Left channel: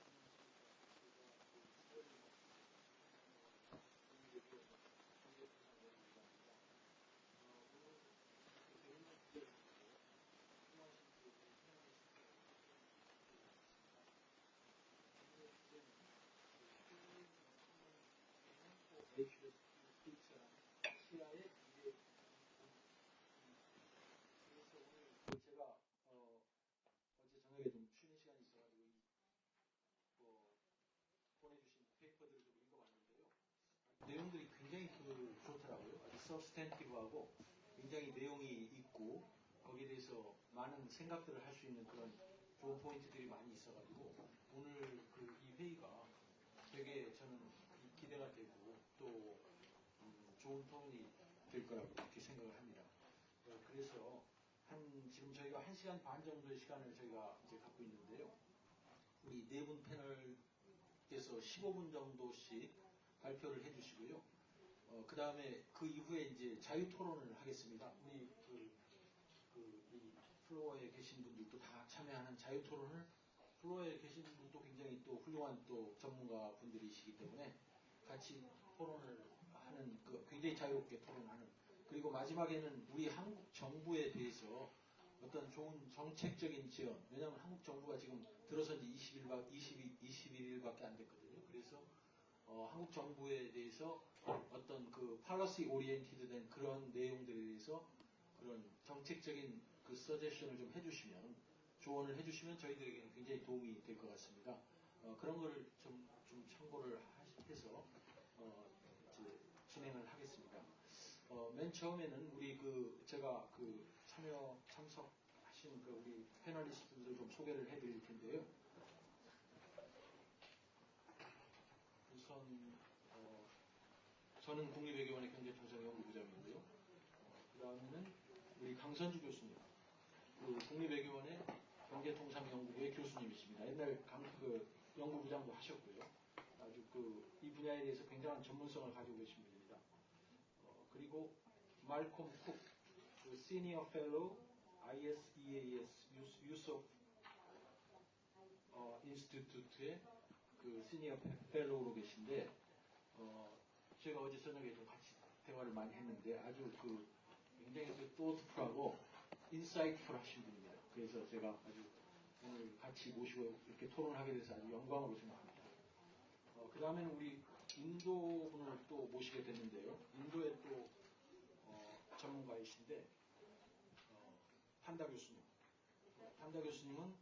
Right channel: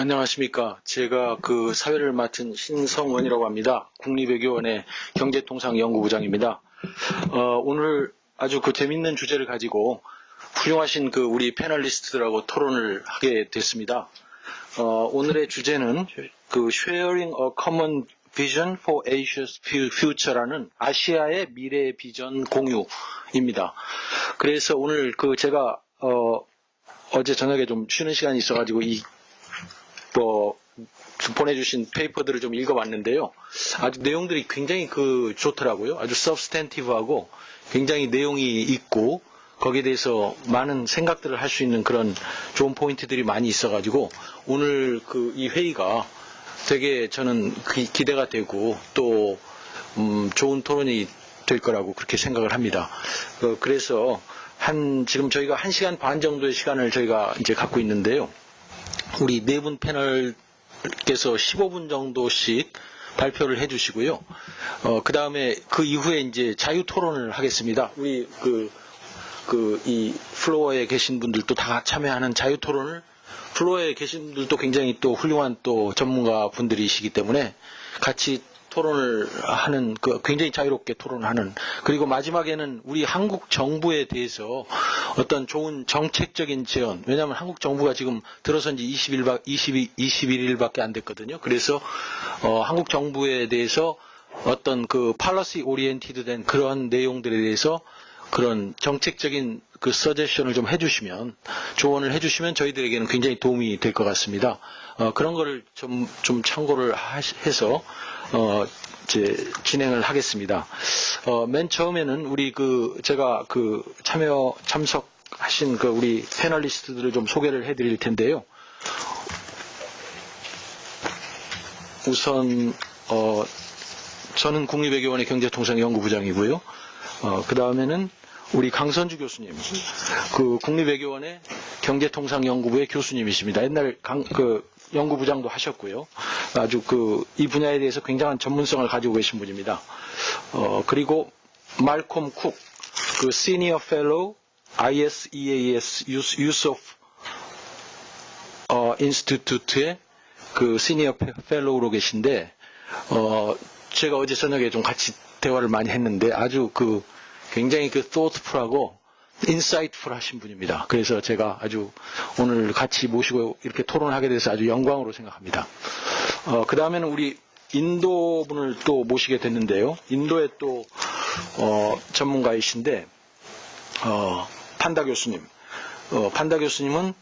안녕하십니까. 제가 그 사회를 맡은 신성원이라고 합니다. 국립외교원의 경제통상연구부장입니다. 오늘 아주 그 재밌는 주제를 가지고 훌륭하신 그 우리 패널리스트들하고 토론을 하게 됐습니다. 오늘의 주제는 그 Sharing a Common Vision for Asia's Future라는 아시아의 미래 비전 공유입니다. 그래서 오늘 그 제가 어제 저녁에 좀 쉬는 시간이 있어가지고 보내주신 페이퍼들을 좀 읽어봤는데요. 아주 내용들이 굉장히 좋더라고요. 아주 서브스탠티브하고 굉장히 내용이 있고 거기에 대해서 많은 생각들을 할 수 있는 그런 좋은 포인트들이 많이 있어가지고 오늘 이 회의가 되게 저는 기대가 되고 또 좋은 토론이 될 거라고 그렇게 생각을 합니다. 그래서 지금 저희가 1시간 반 정도의 시간을 저희가 이제 갖고 있는데요. 우리 네 분 패널께서 15분 정도씩 발표를 해주시고요. 그 다음에 그 이후에 이제 자유 토론을 하겠습니다. 우리 이 플로어에 계신 분들도 다 참여하는 자유 토론을 플로어에 계신 분들도 굉장히 또 훌륭한 또 전문가 분들이시기 때문에 같이 토론을 하는 굉장히 자유롭게 토론하는 그리고 마지막에는 우리 한국 정부에 대해서 어떤 좋은 정책적인 제언 왜냐하면 한국 정부가 지금 들어선 지 21일밖에 안 됐거든요. 그래서 한국 정부에 대해서 어떤 팔러시 오리엔티드 된 그런 내용들에 대해서 그런 정책적인 서제션을 좀 해주시면 조언을 해주시면 저희들에게는 굉장히 도움이 될 것 같습니다. 그런 거를 좀 참고를 해서 진행을 하겠습니다. 맨 처음에는 우리 제가 참석하신 우리 패널리스트들을 좀 소개를 해드릴 텐데요. 우선 저는 국립외교원의 경제통상연구부장이고요. 그 다음에는 우리 강선주 교수님, 국립외교원의 경제통상연구부의 교수님이십니다. 옛날 연구부장도 하셨고요. 아주 이 분야에 대해서 굉장한 전문성을 가지고 계신 분입니다. 그리고 말콤 쿡, 시니어 펠로우 ISEAS Youth of Institute의 시니어 펠로우로 계신데 제가 어제 저녁에 좀 같이 대화를 많이 했는데 아주 굉장히 thoughtful하고 insightful 하신 분입니다. 그래서 제가 아주 오늘 같이 모시고 이렇게 토론하게 돼서 아주 영광으로 생각합니다. 그 다음에는 우리 인도 분을 또 모시게 됐는데요. 인도의 또 전문가이신데 판다 교수님. 판다 교수님은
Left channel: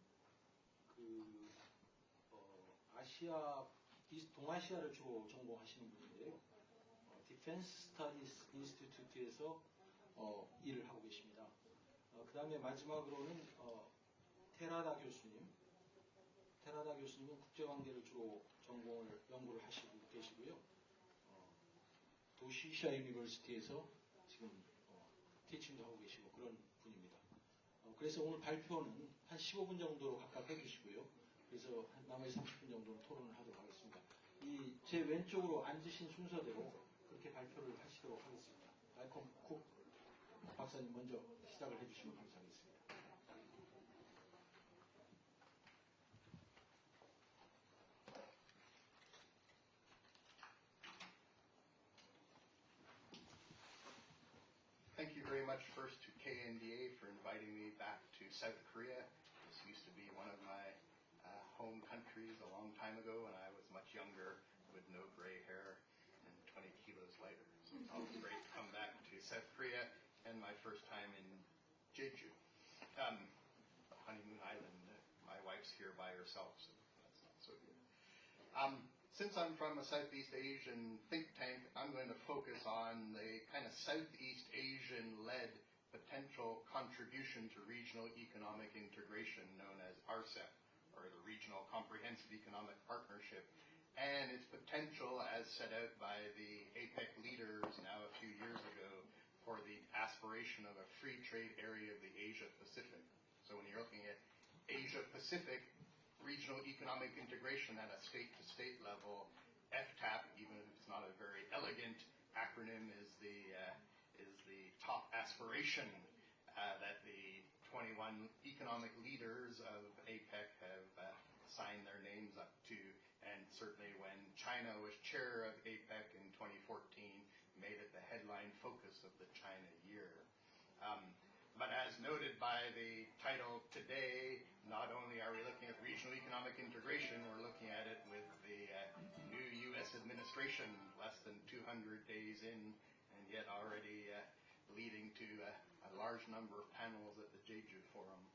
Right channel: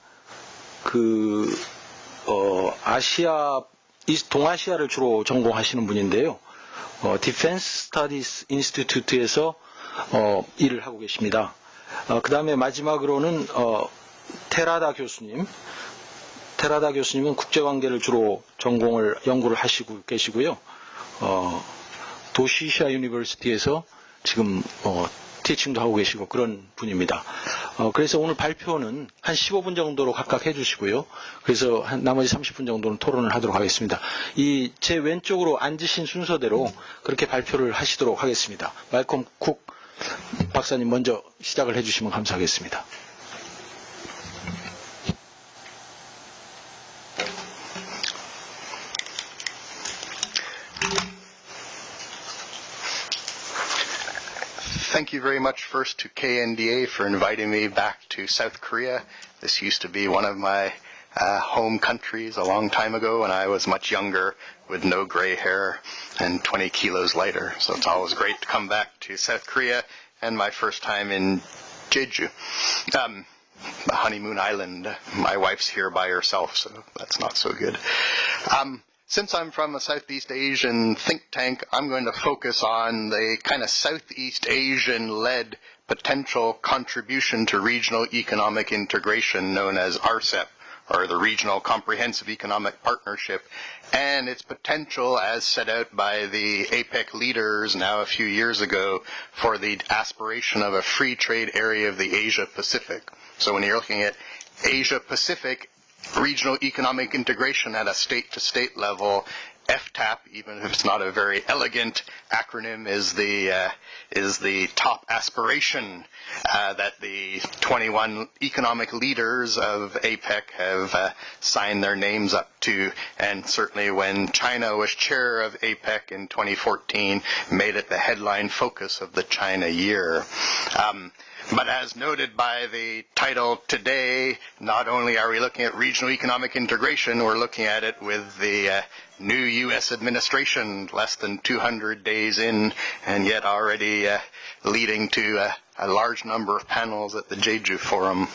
동아시아를 주로 전공하시는 분인데요. Defense Studies Institute에서 일을 하고 계십니다. 그 다음에 마지막으로는 테라다 교수님. 테라다 교수님은 국제관계를 주로 연구를 하시고 계시고요. 도시시아 유니버시티에서 지금 티칭도 하고 계시고 그런 분입니다. 그래서 오늘 발표는 한 15분 정도로 각각 해주시고요. 그래서 나머지 30분 정도는 토론을 하도록 하겠습니다. 제 왼쪽으로 앉으신 순서대로 그렇게 발표를 하시도록 하겠습니다. 말콤 쿡 박사님 먼저 시작을 해주시면 감사하겠습니다. Thank you very much first to KNDA for inviting me back to South Korea. This used to be one of my home countries a long time ago when I was much younger with no gray hair and 20 kilos lighter. So it's always great to come back to South Korea and my first time in Jeju, the honeymoon island. My wife's here by herself, so that's not so good. Since I'm from a Southeast Asian think tank, I'm going to focus on the kind of Southeast Asian-led potential contribution to regional economic integration known as RCEP, or the Regional Comprehensive Economic Partnership, and its potential as set out by the APEC leaders now a few years ago for the aspiration of a free trade area of the Asia-Pacific. So when you're looking at Asia-Pacific, regional economic integration at a state-to-state level FTAP, even if it's not a very elegant acronym, is the top aspiration that the 21 economic leaders of APEC have signed their names up to, and certainly when China was chair of APEC in 2014, made it the headline focus of the China year. But as noted by the title today, not only are we looking at regional economic integration, we're looking at it with the new U.S. administration less than 200 days in, and yet already leading to a large number of panels at the Jeju Forum.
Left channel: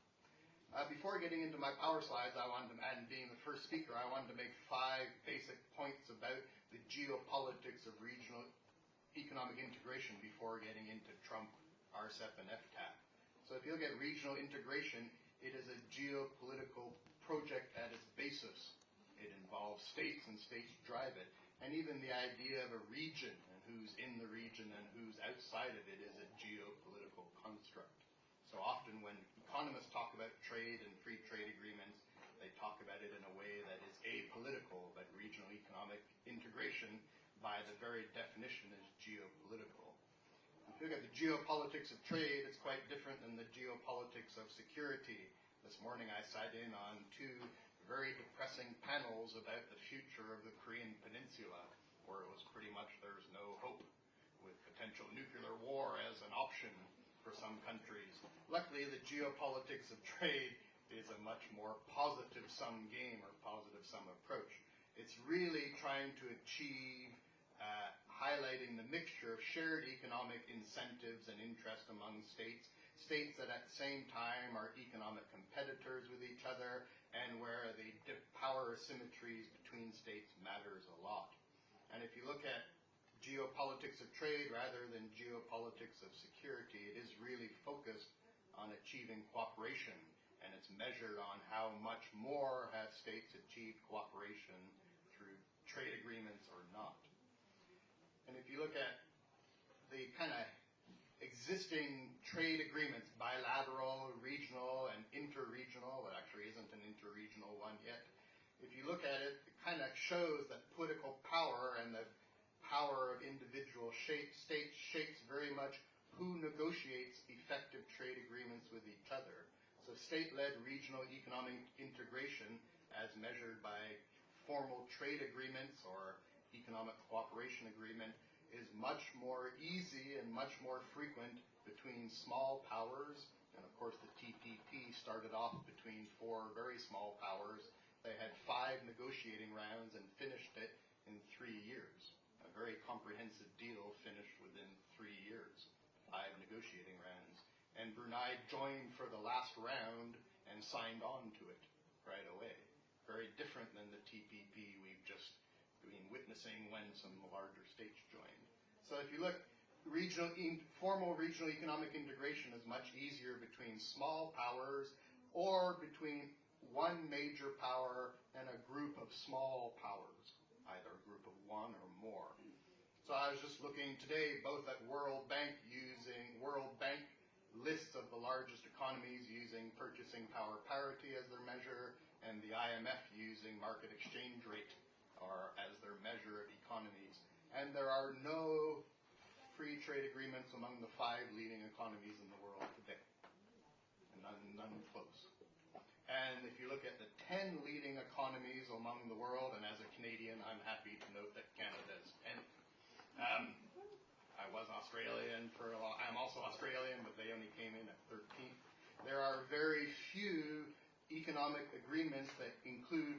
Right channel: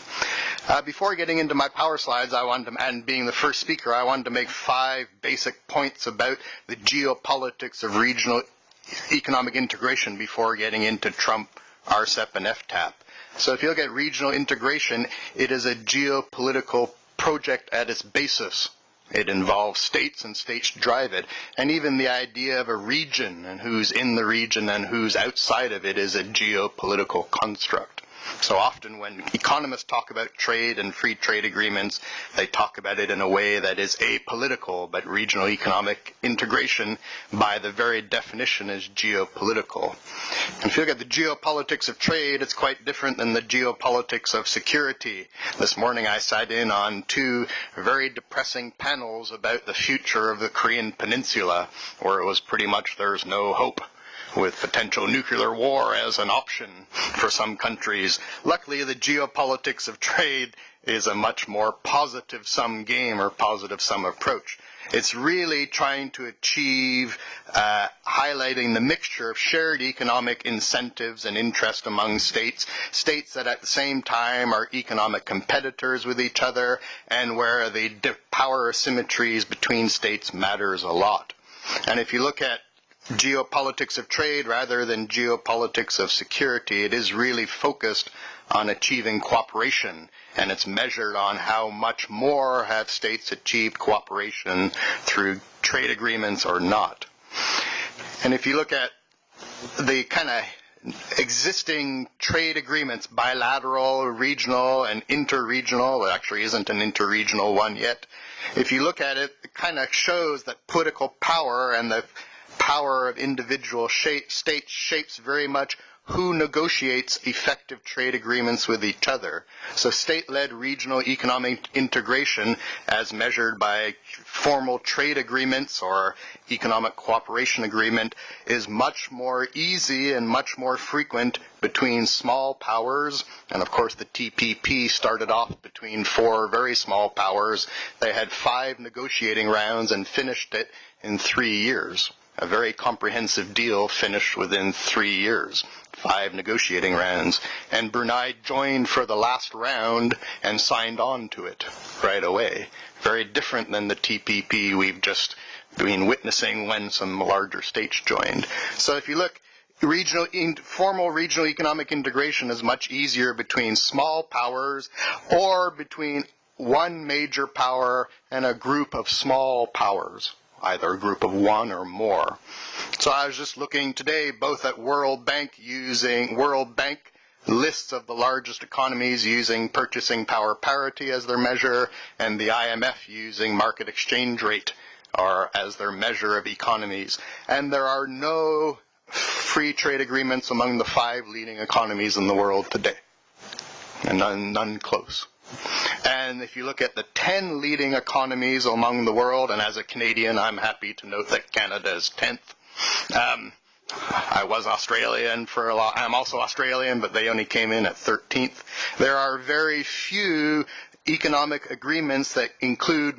Before getting into my power slides, and being the first speaker, I wanted to make 5 basic points about the geopolitics of regional economic integration before getting into Trump, RCEP, and FTAP. So if you look at regional integration, it is a geopolitical project at its basis. It involves states, and states drive it. And even the idea of a region and who's in the region and who's outside of it is a geopolitical construct. So often when economists talk about trade and free trade agreements, they talk about it in a way that is apolitical, but regional economic integration, by the very definition, is geopolitical. And if you look at the geopolitics of trade, it's quite different than the geopolitics of security. This morning I sat in on 2 very depressing panels about the future of the Korean Peninsula, where it was pretty much there's no hope, with potential nuclear war as an option for some countries. Luckily, the geopolitics of trade is a much more positive-sum game, or positive-sum approach. It's really trying to achieve highlighting the mixture of shared economic incentives and interest among states, states that at the same time are economic competitors with each other, and where the power asymmetries between states matters a lot. And if you look at geopolitics of trade rather than geopolitics of security, it is really focused on achieving cooperation, and it's measured on how much more have states achieved cooperation through trade agreements or not. And if you look at the kind of existing trade agreements, bilateral, regional, and interregional, there actually isn't an interregional one yet. If you look at it, it kind of shows that political power and the power of individual states shapes very much who negotiates effective trade agreements with each other. So state-led regional economic integration, as measured by formal trade agreements or economic cooperation agreement, is much more easy and much more frequent between small powers. And of course the TPP started off between 4 very small powers. They had 5 negotiating rounds and finished it in 3 years. A very comprehensive deal finished within 3 years, 5 negotiating rounds. And Brunei joined for the last round and signed on to it right away. Very different than the TPP we've just been witnessing when some larger states joined. So if you look, formal regional economic integration is much easier between small powers or between one major power and a group of small powers, either a group of 1 or more. So I was just looking today both at World Bank lists of the largest economies using purchasing power parity as their measure, and the IMF using market exchange rate or as their measure of economies. And there are no free trade agreements among the 5 leading economies in the world today, and none close. And if you look at the 10 leading economies among the world, and as a Canadian, I'm happy to note that Canada is 10th. I was Australian for a lot. I'm also Australian, but they only came in at 13th. There are very few economic agreements that include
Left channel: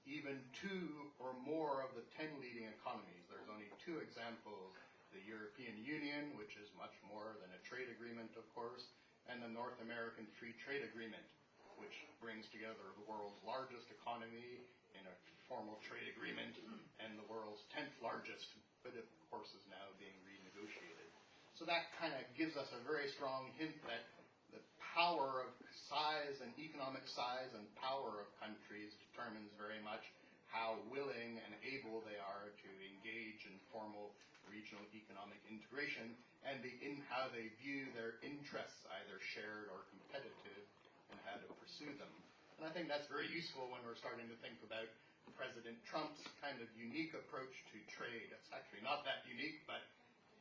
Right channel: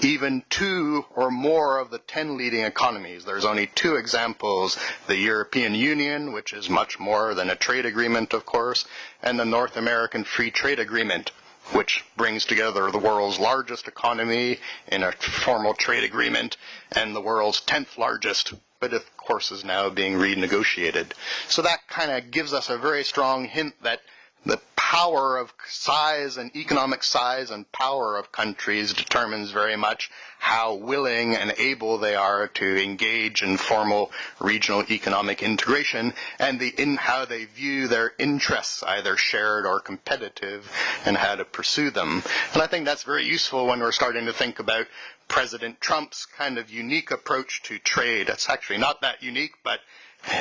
even 2 or more of the 10 leading economies. There's only 2 examples: the European Union, which is much more than a trade agreement, of course, and the North American Free Trade Agreement, which brings together the world's largest economy in a formal trade agreement and the world's 10th largest, but of course is now being renegotiated. So that kind of gives us a very strong hint that the power of size and economic size and power of countries determines very much how willing and able they are to engage in formal regional economic integration, and how they view their interests, either shared or competitive, and how to pursue them. And I think that's very useful when we're starting to think about President Trump's kind of unique approach to trade. It's actually not that unique, but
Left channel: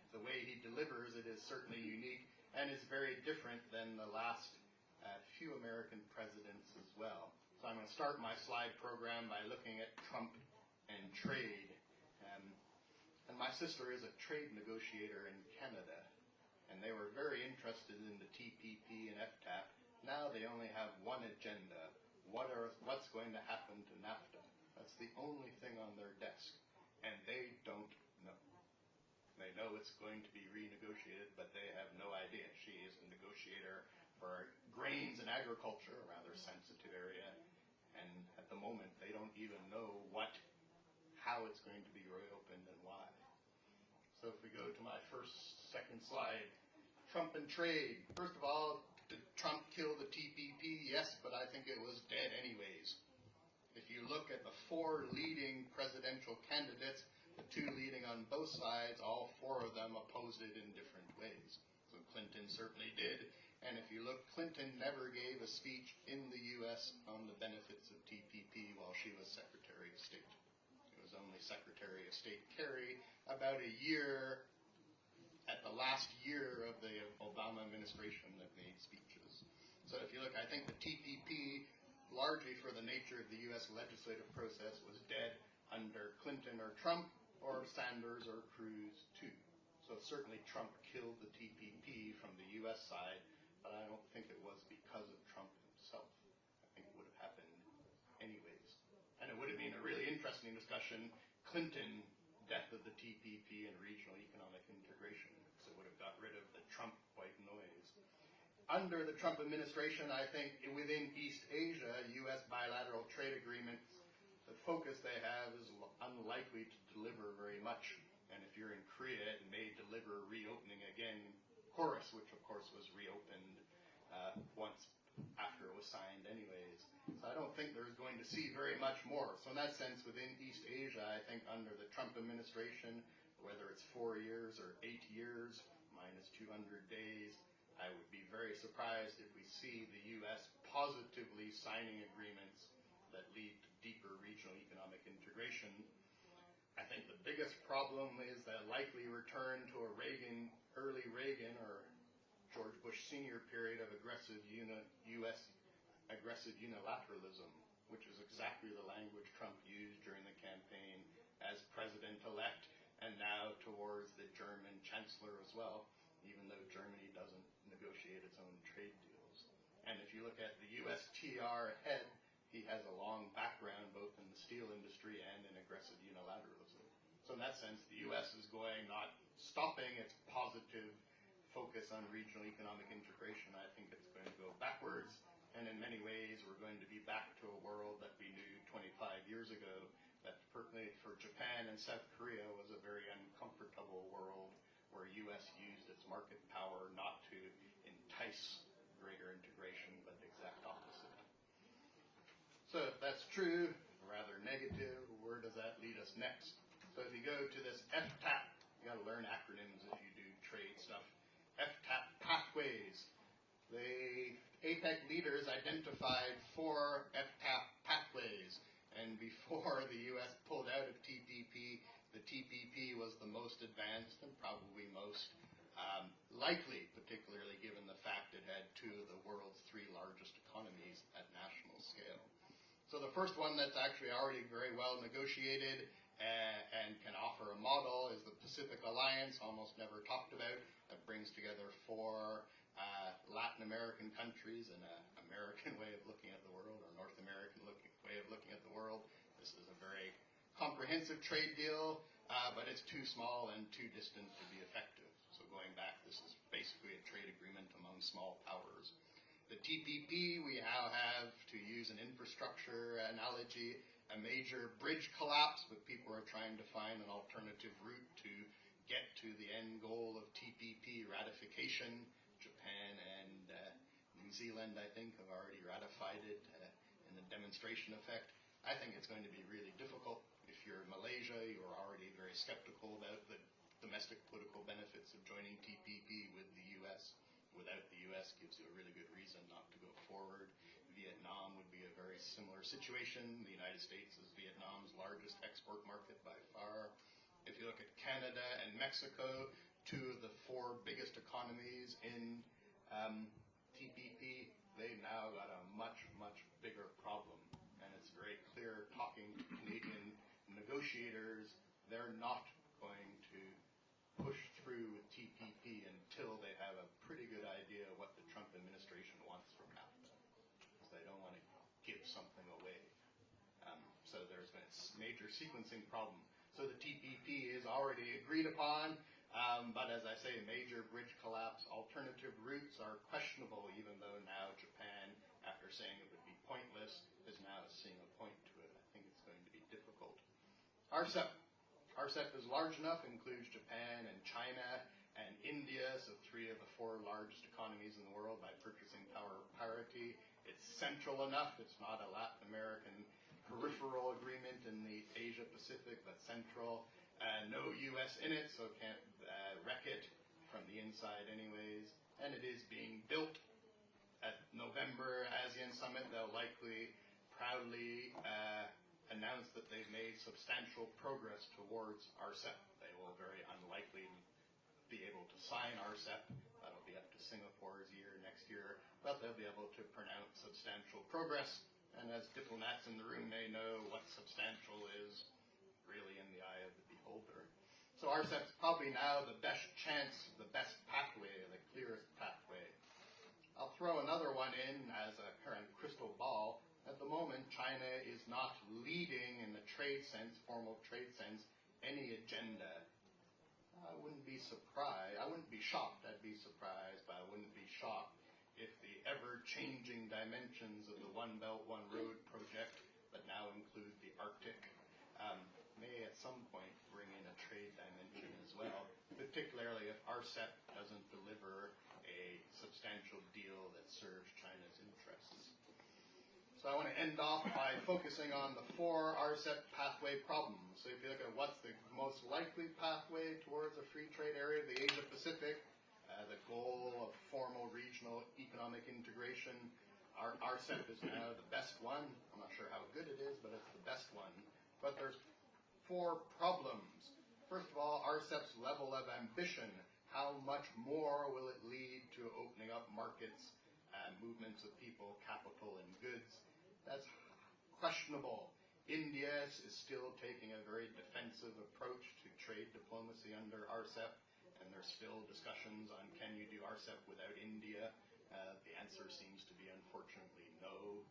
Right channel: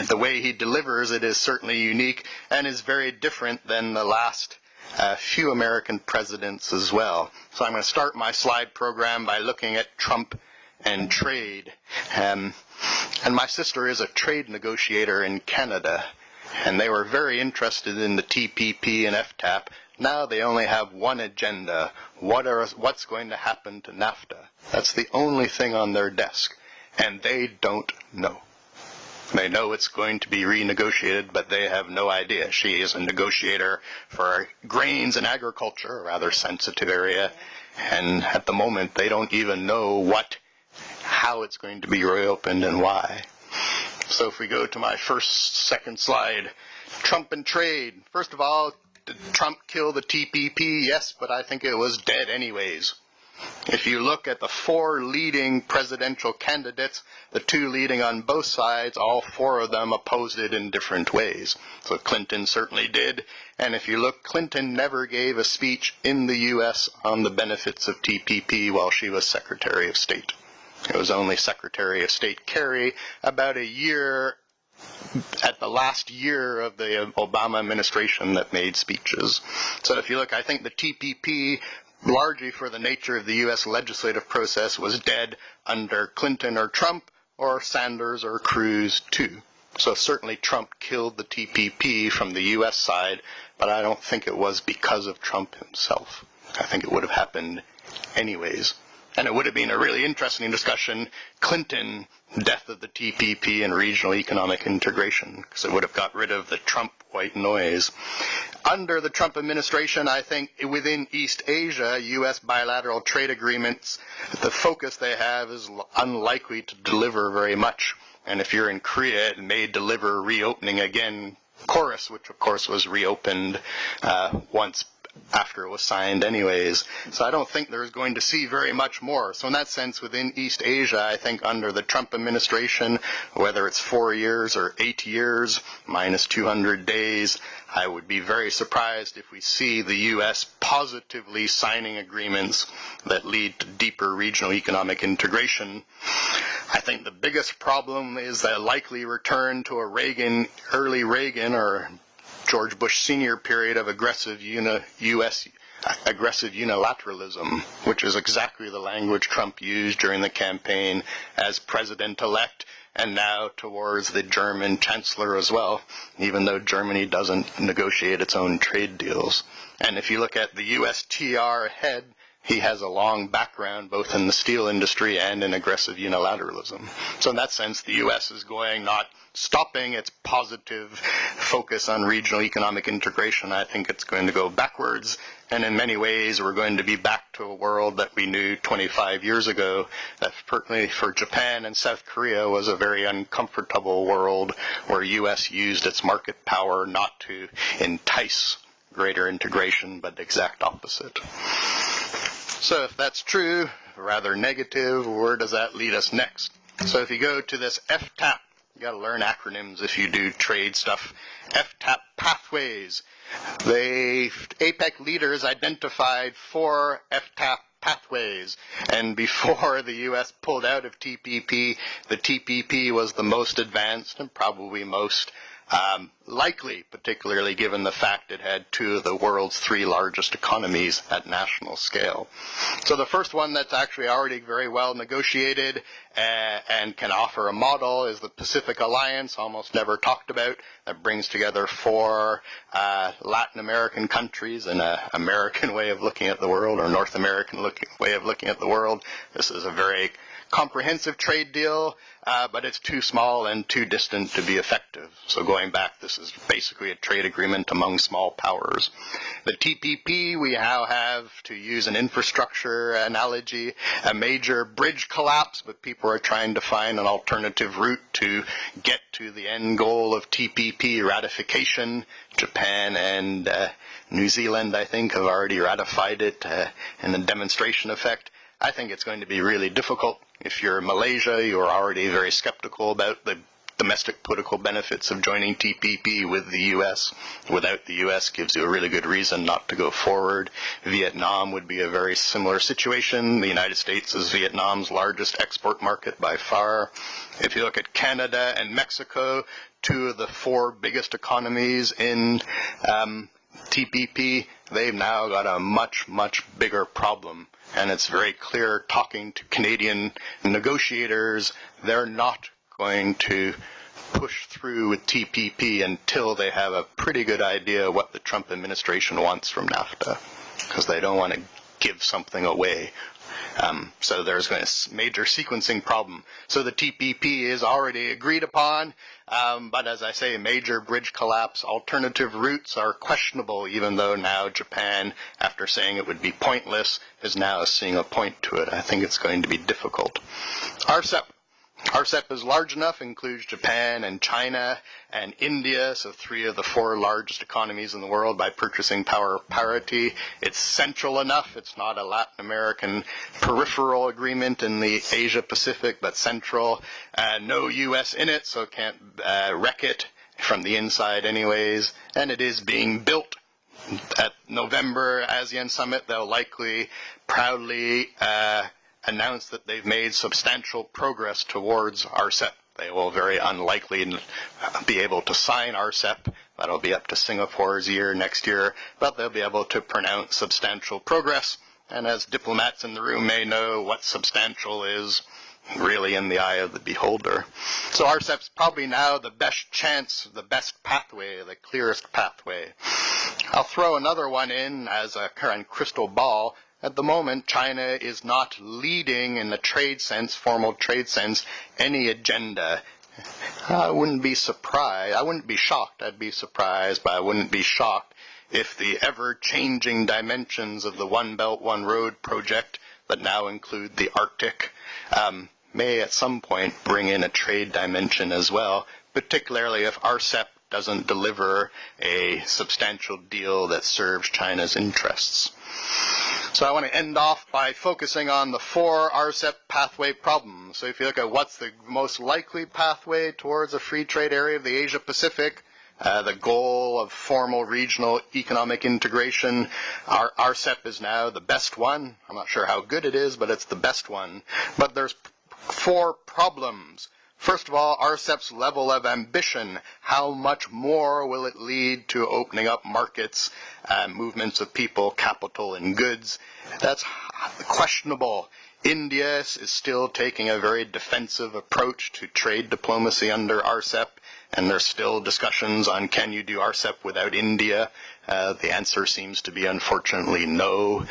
the way he delivers it is certainly unique and is very different than the last few American presidents as well. So I'm going to start my slide program by looking at Trump and trade. And my sister is a trade negotiator in Canada, and they were very interested in the TPP and FTAP. Now they only have one agenda. What's going to happen to NAFTA? That's the only thing on their desk, and they don't know. They know it's going to be renegotiated, but they have no idea. She is a negotiator for grains and agriculture, a rather sensitive area, and at the moment they don't even know how it's going to be reopened and why. So if we go to my second slide, Trump and trade. First of all, did Trump kill the TPP? Yes, but I think it was dead anyways. If you look at the four leading presidential candidates, the two leading on both sides, all four of them opposed it in different ways. So Clinton certainly did. And if you look, Clinton never gave a speech in the U.S. on the benefits of TPP while she was Secretary of State. It was only Secretary of State Kerry about a year, at the last year of the Obama administration, that made speeches. So if you look, I think the TPP, largely for the nature of the U.S. legislative process, was dead under Clinton or Trump, or Sanders or Cruz too. So certainly Trump killed the TPP from the U.S. side, but I don't think it was because of Trump himself. I think it would have happened anyways. And it would have been a really interesting discussion, Clinton, death of the TPP and regional economic integration, because it would have got rid of the Trump white noise. Under the Trump administration, I think within East Asia, U.S. bilateral trade agreements, the focus they have is unlikely to deliver very much. And if you're in Korea, it may deliver reopening again, Chorus, which of course was reopened once after it was signed anyways. So I don't think there's going to see very much more. So in that sense, within East Asia, I think under the Trump administration, whether it's 4 years or 8 years, minus 200 days, I would be very surprised if we see the U.S. positively signing agreements that lead to deeper regional economic integration. I think the biggest problem is the likely return to a early Reagan or George Bush Sr. period of aggressive unilateralism, which is exactly the language Trump used during the campaign as president-elect, and now towards the German chancellor as well, even though Germany doesn't negotiate its own trade deals. And if you look at the USTR head, he has a long background both in the steel industry and in aggressive unilateralism. So in that sense, the U.S. is not stopping its positive focus on regional economic integration. I think it's going to go backwards, and in many ways we're going to be back to a world that we knew 25 years ago, that certainly for Japan and South Korea was a very uncomfortable world where U.S. used its market power not to entice greater integration, but the exact opposite. So if that's true, rather negative, where does that lead us next? So if you go to this FTAP, you got to learn acronyms if you do trade stuff. FTAP pathways. The APEC leaders identified 4 FTAP pathways, and before the U.S. pulled out of TPP, the TPP was the most advanced and probably most likely, particularly given the fact it had 2 of the world's 3 largest economies at national scale. So the first one that's actually already very well negotiated and can offer a model is the Pacific Alliance, almost never talked about, that brings together 4 Latin American countries in an American way of looking at the world, or North American way of looking at the world. This is a very comprehensive trade deal, but it's too small and too distant to be effective. So going back, this is basically a trade agreement among small powers. The TPP, we now have, to use an infrastructure analogy, a major bridge collapse, but people are trying to find an alternative route to get to the end goal of TPP ratification. Japan and New Zealand, I think, have already ratified it in a demonstration effect. I think it's going to be really difficult. If you're Malaysia, you're already very skeptical about the domestic political benefits of joining TPP with the U.S. Without the U.S. gives you a really good reason not to go forward. Vietnam would be a very similar situation. The United States is Vietnam's largest export market by far. If you look at Canada and Mexico, two of the four biggest economies in TPP, they've now got a much, much bigger problem. And it's very clear, talking to Canadian negotiators, they're not going to push through with TPP until they have a pretty good idea what the Trump administration wants from NAFTA, because they don't want to give something away. So there's a major sequencing problem. So the TPP is already agreed upon, but as I say, major bridge collapse. Alternative routes are questionable, even though now Japan, after saying it would be pointless, is now seeing a point to it. I think it's going to be difficult. RCEP. RCEP is large enough, includes Japan and China and India, so three of the four largest economies in the world by purchasing power parity. It's central enough. It's not a Latin American peripheral agreement in the Asia Pacific, but central. No U.S. in it, so it can't wreck it from the inside anyways. And it is being built. At November ASEAN Summit, they'll likely proudly announce that they've made substantial progress towards RCEP. They will very unlikely be able to sign RCEP. That'll be up to Singapore's year next year, but they'll be able to pronounce substantial progress. And as diplomats in the room may know, what substantial is really in the eye of the beholder. So RCEP's probably now the best chance, the best pathway, the clearest pathway. I'll throw another one in as a current crystal ball. At the moment, China is not leading in the trade sense, formal trade sense, any agenda. I wouldn't be surprised. I wouldn't be shocked. I'd be surprised, but I wouldn't be shocked if the ever-changing dimensions of the One Belt, One Road project that now include the Arctic may at some point bring in a trade dimension as well, particularly if RCEP doesn't deliver a substantial deal that serves China's interests. So I want to end off by focusing on the four RCEP pathway problems. So if you look at what's the most likely pathway towards a free trade area of the Asia Pacific, the goal of formal regional economic integration, RCEP is now the best one. I'm not sure how good it is, but it's the best one. But there's four problems. First of all, RCEP's level of ambition. How much more will it lead to opening up markets, movements of people, capital, and goods? That's questionable. India is still taking a very defensive approach to trade diplomacy under RCEP, and there's still discussions on can you do RCEP without India. The answer seems to be, unfortunately, no.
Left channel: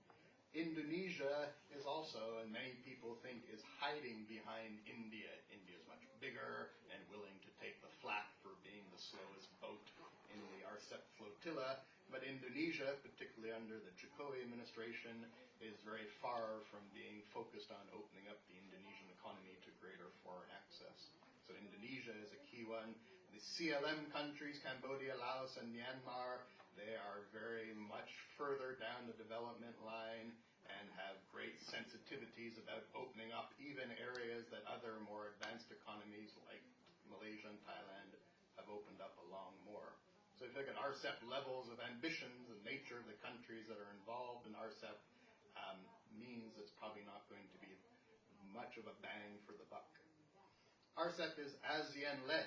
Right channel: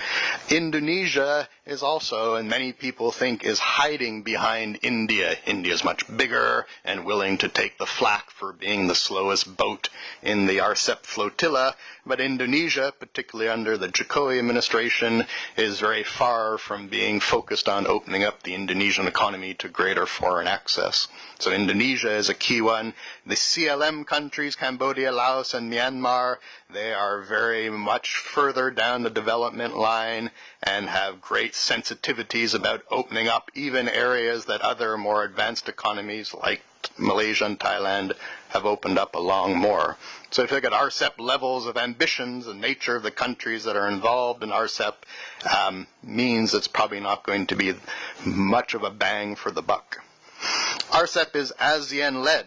Indonesia is also, and many people think, is hiding behind India. India is much bigger and willing to take the flak for being the slowest boat in the RCEP flotilla. But Indonesia, particularly under the Jokowi administration, is very far from being focused on opening up the Indonesian economy to greater foreign access. So Indonesia is a key one. The CLM countries, Cambodia, Laos, and Myanmar, they are very much further down the development line and have great sensitivities about opening up even areas that other more advanced economies like Malaysia and Thailand have opened up along more. So if you look at RCEP levels of ambitions, the nature of the countries that are involved in RCEP means it's probably not going to be much of a bang for the buck. RCEP is ASEAN-led.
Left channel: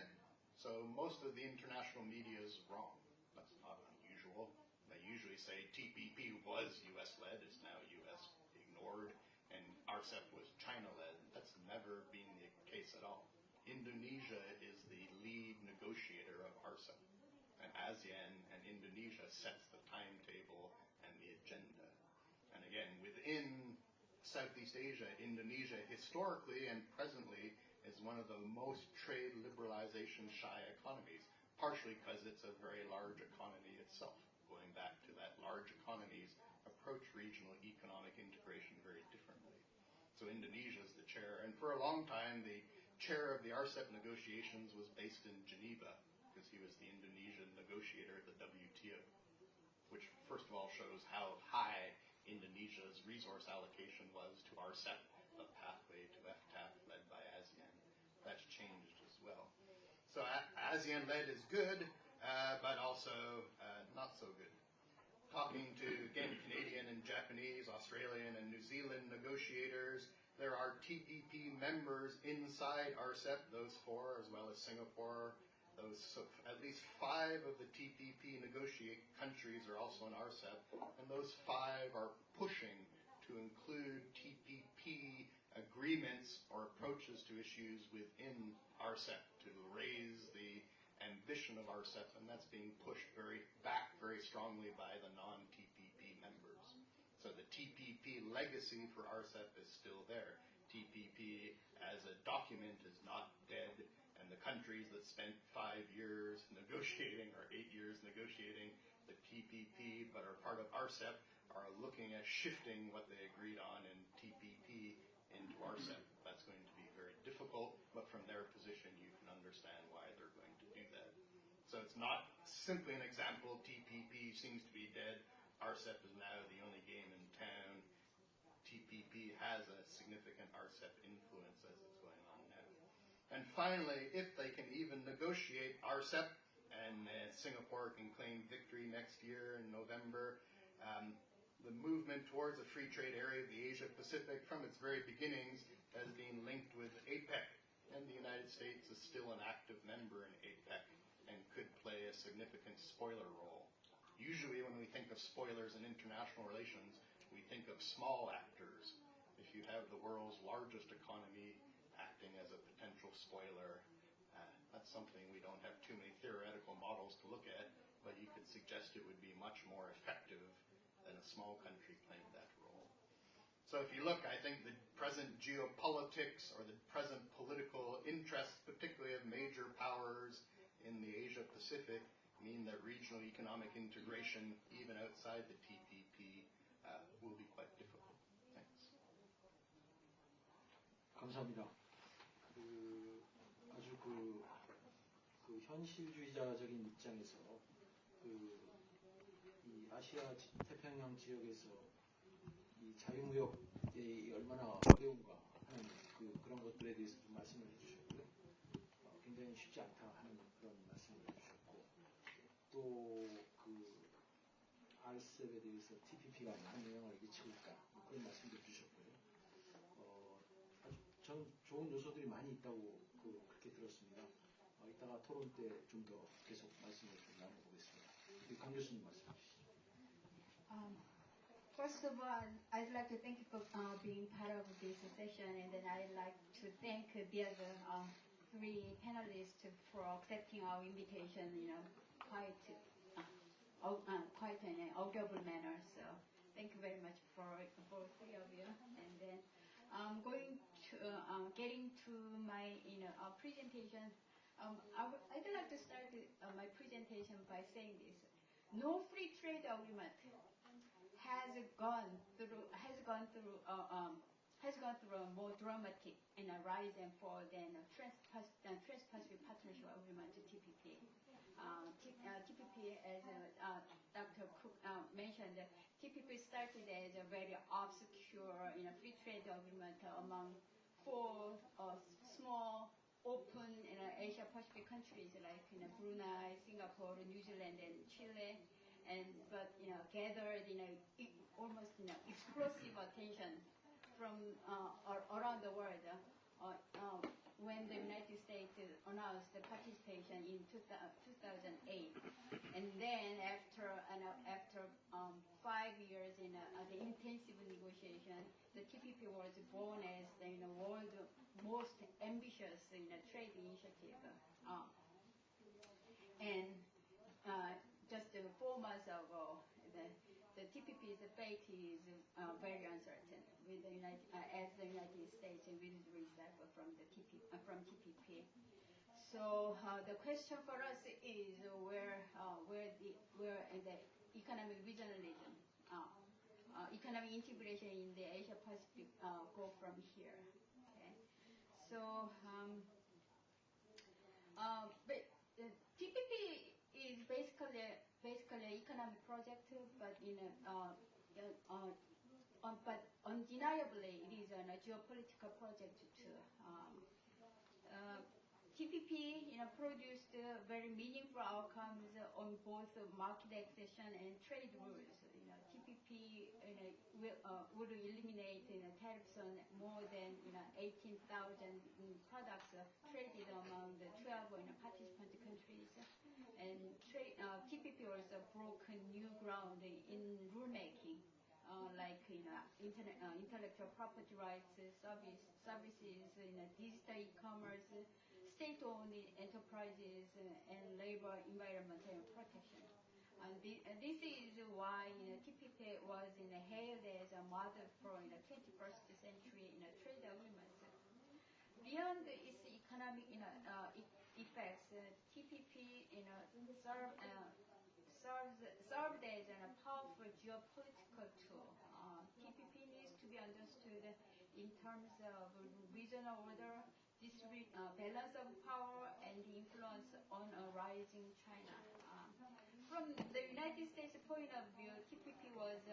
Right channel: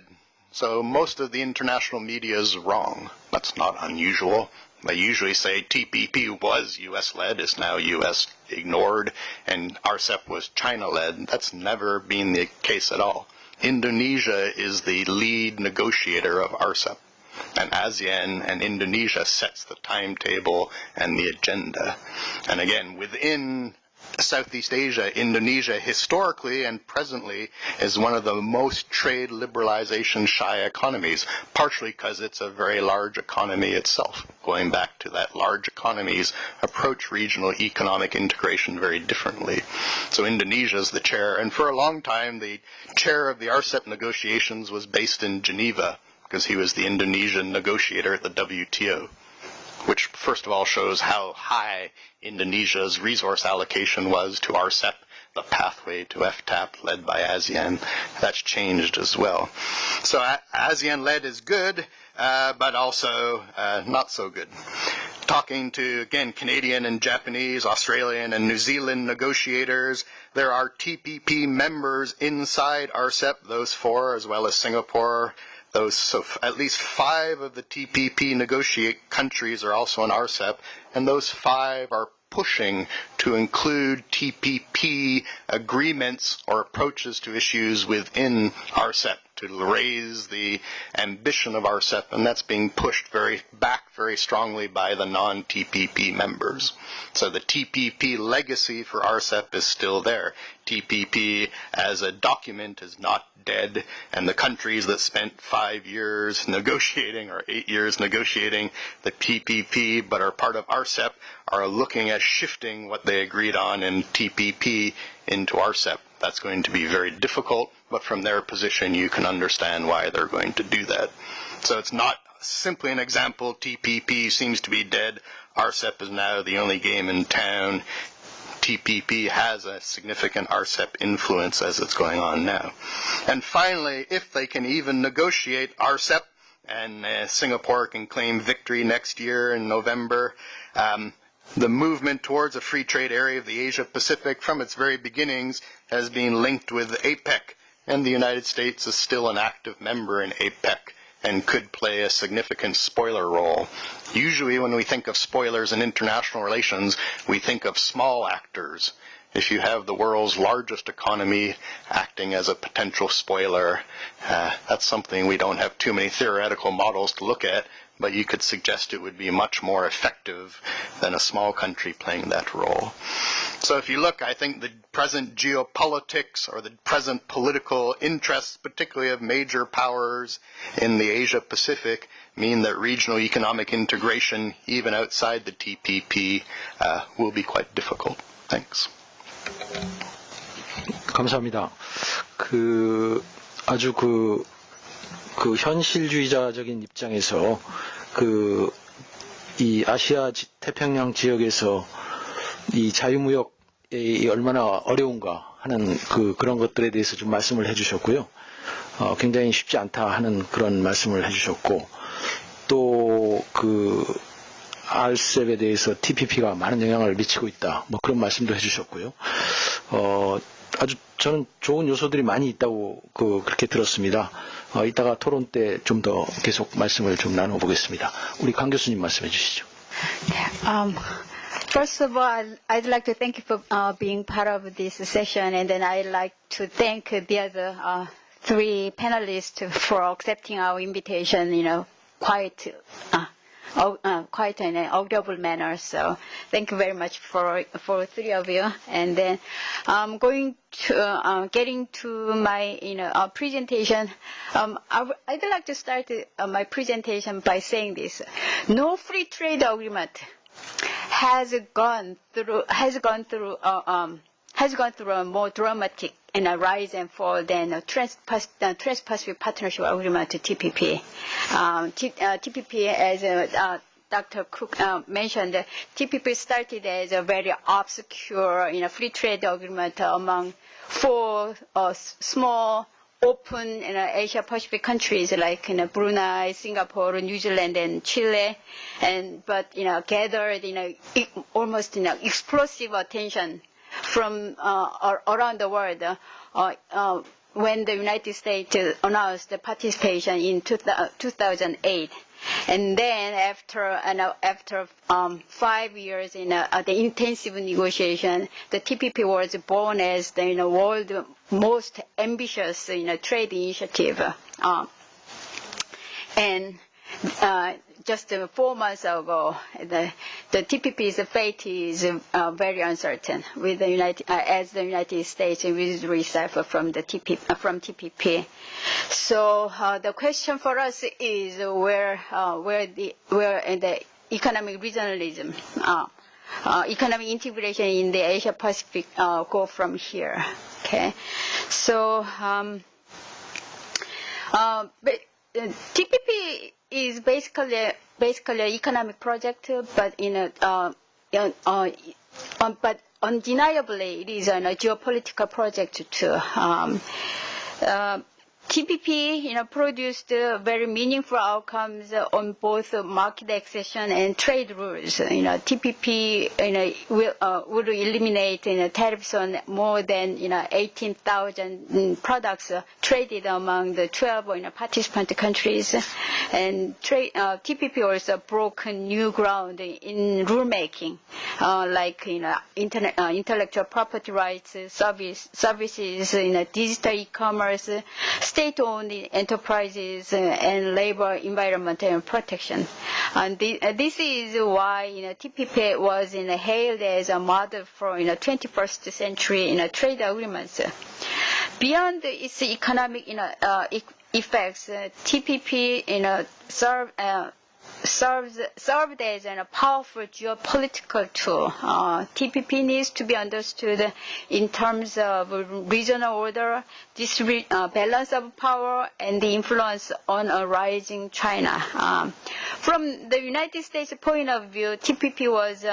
So most of the international media is wrong. That's not unusual. They usually say TPP was U.S.-led, is now U.S. ignored, and RCEP was China-led. That's never been the case at all. Indonesia is the lead negotiator of RCEP, and ASEAN and Indonesia sets the timetable and the agenda. And again, within Southeast Asia, Indonesia, historically and presently, is one of the most trade liberalization shy economies, partially because it's a very large economy itself. Going back to that, large economies approach regional economic integration very differently. So Indonesia is the chair, and for a long time, the chair of the RCEP negotiations was based in Geneva, because he was the Indonesian negotiator at the WTO, which first of all shows how high Indonesia's resource allocation was to RCEP, the pathway to FTAP led by ASEAN. That's changed as well. So ASEAN-led is good, but also not so good. Talking to, again, Canadian and Japanese, Australian and New Zealand negotiators, there are TPP members inside RCEP, those 4, as well as Singapore. So at least 5 of the TPP negotiate countries are also in RCEP, and those 5 are pushing to include TPP agreements or approaches to issues within RCEP to raise the ambition of RCEP, and that's being pushed very strongly by the non-TPP members. So the TPP legacy for RCEP is still there. TPP as a document is not dead, and the countries that spent 5 years negotiating or 8 years negotiating the TPP but are part of RCEP are looking at shifting what they agreed on in TPP into RCEP. That's going to be very difficult, but from their position you can understand why they're going to do that. So it's not simply an example, TPP seems to be dead, RCEP is now the only game in town. TPP has a significant RCEP influence as it's going on now. And finally, if they can even negotiate RCEP, and Singapore can claim victory next year in November, the movement towards a free trade area of the Asia-Pacific from its very beginnings has been linked with APEC, and the United States is still an active member in APEC and could play a significant spoiler role. Usually when we think of spoilers in international relations, we think of small actors. If you have the world's largest economy acting as a potential spoiler, that's something we don't have too many theoretical models to look at, but you could suggest it would be much more effective than a small country playing that role. So if you look, I think the present geopolitics or the present political interests, particularly of major powers in the Asia-Pacific, mean that regional economic integration, even outside the TPP, will be quite difficult. Thanks. 감사합니다. 아주 현실주의자적인 입장에서 이 아시아 태평양 지역에서 이 자유무역이 얼마나 어려운가 하는 그런 것들에 대해서 좀 말씀을 해주셨고요. 굉장히 쉽지 않다 하는 그런 말씀을 해주셨고, 또 RCEP에 대해서 TPP가 많은 영향을 미치고 있다, 뭐 그런 말씀도 해주셨고요. 아주 저는 좋은 요소들이 많이 있다고 그렇게 들었습니다. 이따가 토론 때 좀 더 계속 말씀을 좀 나눠보겠습니다. 우리 강 교수님 말씀해 주시죠. First of all, I'd like to thank you for being part of this session, and then I'd like to thank the other 3 panelists for accepting our invitation, quite in an audible manner. So thank you very much for 3 of you. And then going to getting to my presentation. I'd like to start my presentation by saying this: no free trade agreement has gone through a more dramatic rise and fall than a Trans-Pacific Partnership Agreement, TPP. TPP, as Dr. Cook mentioned, TPP started as a very obscure free trade agreement among 4 small, open Asia-Pacific countries like Brunei, Singapore, New Zealand, and Chile, but gathered almost explosive attention from around the world when the United States announced the participation in 2008. And then after 5 years in the intensive negotiation, the TPP was born as the world's most ambitious trade initiative. And just 4 months ago, the TPP's fate is very uncertain with the as the United States withdrew itself from the TPP. So the question for us is where the economic regionalism, economic integration in the Asia Pacific go from here. Okay, so but TPP is basically an economic project, but but undeniably it is a geopolitical project too. TPP, produced very meaningful outcomes on both market accession and trade rules. TPP, would eliminate tariffs on more than 18,000 products traded among the 12 participant countries, and TPP also broke new ground in rulemaking, like intellectual property rights, services, digital e-commerce, state-owned enterprises, and labor, environment, and protection. And this is why TPP was hailed as a model for 21st century trade agreements. Beyond its economic effects, TPP served as a powerful geopolitical tool. TPP needs to be understood in terms of regional order, balance of power, and the influence on a rising China. From the United States point of view, TPP was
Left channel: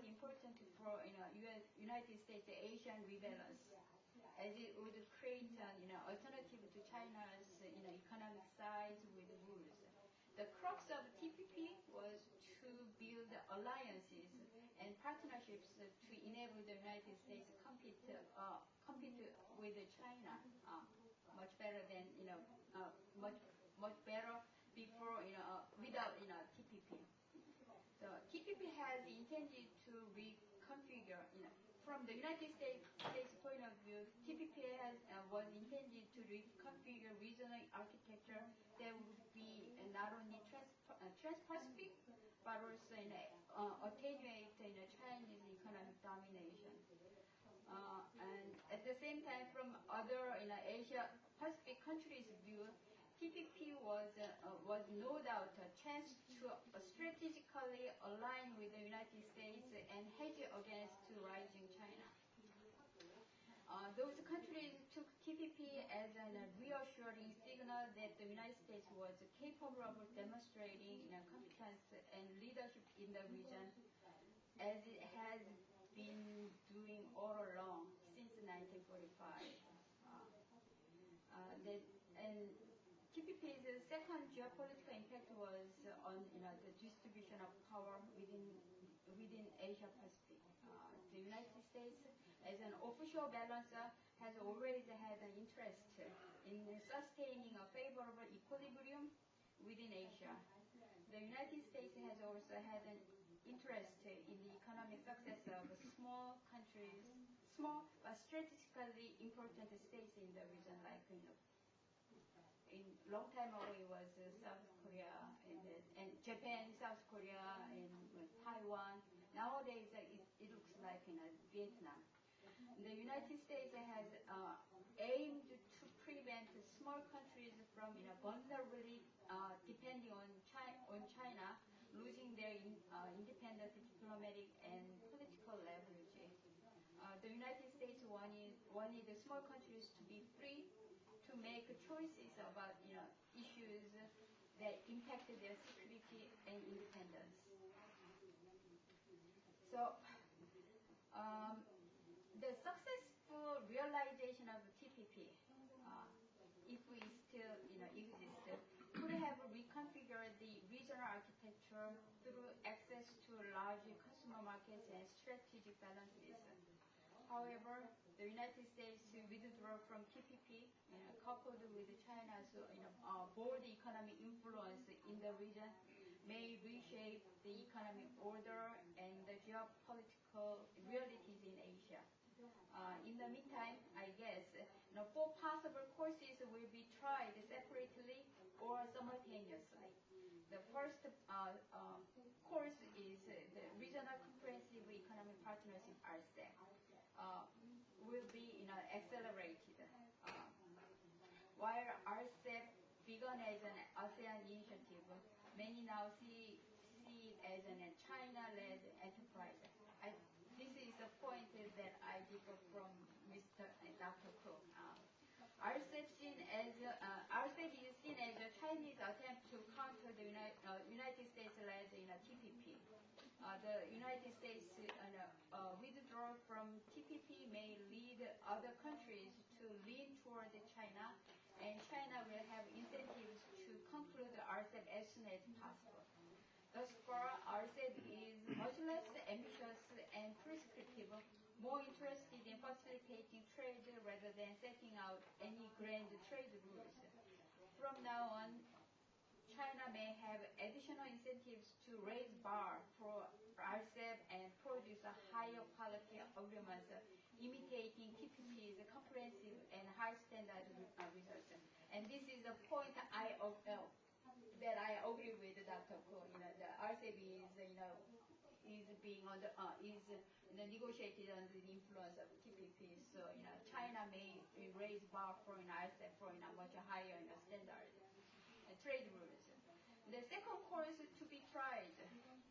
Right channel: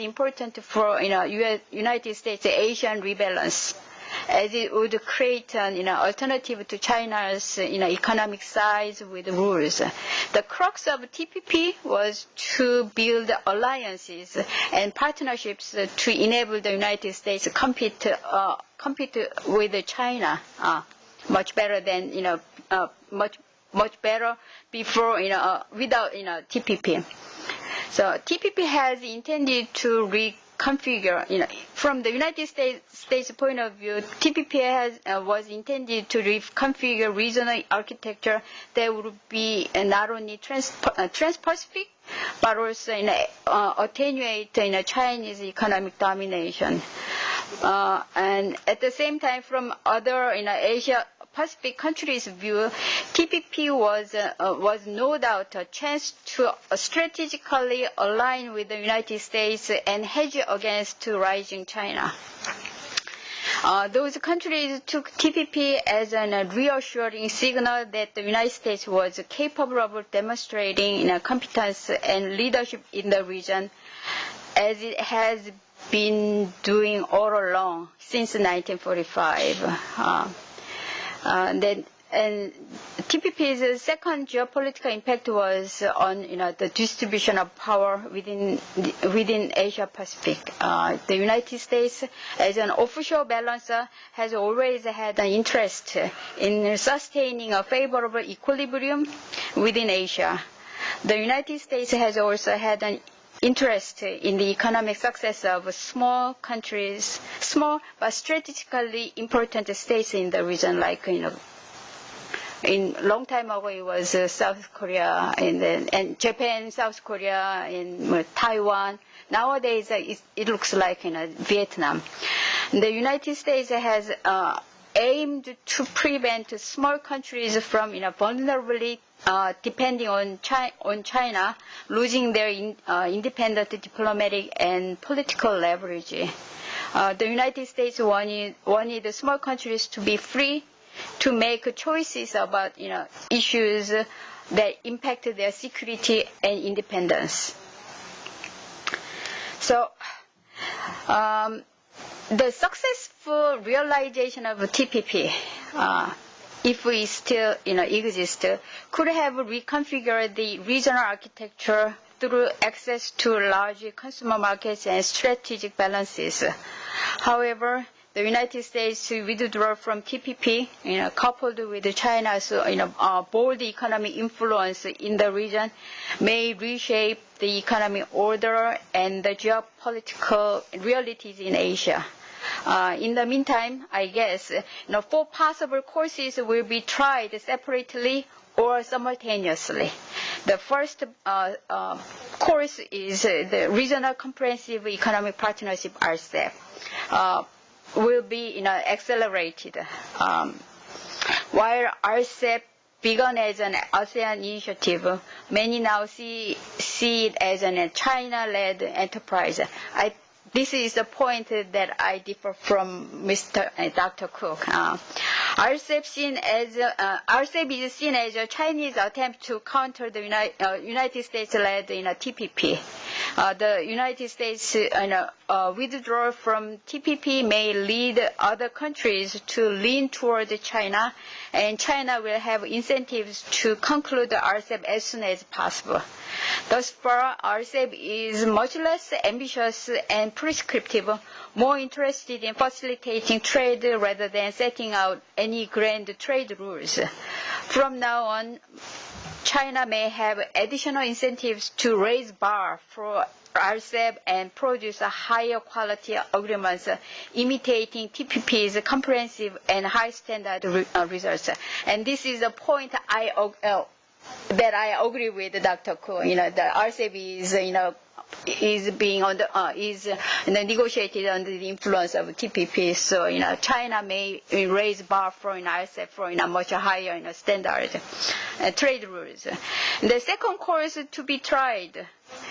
important for United States Asian rebalance, as it would create an alternative to China's economic size with rules. The crux of TPP was to build alliances and partnerships to enable the United States to compete with China much better than much better before without TPP. So TPP has intended to reconfigure, from the United States point of view, TPP was intended to reconfigure regional architecture that would be not only trans-Pacific, but also attenuate Chinese economic domination. And at the same time, from other Asia Pacific countries' view, TPP was no doubt a chance to strategically align with the United States and hedge against rising China. Those countries took TPP as a reassuring signal that the United States was capable of demonstrating competence and leadership in the region, as it has been doing all along since 1945. And TPP's second geopolitical impact was on the distribution of power within Asia Pacific. The United States, as an official balancer, has always had an interest in sustaining a favorable equilibrium within Asia. The United States has also had an interest in the economic success of small countries, small but strategically important states in the region, like in long time ago it was South Korea and Japan, South Korea, and Taiwan. Nowadays it looks like Vietnam. The United States has aimed to prevent small countries from vulnerability depending on China losing their independent diplomatic and political leverage. The United States wanted small countries to be free to make choices about issues that impacted their security and independence. So the successful realization of TPP, if we still exist, could have reconfigured the regional architecture through access to large consumer markets and strategic balances. However, the United States withdrawal from TPP, coupled with China's bold economic influence in the region, may reshape the economic order and the geopolitical realities in Asia. In the meantime, I guess 4 possible courses will be tried separately or simultaneously. The first course is the Regional Comprehensive Economic Partnership, RCEP, will be accelerated. While RCEP began as an ASEAN initiative, many now see it as a China-led enterprise. This is the point that I differ from Dr. Cook. RCEP is seen as a Chinese attempt to counter the United States-led TPP. The United States withdrawal from TPP may lead other countries to lean toward China, and China will have incentives to conclude the RCEP as soon as possible. Thus far, RCEP is much less ambitious and prescriptive, more interested in facilitating trade rather than setting out any grand trade rules. From now on, China may have additional incentives to raise bar for RCEP and produce a higher quality agreements imitating TPP's comprehensive and high standard results. And this is a point that I agree with Dr. Ko. The RCEP is being negotiated under the influence of TPP. So China may raise bar for RCEP for much higher standard trade rules. The second course to be tried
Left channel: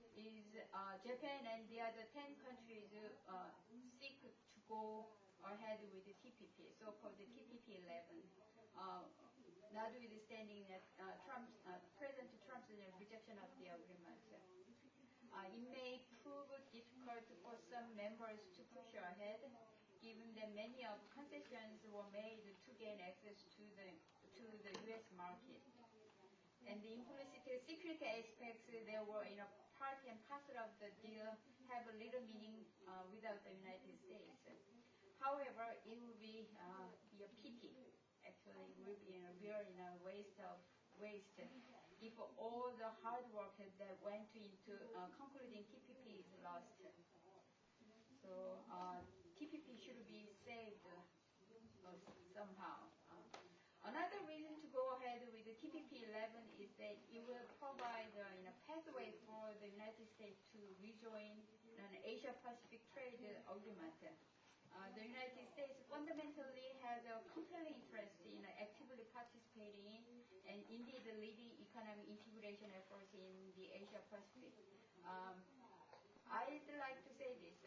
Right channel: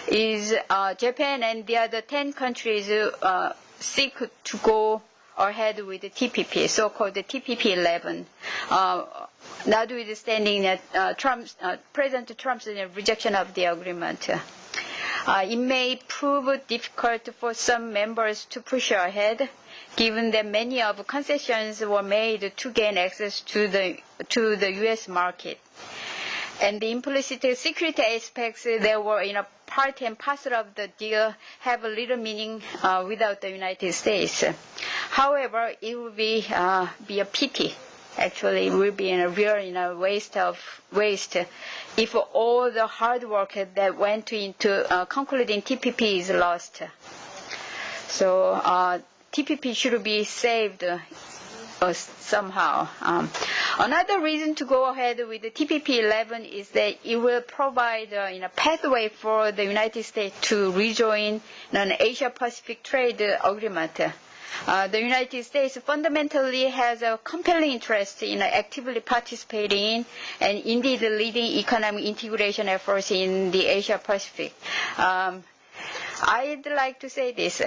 is Japan and the other 10 countries seek to go ahead with the TPP, so-called the TPP 11. Notwithstanding that President Trump's rejection of the agreement. It may prove difficult for some members to push ahead, given that many of concessions were made to gain access to the U.S. market. And the implicit security aspects that were part and parcel of the deal have little meaning without the United States. However, it would be a pity. Actually, it will be a real waste if all the hard work that went into concluding TPP is lost. So TPP should be saved somehow. Another reason to go ahead with the TPP 11 is that it will provide a pathway for the United States to rejoin an Asia-Pacific trade agreement. The United States fundamentally has a compelling interest in actively participating in and indeed leading economic integration efforts in the Asia-Pacific. I'd like to say this,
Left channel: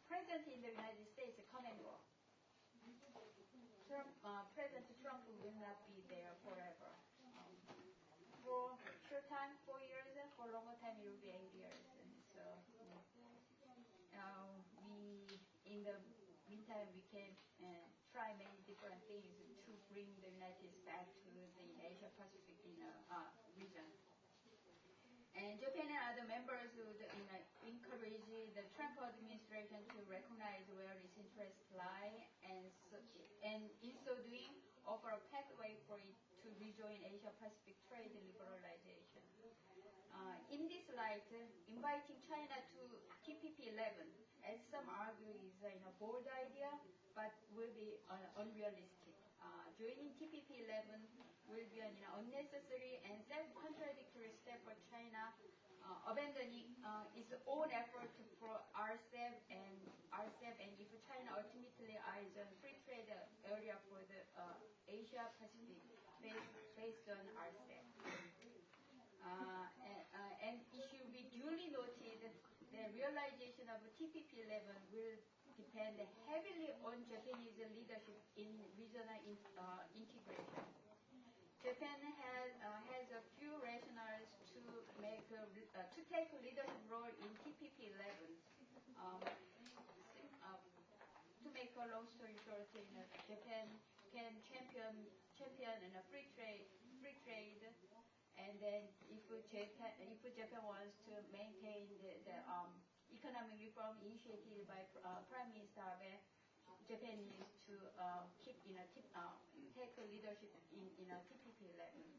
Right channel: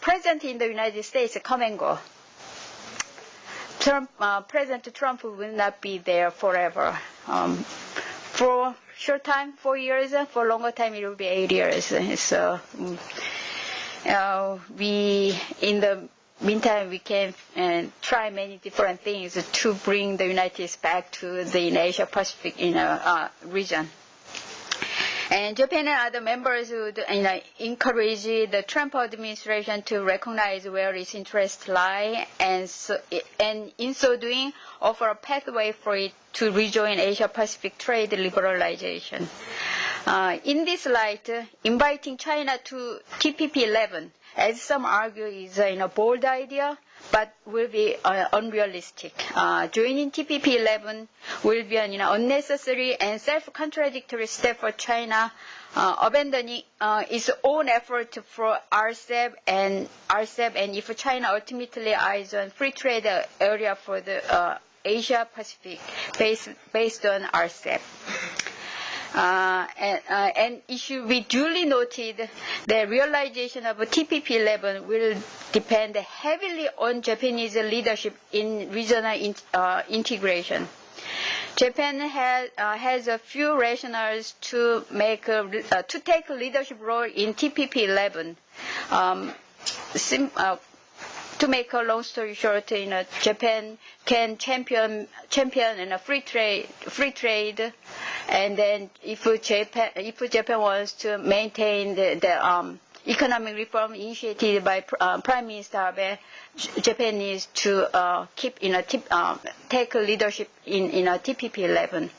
President in the United States come and go. President Trump will not be there forever. For short time, 4 years, for longer time it will be 8 years. So in the meantime, we can try many different things to bring the United States back to the Asia-Pacific region. And Japan and other members would encourage the Trump administration to recognize where its interests lie, and in so doing, offer a pathway for it to rejoin Asia-Pacific trade liberalization. In this light, inviting China to TPP 11, as some argue, is a bold idea, but will be unrealistic. Joining TPP 11 will be an unnecessary and self-contradictory step for China, abandoning its own effort for RCEP, and if China ultimately eyes on free trade area for the Asia-Pacific based on RCEP. And it should be duly noted that realization of TPP 11 will depend heavily on Japanese leadership in regional integration. Japan has a few rationales to take a leadership role in TPP 11. To make a long story short, Japan can champion free trade, and then if Japan wants to maintain the economic reform initiated by Prime Minister Abe, Japan needs to take leadership in TPP 11,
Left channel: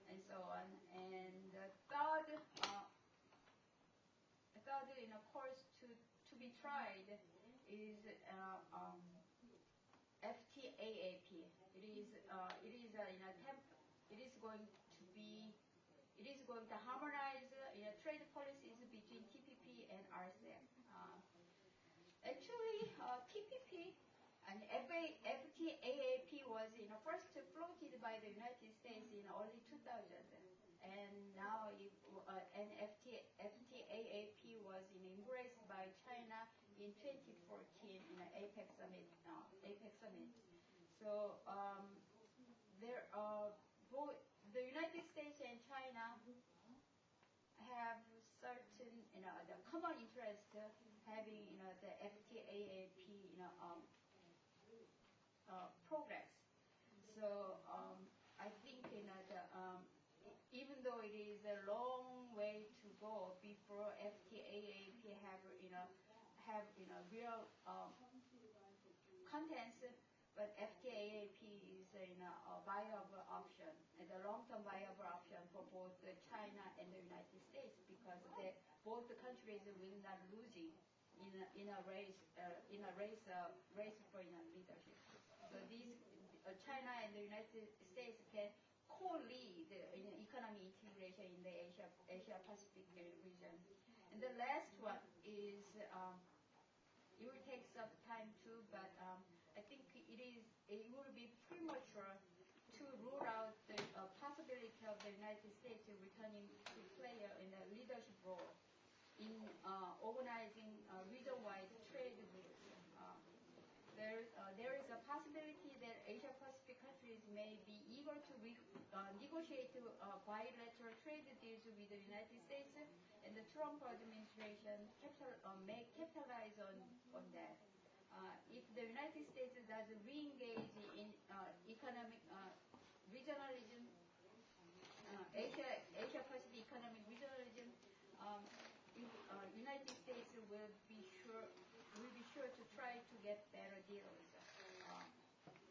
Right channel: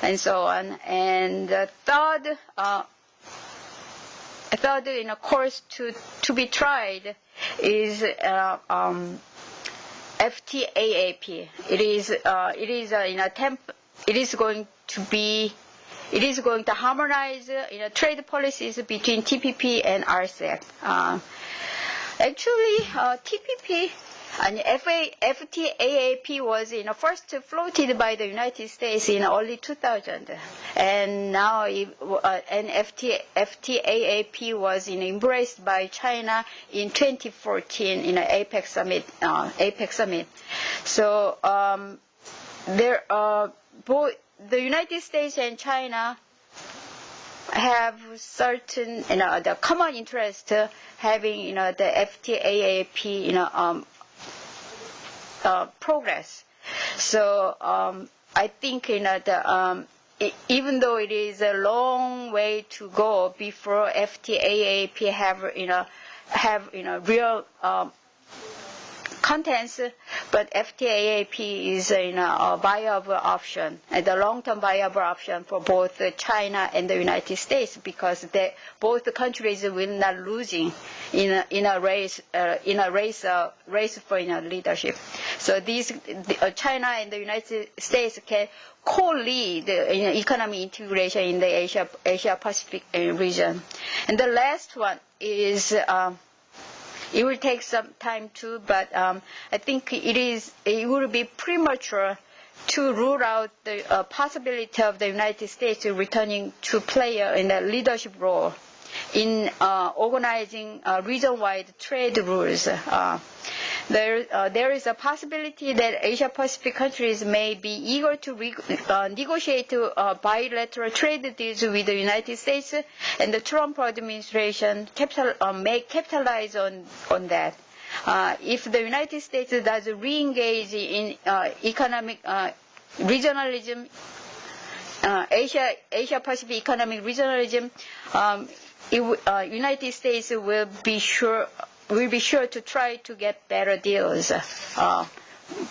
and so on. And the third course to be tried is FTAAP. It is an attempt it is going to harmonize trade policies between TPP and RCEP. Actually, TPP and FTAAP was first floated by the United States in early 2000, and now FTAAP was embraced by China in 2014 in an APEC summit. So both the United States and China have certain the common interest having the FTAAP progress. So I think even though it is a long way to go before FTAAP have real contents, but FTAAP is a viable option, the long-term viable option for both China and the United States, because both countries will not losing in a race for leadership. So China and the United States can co-lead economic integration in the Asia Pacific region. And the last one is. It will take some time too, but I think it would be premature to rule out the possibility of the United States returning to play in a leadership role in organizing region-wide trade rules. There is a possibility that Asia-Pacific countries may be eager to negotiate bilateral trade deals with the United States, and the Trump administration may capitalize on that. If the United States does re-engage in economic regionalism, Asia-Pacific economic regionalism, United States will be sure to try to get better deals,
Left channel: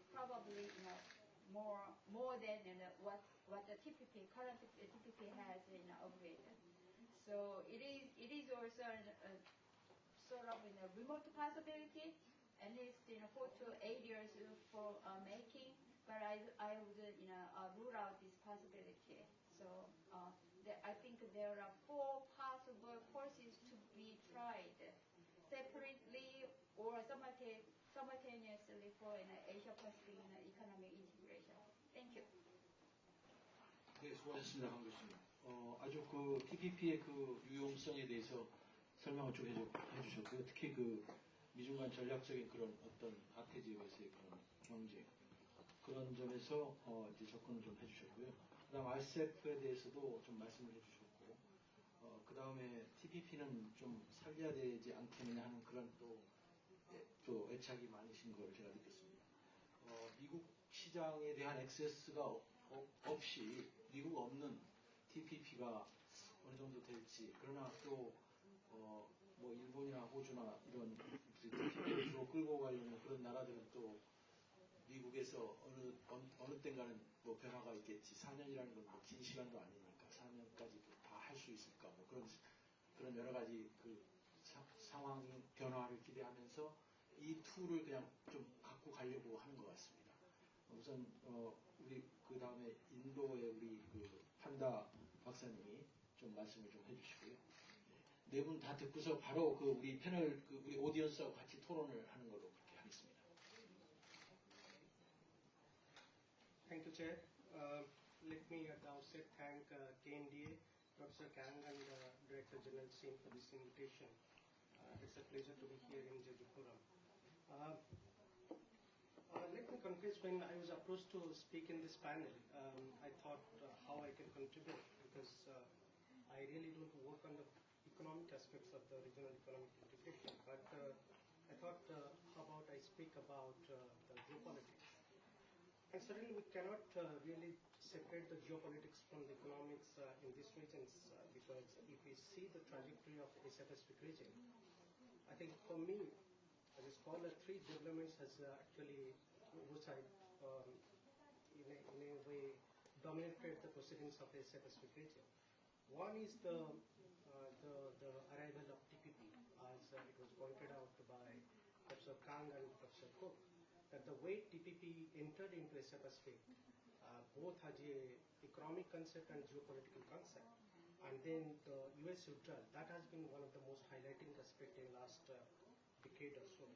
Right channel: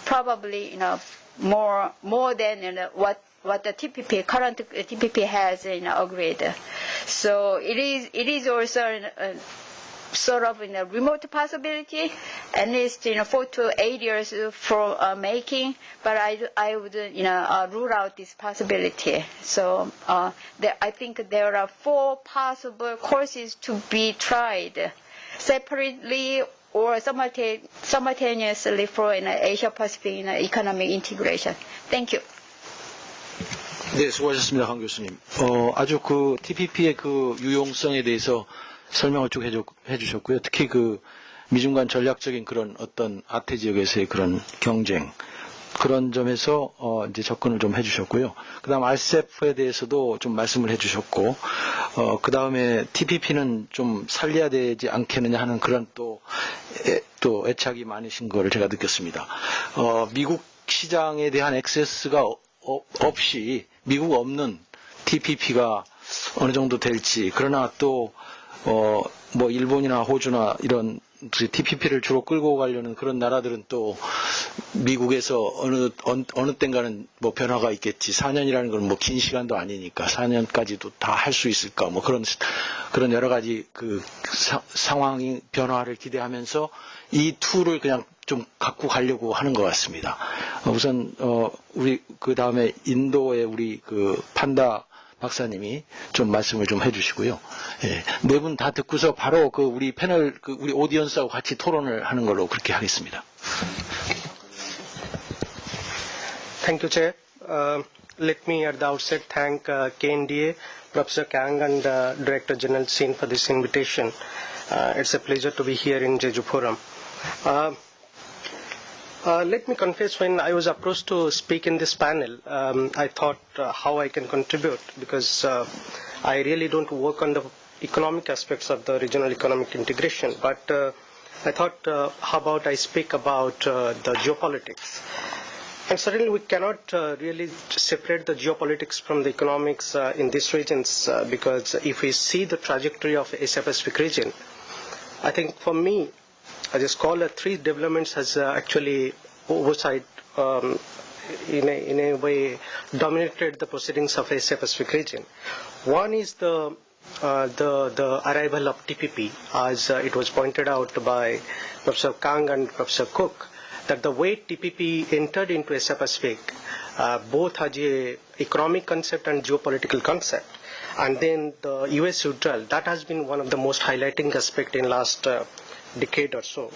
probably more than what the current TPP has agreed. So it is also sort of a remote possibility, at least 4 to 8 years for making. But I would rule out this possibility. So I think there are 4 possible courses to be tried separately or simultaneously for Asia-Pacific economic integration. Thank you. 네, 수고하셨습니다, 강 교수님. 아주 그 TPP의 그 유용성에 대해서 설명을 쭉 해주셨고요. 특히 그 미중 간 전략적인 그런 어떤 아태 지역에서의 그런 경쟁, 그런 점에서 이제 접근을 좀 해주셨고요. 그다음 RCEP에 대해서도 좀 말씀을 해주셨고, 그다음에 TPP는 좀 살려야 되지 않겠느냐 하는 그런 또 애착이 많으신 거를 제가 느꼈습니다. 미국 시장에 대한 액세스가 없이 미국 없는 TPP가 어느 정도 될지, 그러나 또 뭐 일본이나 호주나 이런 TPP를 주로 끌고 가려는 그런 나라들은 또 미국에서 어느 땐가는 뭐 변화가 있겠지. 4년이라는 건 뭐 긴 시간도 아니니까 4년까지도 다 할 수 있을까. 뭐 그런 여러 가지 그 상황이 변화를 기대하면서 이 툴을 그냥 좀 갖고 가려고 하는 것 같습니다. 우선 우리 그 다음에 인도의 우리 그 판다 박사님이 좀 말씀을 좀 해주시고요. 예, 네 분 다 듣고서 바로 그 우리 패널 우리 오디언스하고 같이 토론을 하는 걸로 그렇게 하겠습니다. Thank you, Chair. Let me at the outset thank KNDA, Professor Kang and Director General Sin for this invitation. It's a pleasure to be here in Jejuporam. Let me confess, when I was approached to speak in this panel, I thought how I can contribute, because I really don't work on the economic aspects of the regional economic integration, but I thought how about I speak about the geopolitics. And certainly we cannot really separate the geopolitics from the economics in these regions, because if we see the trajectory of the Asia-Pacific region, I think for me, as a scholar, 3 developments has actually oversight in a way dominated the proceedings of Asia-Pacific region. One is the arrival of TPP, as it was pointed out by Professor Kang and Professor Cook, that the way TPP entered into Asia-Pacific both as a economic concept and geopolitical concept. And then the US withdrawal, that has been one of the most highlighting aspect in last decade or so.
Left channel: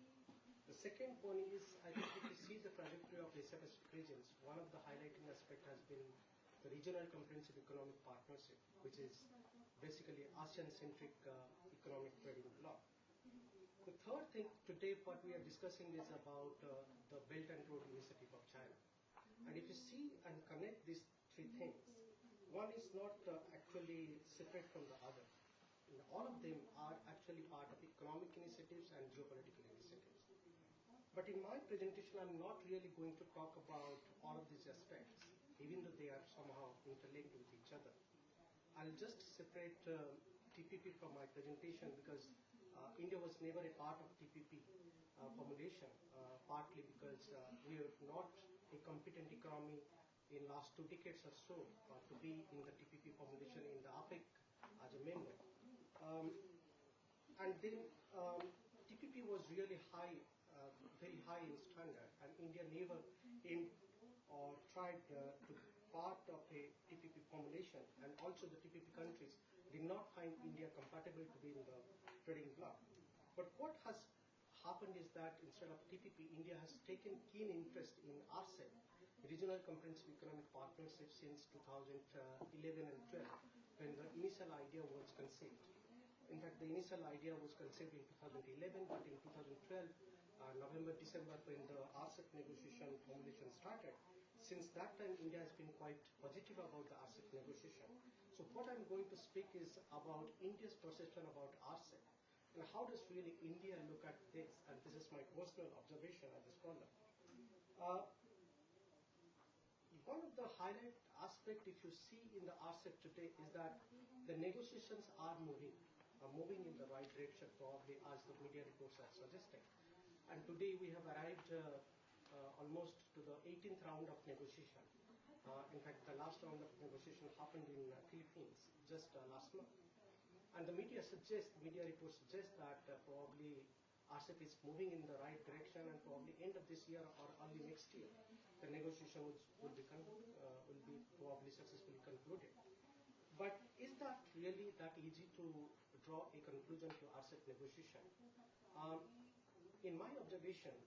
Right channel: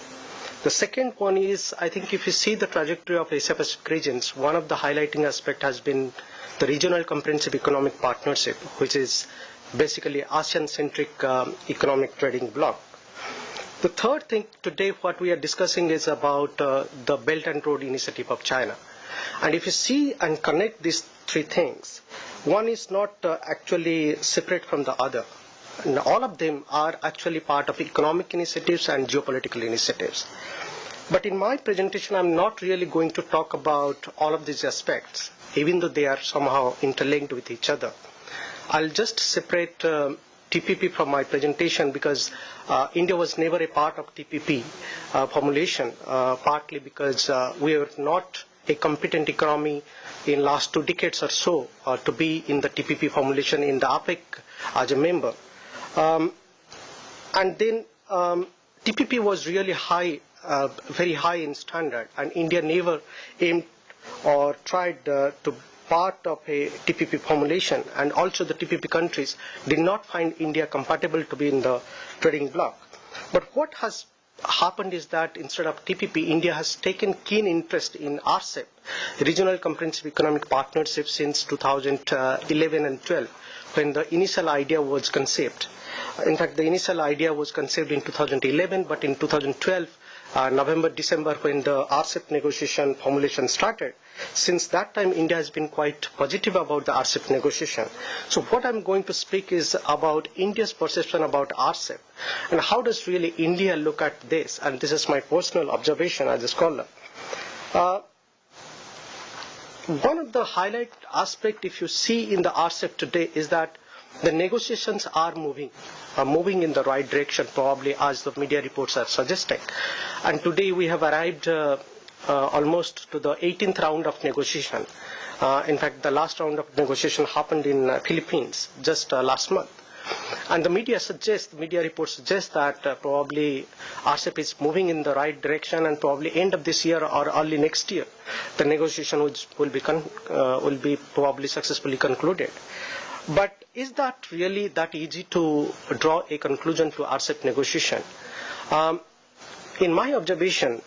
The second one is, I think if you see the trajectory of Asia Pacific regions, one of the highlighting aspect has been the regional comprehensive economic partnership, which is basically ASEAN-centric economic trading bloc. The third thing today, what we are discussing is about the Belt and Road Initiative of China. And if you see and connect these three things, one is not actually separate from the other. And all of them are actually part of economic initiatives and geopolitical initiatives. But in my presentation, I'm not really going to talk about all of these aspects, even though they are somehow interlinked with each other. I'll just separate TPP from my presentation because India was never a part of TPP formulation, partly because we were not a competent economy in last 2 decades or so to be in the TPP formulation in the APEC as a member. And then TPP was really high, very high in standard, and India never aimed or tried to part of a TPP formulation, and also the TPP countries did not find India compatible to be in the trading bloc. But what has happened is that instead of TPP, India has taken keen interest in RCEP, Regional Comprehensive Economic Partnership, since 2011 and 12, when the initial idea was conceived. In fact, the initial idea was conceived in 2011, but in 2012, November, December, when the RCEP negotiation formulation started, since that time, India has been quite positive about the RCEP negotiation. So what I'm going to speak is about India's perception about RCEP, and how does really India look at this, and this is my personal observation as a scholar. One of the highlight aspect, if you see in the RCEP today, is that the negotiations are moving in the right direction, probably as the media reports are suggesting. And today we have arrived almost to the 18th round of negotiation. In fact, the last round of negotiation happened in Philippines just last month. And the media reports suggest that probably RCEP is moving in the right direction, and probably end of this year or early next year, the negotiation will be probably successfully concluded. But is that really that easy to draw a conclusion to RCEP negotiation? In my observation,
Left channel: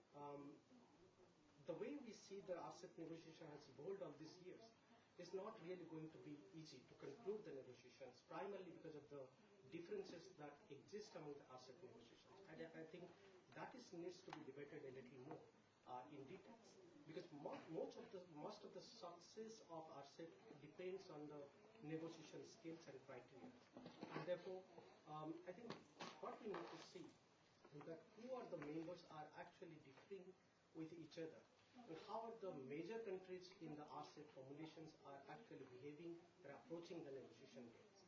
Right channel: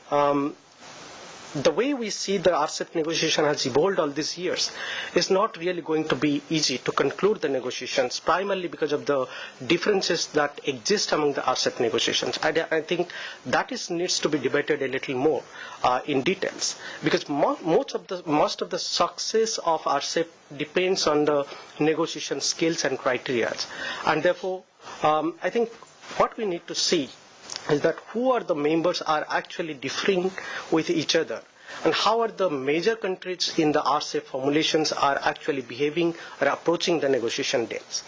the way we see the RCEP negotiation has evolved all these years is not really going to be easy to conclude the negotiations, primarily because of the differences that exist among the RCEP negotiations. I think that needs to be debated a little more in details, because most of the success of RCEP depends on the negotiation skills and criteria. And therefore, I think what we need to see is that who are the members are actually differing with each other, and how are the major countries in the RCEP formulations are actually behaving or approaching the negotiation dates.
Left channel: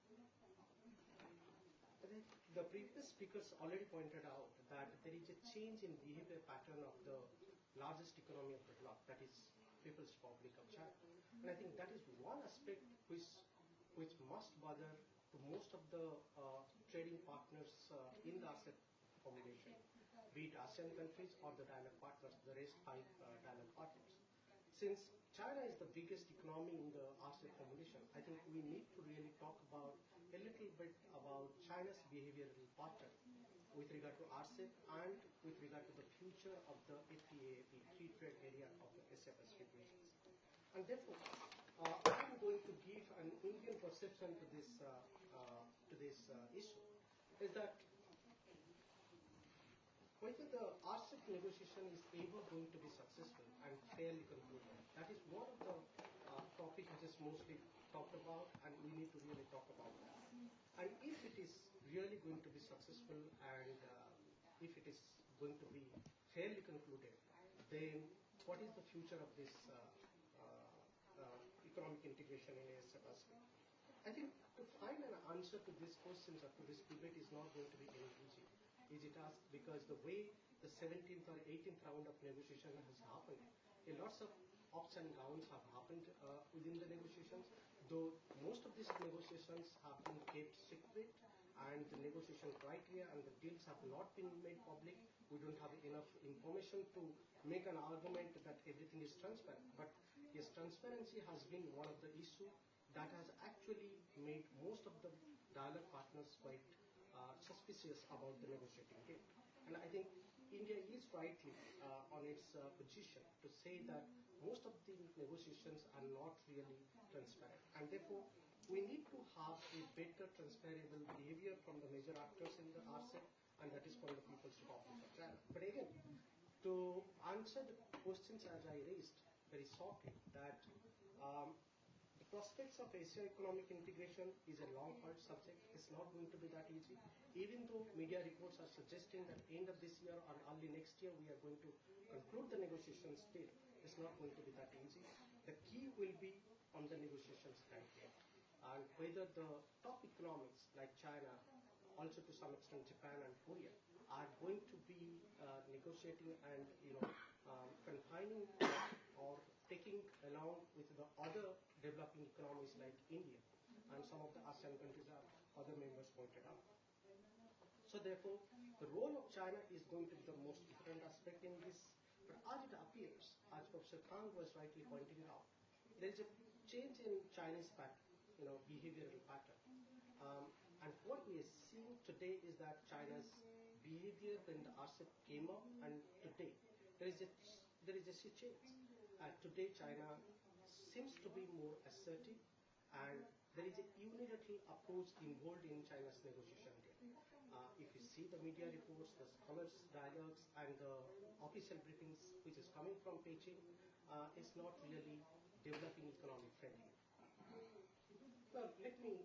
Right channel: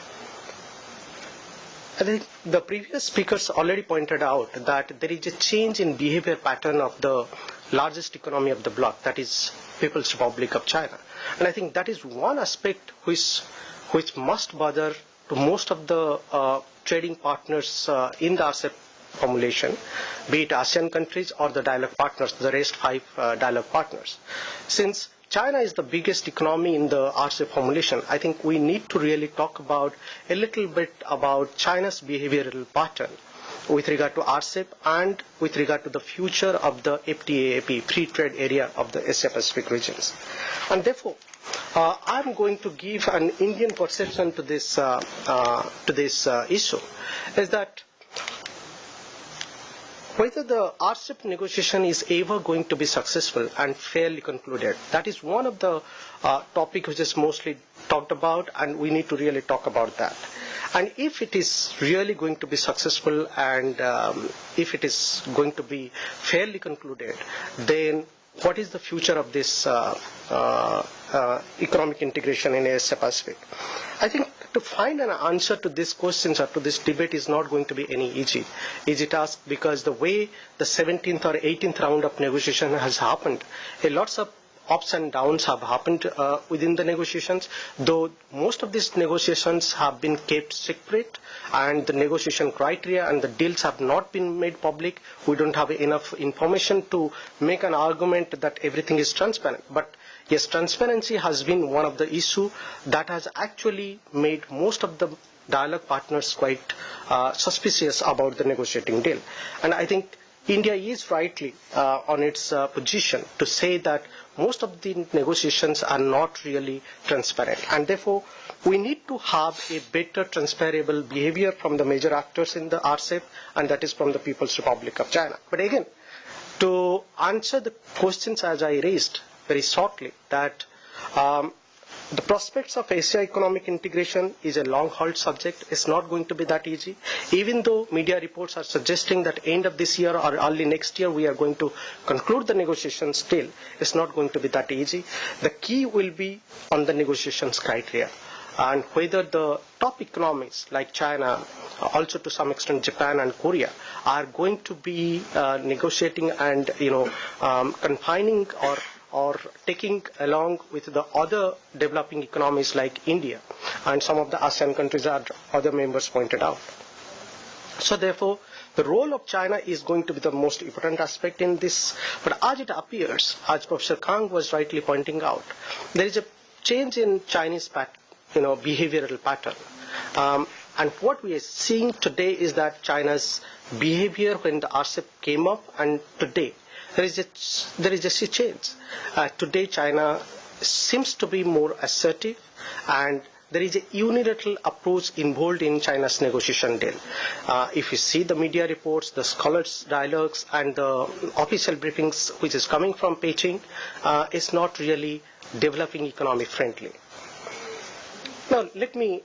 I think the previous speakers already pointed out that there is a change in behavior pattern of the largest economy of the bloc, that is People's Republic of China. And I think that is one aspect which must bother to most of the trading partners in the RCEP formulation, be it ASEAN countries or the dialogue partners, the rest 5 dialogue partners. Since China is the biggest economy in the RCEP formulation, I think we need to really talk about a little bit about China's behavioral pattern with regard to RCEP and with regard to the future of the FTAAP, free trade area of the Asia Pacific regions. And therefore, I'm going to give an Indian perception to this issue, is that whether the RCEP negotiation is ever going to be successful and fairly concluded. That is one of the topics which is mostly talked about, and we need to really talk about that. And if it is really going to be successful and if it is going to be fairly concluded, then what is the future of this economic integration in Asia Pacific? I think to find an answer to these questions or to this debate is not going to be any easy task, because the way the 17th or 18th round of negotiation has happened, lots of ups and downs have happened within the negotiations, though most of these negotiations have been kept secret, and the negotiation criteria and the deals have not been made public. We don't have enough information to make an argument that everything is transparent. But yes, transparency has been one of the issues that has actually made most of the dialogue partners quite suspicious about the negotiating deal. And I think India is rightly on its position to say that most of the negotiations are not really transparent. And therefore, we need to have a better transferable behavior from the major actors in the RCEP, and that is from the People's Republic of China. But again, to answer the questions as I raised very shortly, that the prospects of Asia economic integration is a long-haul subject. It's not going to be that easy. Even though media reports are suggesting that end of this year or early next year we are going to conclude the negotiations, still it's not going to be that easy. The key will be on the negotiations criteria, and whether the top economies like China, also to some extent Japan and Korea, are going to be negotiating and confining or taking along with the other developing economies like India and some of the ASEAN countries that other members pointed out. So therefore, the role of China is going to be the most important aspect in this. But as it appears, as Professor Kang was rightly pointing out, there is a change in Chinese behavioral pattern. And what we are seeing today is that China's behavior when the RCEP came up and today, there is a change. Today, China seems to be more assertive, and there is a unilateral approach involved in China's negotiation deal. If you see the media reports, the scholars' dialogues, and the official briefings which is coming from Beijing, it's not really developing economic friendly. Now, let me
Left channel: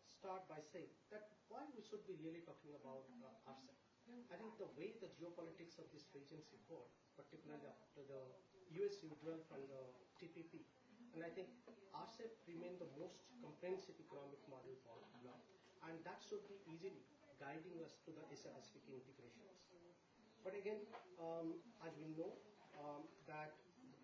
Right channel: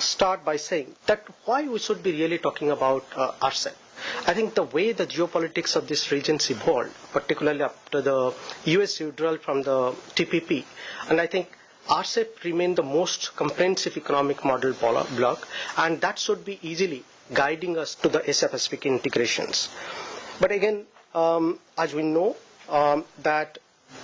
start by saying that why we should be really talking about RCEP. I think the way the geopolitics of this region evolved, particularly after the US withdrawal from the TPP, and I think RCEP remained the most comprehensive economic model bloc, and that should be easily guiding us to the Asia-Pacific integrations. But again, as we know, that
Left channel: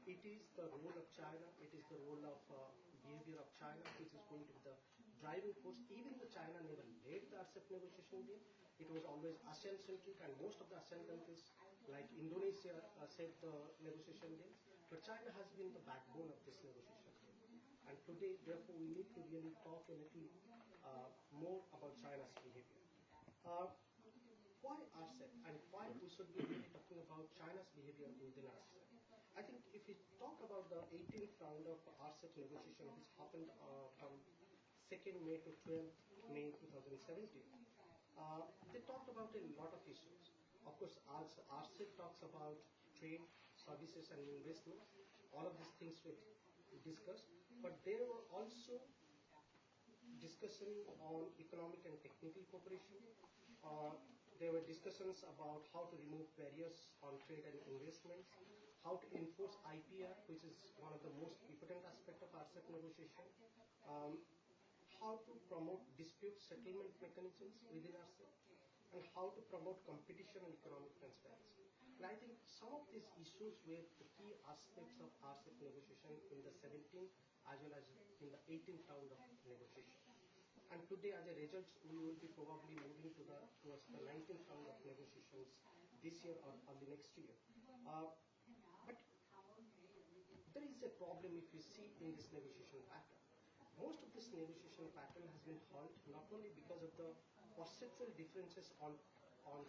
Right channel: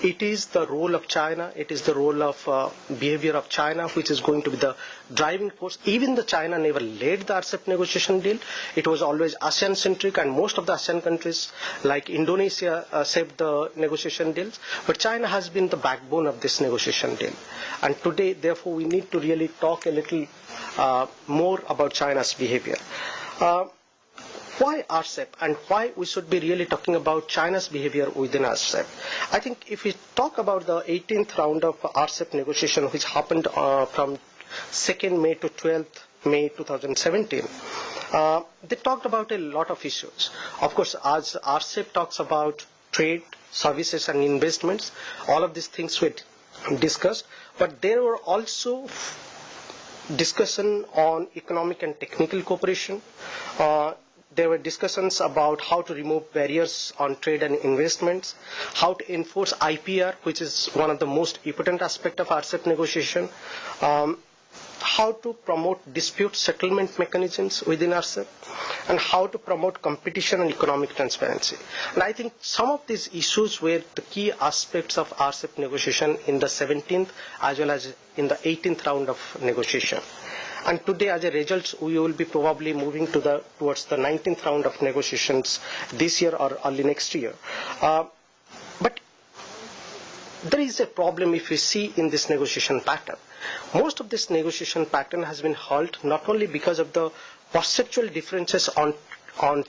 it is the role of China, it is the role of behavior of China which is going to be the driving force. Even the China never led the RCEP negotiation deal. It was always ASEAN-centric, and most of the ASEAN countries like Indonesia shaped the negotiation deals. But China has been the backbone of this negotiation deal. And today, therefore, we need to really talk a little more about China's behavior. Why RCEP and why we should be really talking about China's behavior within RCEP? I think if we talk about the 18th round of RCEP negotiation which happened from 2nd May to 12th May 2017, they talked about a lot of issues. Of course, as RCEP talks about trade, services and investments, all of these things were discussed, but there were also discussion on economic and technical cooperation. There were discussions about how to remove barriers on trade and investments, how to enforce IPR, which is one of the most important aspects of RCEP negotiation, how to promote dispute settlement mechanisms within RCEP, and how to promote competition and economic transparency. And I think some of these issues were the key aspects of RCEP negotiation in the 17th as well as in the 18th round of negotiation. And today, as a result, we will be probably moving towards the 19th round of negotiations this year or early next year. But there is a problem if we see in this negotiation pattern. Most of this negotiation pattern has been halted not only because of the perceptual differences on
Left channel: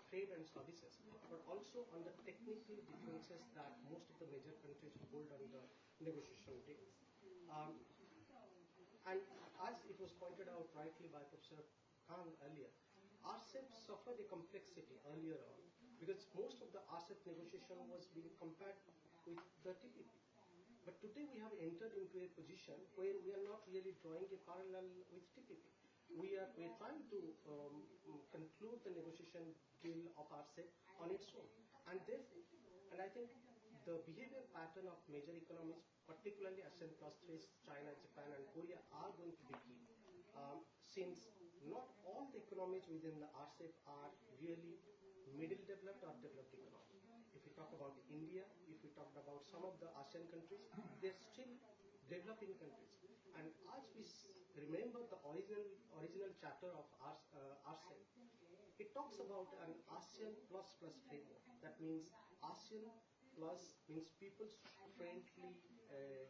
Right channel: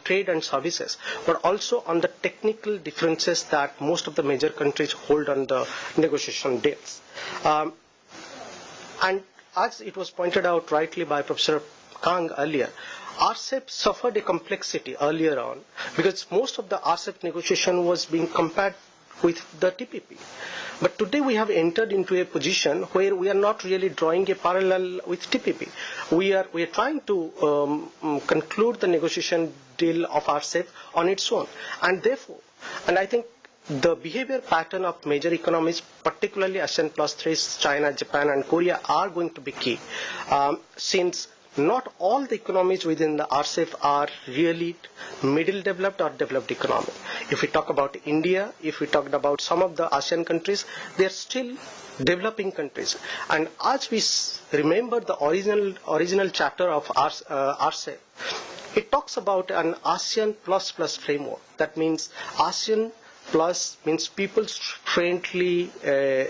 trade and services, but also on the technical differences that most of the major countries hold on the negotiation deals. And as it was pointed out rightly by Professor Kang earlier, RCEP suffered a complexity earlier on because most of the RCEP negotiation was being compared with the TPP. But today we have entered into a position where we are not really drawing a parallel with TPP. We are trying to conclude the negotiation deal of RCEP on its own. And therefore, and I think the behavior pattern of major economies, particularly ASEAN plus 3, China, Japan, and Korea, are going to be key, since not all the economies within the RCEP are really middle developed or developed economy. If we talk about India, if we talked about some of the ASEAN countries, they are still developing countries. And as we remember the original chapter of RCEP, it talks about an ASEAN plus framework. That means ASEAN plus means people-friendly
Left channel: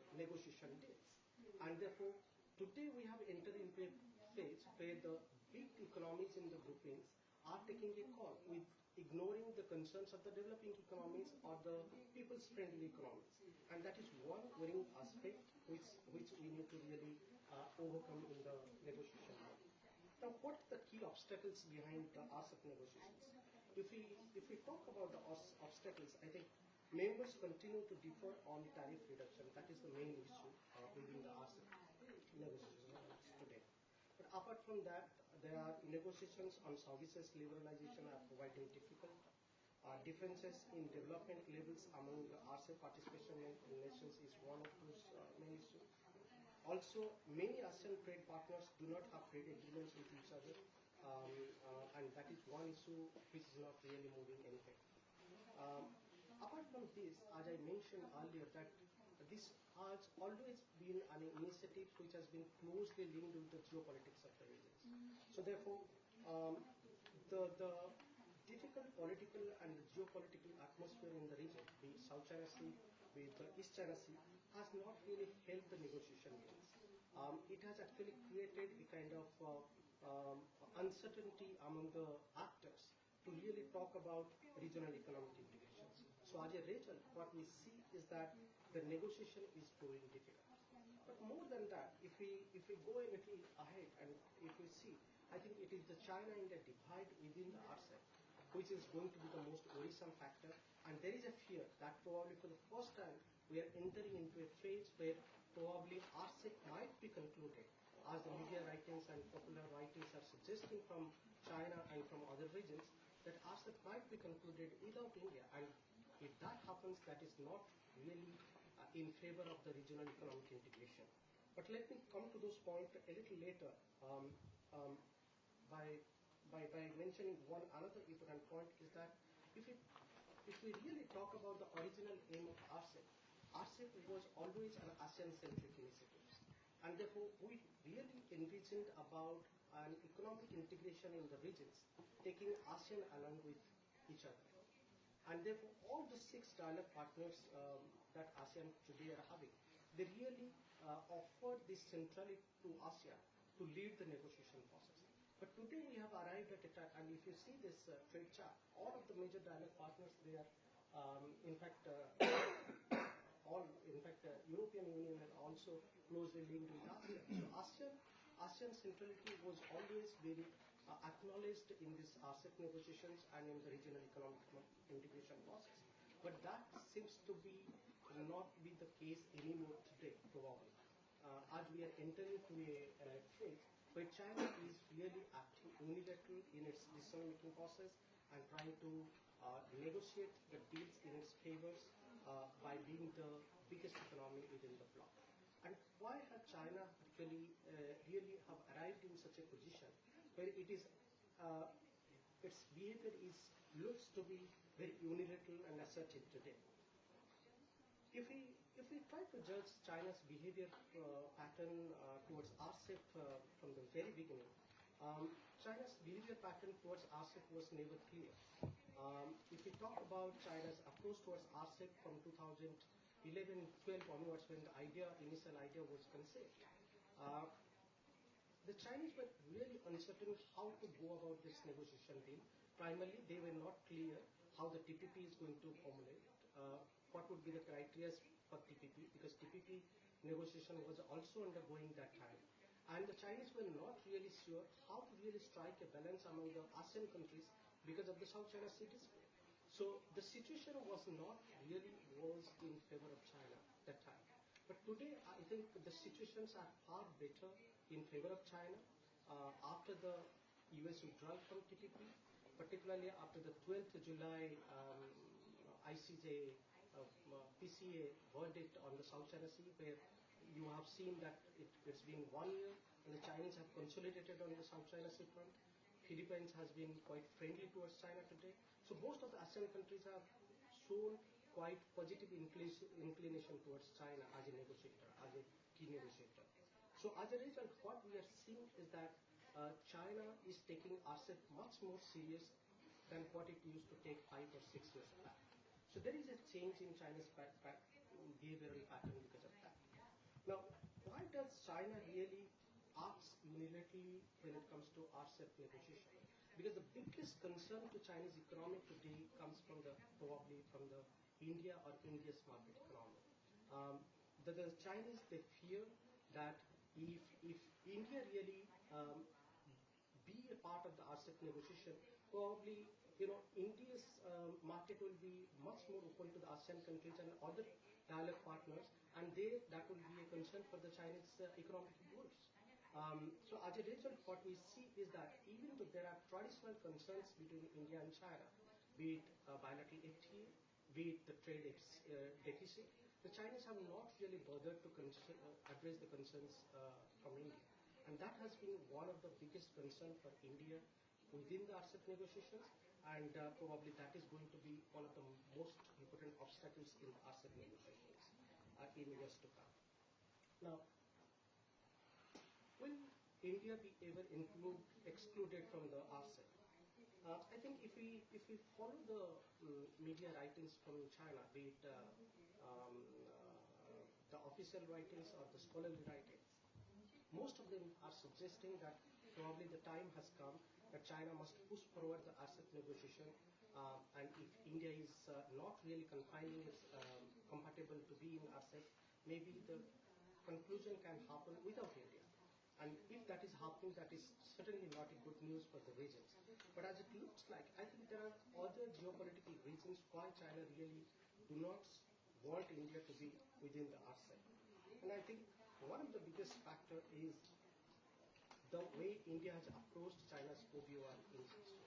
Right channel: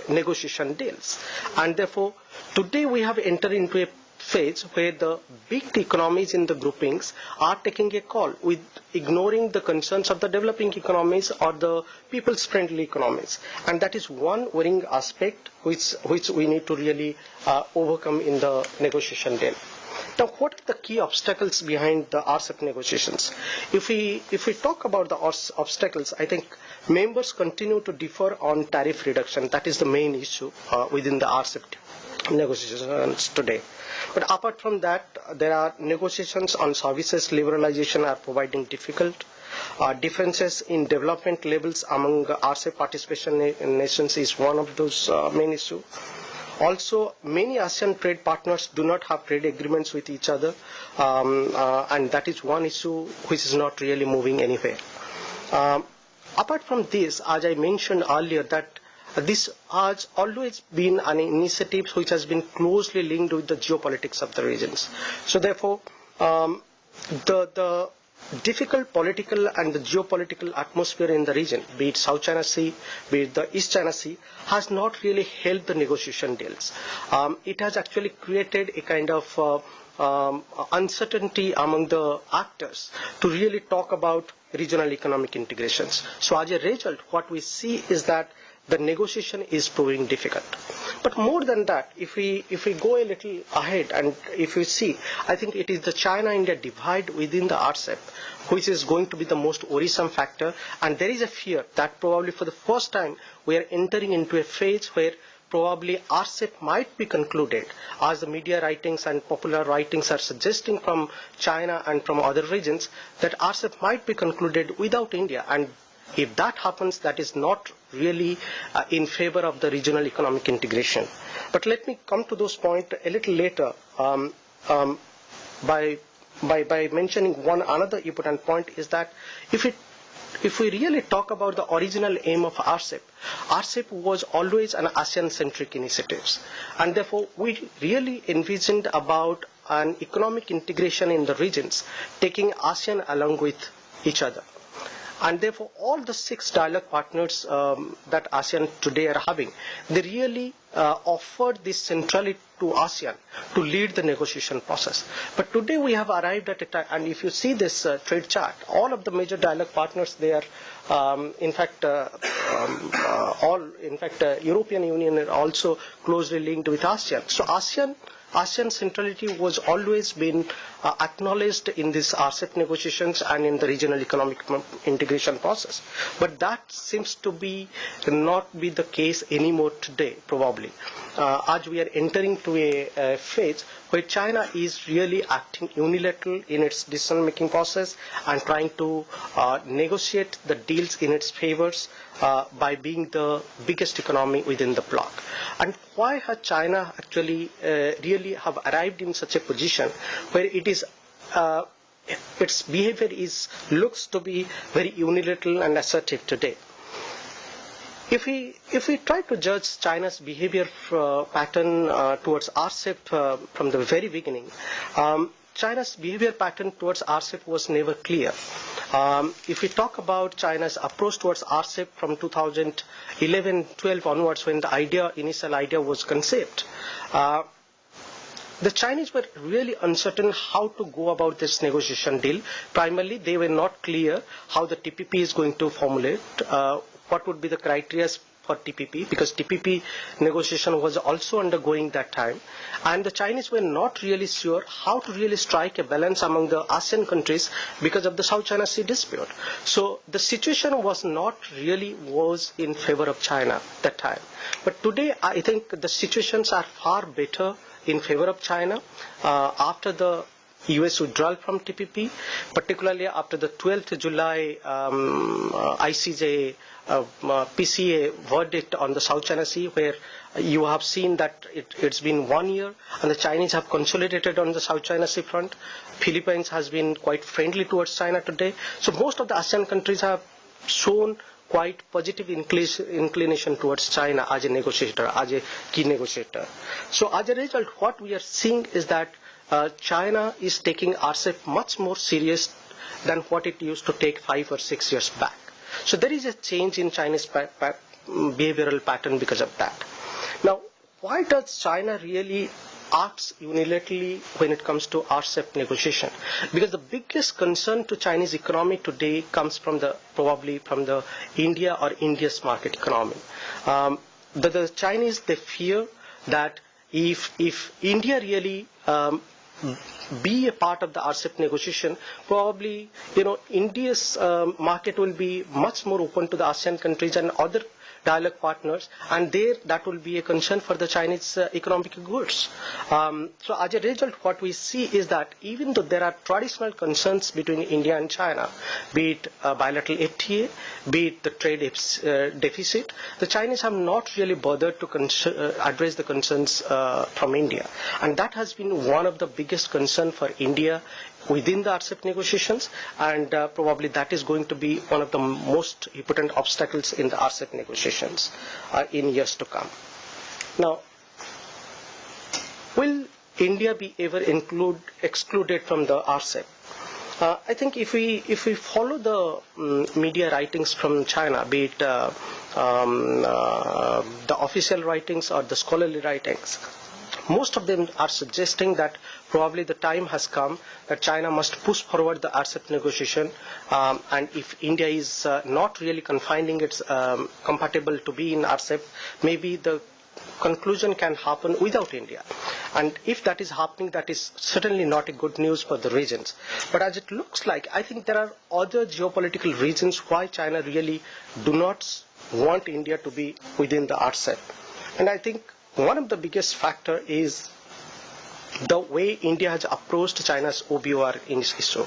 negotiation deals. And therefore, today we have entered into a phase where the big economies in the groupings are taking a call with ignoring the concerns of the developing economies or the people's friendly economies. And that is one worrying aspect which we need to really overcome in the negotiation deal. Now, what are the key obstacles behind the RCEP negotiations? If we talk about the obstacles, I think members continue to differ on tariff reduction. That is the main issue within the RCEP negotiations today. But apart from that, there are negotiations on services liberalization are providing difficult. Differences in development levels among RCEP participation nations is one of those main issues. Also, many ASEAN trade partners do not have trade agreements with each other, and that is one issue which is not really moving anywhere. Apart from this, as I mentioned earlier, that this has always been an initiative which has been closely linked with the geopolitics of the regions. So therefore, the difficult political and the geopolitical atmosphere in the region, be it South China Sea, be it the East China Sea, has not really helped the negotiation deals. It has actually created a kind of uncertainty among the actors to really talk about regional economic integrations. So as a result, what we see is that the negotiation is proving difficult. But more than that, if we go a little ahead and if we see, I think it is the China-India divide within the RCEP which is going to be the most worrisome factor, and there is a fear that probably for the first time we are entering into a phase where probably RCEP might be concluded, as the media writings and popular writings are suggesting from China and from other regions, that RCEP might be concluded without India. And if that happens, that is not really in favor of the regional economic integration. But let me come to those points a little later by mentioning one another important point is that if we really talk about the original aim of RCEP, RCEP was always an ASEAN-centric initiative. And therefore, we really envisioned about an economic integration in the regions, taking ASEAN along with each other. And therefore, all the 6 dialogue partners that ASEAN today are having, they really offered this centrality to ASEAN to lead the negotiation process. But today we have arrived at a time, and if you see this trade chart, all of the major dialogue partners, they are, European Union are also closely linked with ASEAN. So ASEAN centrality was always been acknowledged in these RCEP negotiations and in the regional economic integration process. But that seems to be not be the case anymore today, probably, as we are entering to a phase where China is really acting unilateral in its decision-making process and trying to negotiate the deals in its favors by being the biggest economy within the bloc. And why has China actually really have arrived in such a position where it is its behavior looks to be very unilateral and assertive today? If we try to judge China's behavior pattern towards RCEP from the very beginning, China's behavior pattern towards RCEP was never clear. If we talk about China's approach towards RCEP from 2011-12 onwards, when the initial idea was conceived, the Chinese were really uncertain how to go about this negotiation deal. Primarily, they were not clear how the TPP is going to formulate, what would be the criteria for TPP, because TPP negotiation was also undergoing that time. And the Chinese were not really sure how to really strike a balance among the ASEAN countries because of the South China Sea dispute. So the situation was not really in favor of China that time. But today, I think the situations are far better in favor of China after the US withdrawal from TPP, particularly after the 12th July ICJ PCA verdict on the South China Sea, where you have seen that it's been 1 year and the Chinese have consolidated on the South China Sea front. Philippines has been quite friendly towards China today. So most of the ASEAN countries have shown quite positive inclination towards China as a negotiator, as a key negotiator. So as a result, what we are seeing is that China is taking RCEP much more serious than what it used to take 5 or 6 years back. So there is a change in Chinese behavioral pattern because of that. Now, why does China really acts unilaterally when it comes to RCEP negotiation? Because the biggest concern to Chinese economy today comes from probably from the India or India's market economy. The Chinese, they fear that if India really be a part of the RCEP negotiation, probably India's market will be much more open to the ASEAN countries and other dialogue partners, and there that will be a concern for the Chinese economic goods. So as a result, what we see is that even though there are traditional concerns between India and China, be it bilateral FTA, be it the trade deficit, the Chinese have not really bothered to address the concerns from India. And that has been one of the biggest concerns for India within the RCEP negotiations, and probably that is going to be one of the most important obstacles in the RCEP negotiations in years to come. Now, will India be ever excluded from the RCEP? I think if we follow the media writings from China, be it the official writings or the scholarly writings, most of them are suggesting that probably the time has come that China must push forward the RCEP negotiation, and if India is not really confining its compatible to be in RCEP, maybe the conclusion can happen without India. And if that is happening, that is certainly not a good news for the regions. But as it looks like, I think there are other geopolitical reasons why China really do not want India to be within the RCEP. And I think one of the biggest factor is the way India has approached China's OBOR in this issue.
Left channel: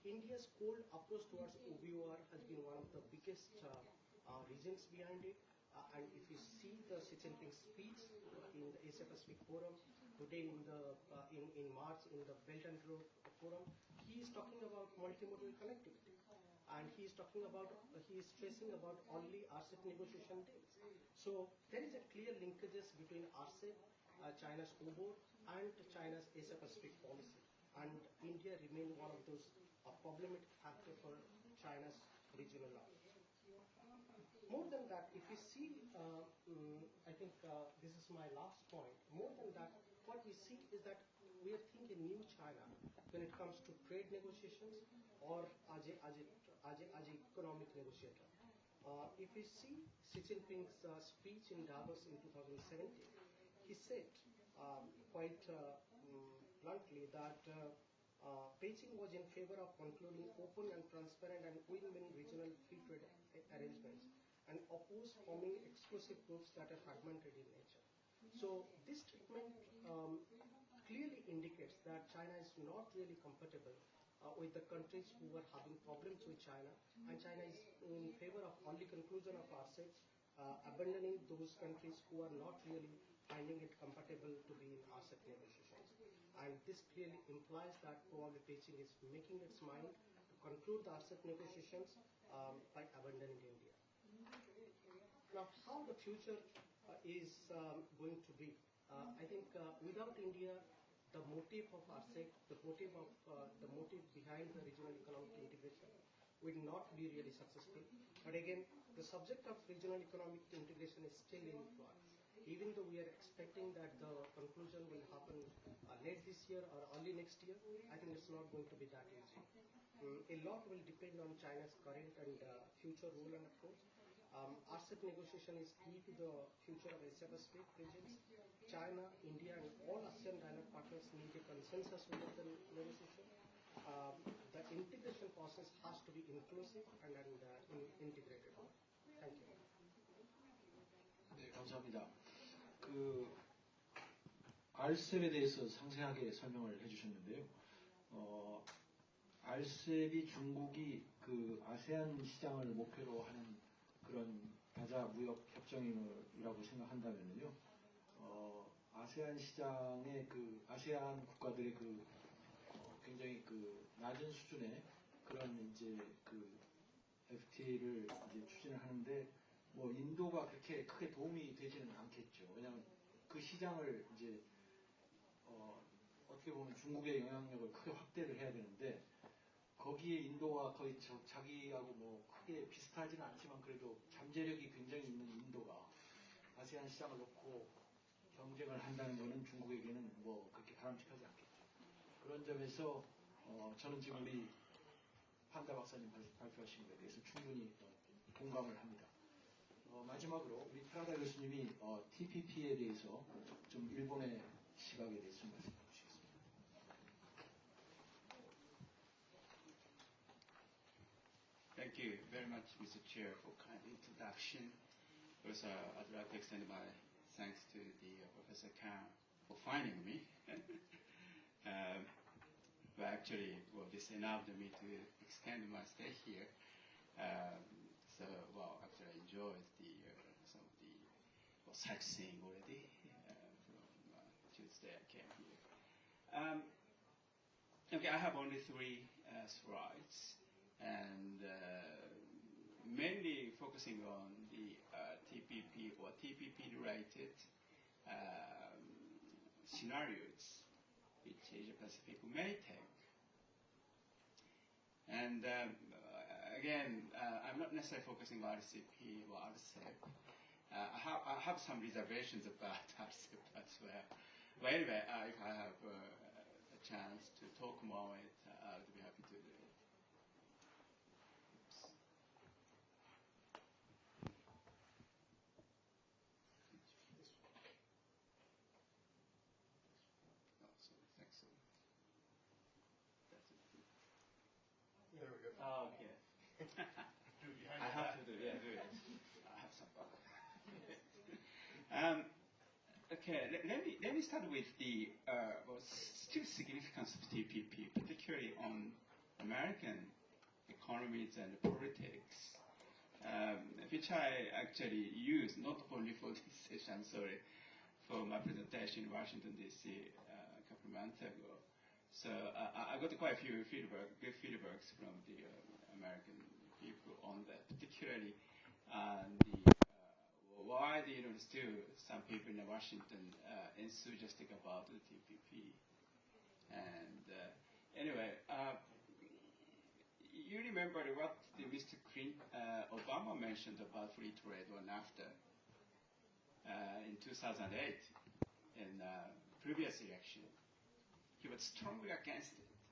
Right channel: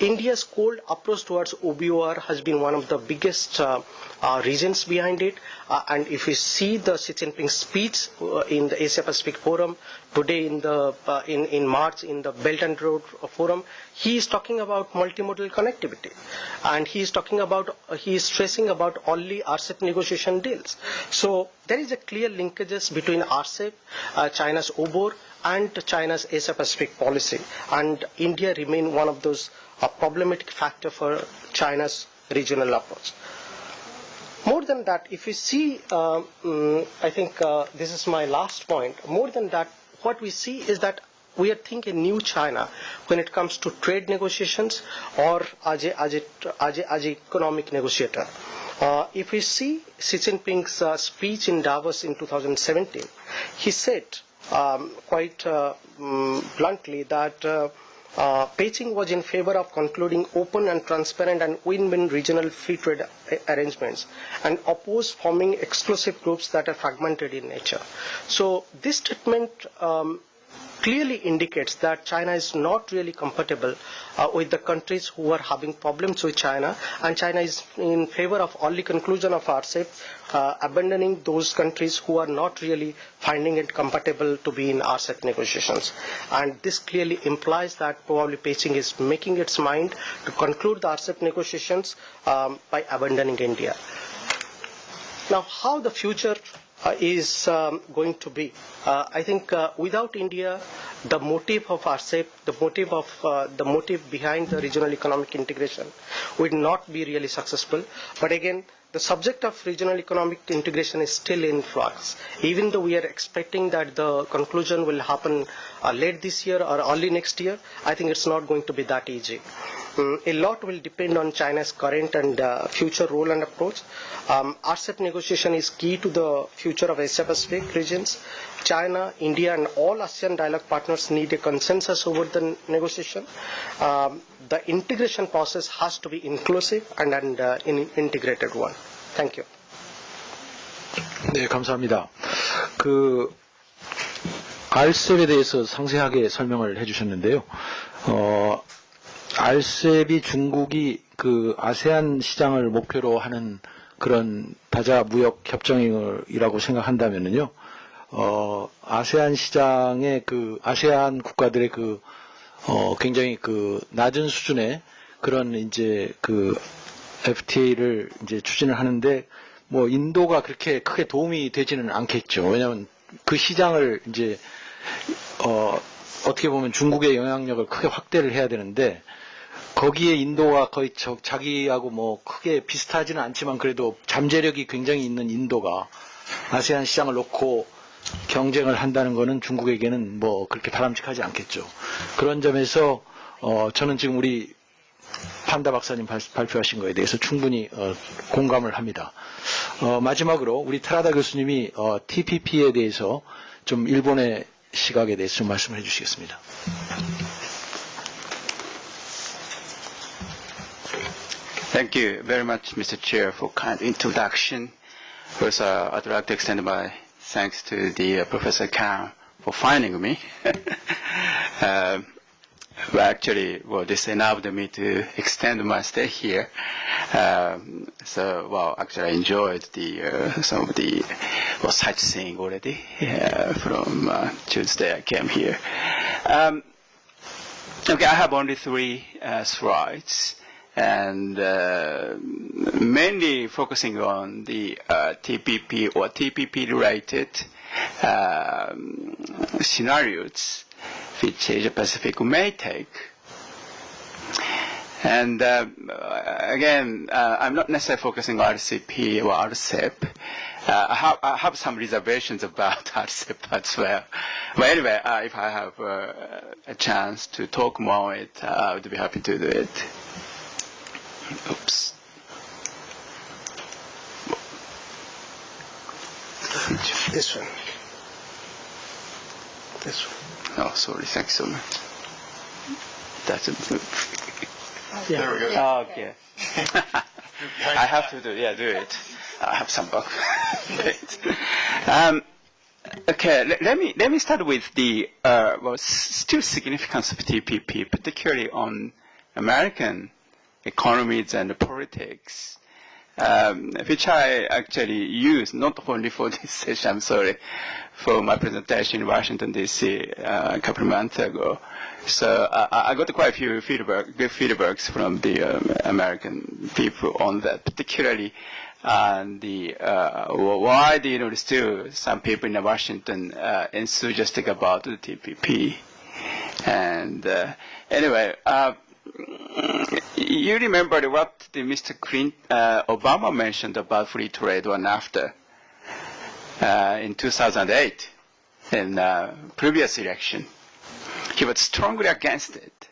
India's cold approach towards OBOR has been one of the biggest reasons behind it. And if you see the Xi Jinping speech in the Asia Pacific Forum today in March in the Belt and Road Forum, he is talking about multimodal connectivity, and he is stressing about only RCEP negotiation deals. So there is a clear linkages between RCEP, China's OBOR, and China's Asia Pacific policy, and India remain one of those problematic factor for China's regional approach. More than that, if you see, I think this is my last point. More than that, what we see is that we are thinking new China when it comes to trade negotiations or as a economic negotiator. If we see Xi Jinping's speech in Davos in 2017, he said quite bluntly that Beijing was in favor of concluding open and transparent and win-win regional free trade arrangements and opposed forming exclusive groups that are fragmented in nature. So this statement clearly indicates that China is not really compatible with the countries who are having problems with China, and China is in favor of only conclusion of RCEP, abandoning those countries who are not really finding it compatible to be in RCEP negotiations. And this clearly implies that probably Beijing is making its mind to conclude the RCEP negotiations by abandoning India. Now, how the future is going to be? I think without India, the motive of RCEP, the motive behind the regional economic integration would not be really successful. But again, the subject of regional economic integration is still in flux. Even though we are expecting that the conclusion will happen late this year or early next year, I think it's not going to be that easy. A lot will depend on China's current and future role and approach. RCEP negotiation is key to the future of Asia Pacific regions. China, India, and all ASEAN dialogue partners need a consensus over the negotiation. The integration process has to be inclusive and an integrated one. Thank you. 네, 감사합니다. RCEP에 대해서 상세하게 설명을 해주셨는데요. RCEP이 중국이 아세안 시장을 목표로 하는 그런 다자 무역 협정이라고 생각한다면요, 아세안 시장의 아세안 국가들의 굉장히 낮은 수준의 그런 이제 FTA를 이제 추진을 하는데 인도가 그렇게 크게 도움이 되지는 않겠죠. 왜냐하면 그 시장을 이제 어떻게 보면 중국의 영향력을 크게 확대를 해야 되는데 거기에 인도가 거의 자기하고 뭐 크게 비슷하지는 않지만 그래도 잠재력이 굉장히 있는 인도가 아세안 시장을 놓고 경쟁을 한다는 것은 중국에게는 뭐 그렇게 바람직하지 않겠죠. 그런 점에서 저는 지금 우리 판다 박사님 발표하신 것에 대해서 충분히 공감을 합니다. 마지막으로 우리 테라다 교수님이 TPP에 대해서 좀 일본의 시각에 대해서 좀 말씀을 해주시겠습니다. Thank you very much, Mr. Chair, for kind introduction. First, I'd like to extend my thanks to the Professor Kang for finding me. Actually, this enabled me to extend my stay here. Actually, I enjoyed some of the sightseeing already from Tuesday I came here. Okay, I have only 3 slides, and mainly focusing on the TPP or TPP-related scenarios which Asia-Pacific may take. And again, I'm not necessarily focusing on RCP or RCEP. I have some reservations about RCEP as well. But anyway, if I have a chance to talk more on it, I would be happy to do it. Oops. This one. This one. Oh, sorry. Thanks so much. That's a Yeah. There we go. Oh, okay. I have to do it. I have some book. Okay, let me start with the still significance of TPP, particularly on American economies and politics, which I actually used not only for this session, I'm sorry, for my presentation in Washington, D.C. A couple of months ago. So I got quite a few good feedbacks from the American people on that, particularly why still some people in Washington enthusiastic about the TPP. And anyway, you remember what Mr. Obama mentioned about free trade or NAFTA in 2008 in previous election. He was strongly against it.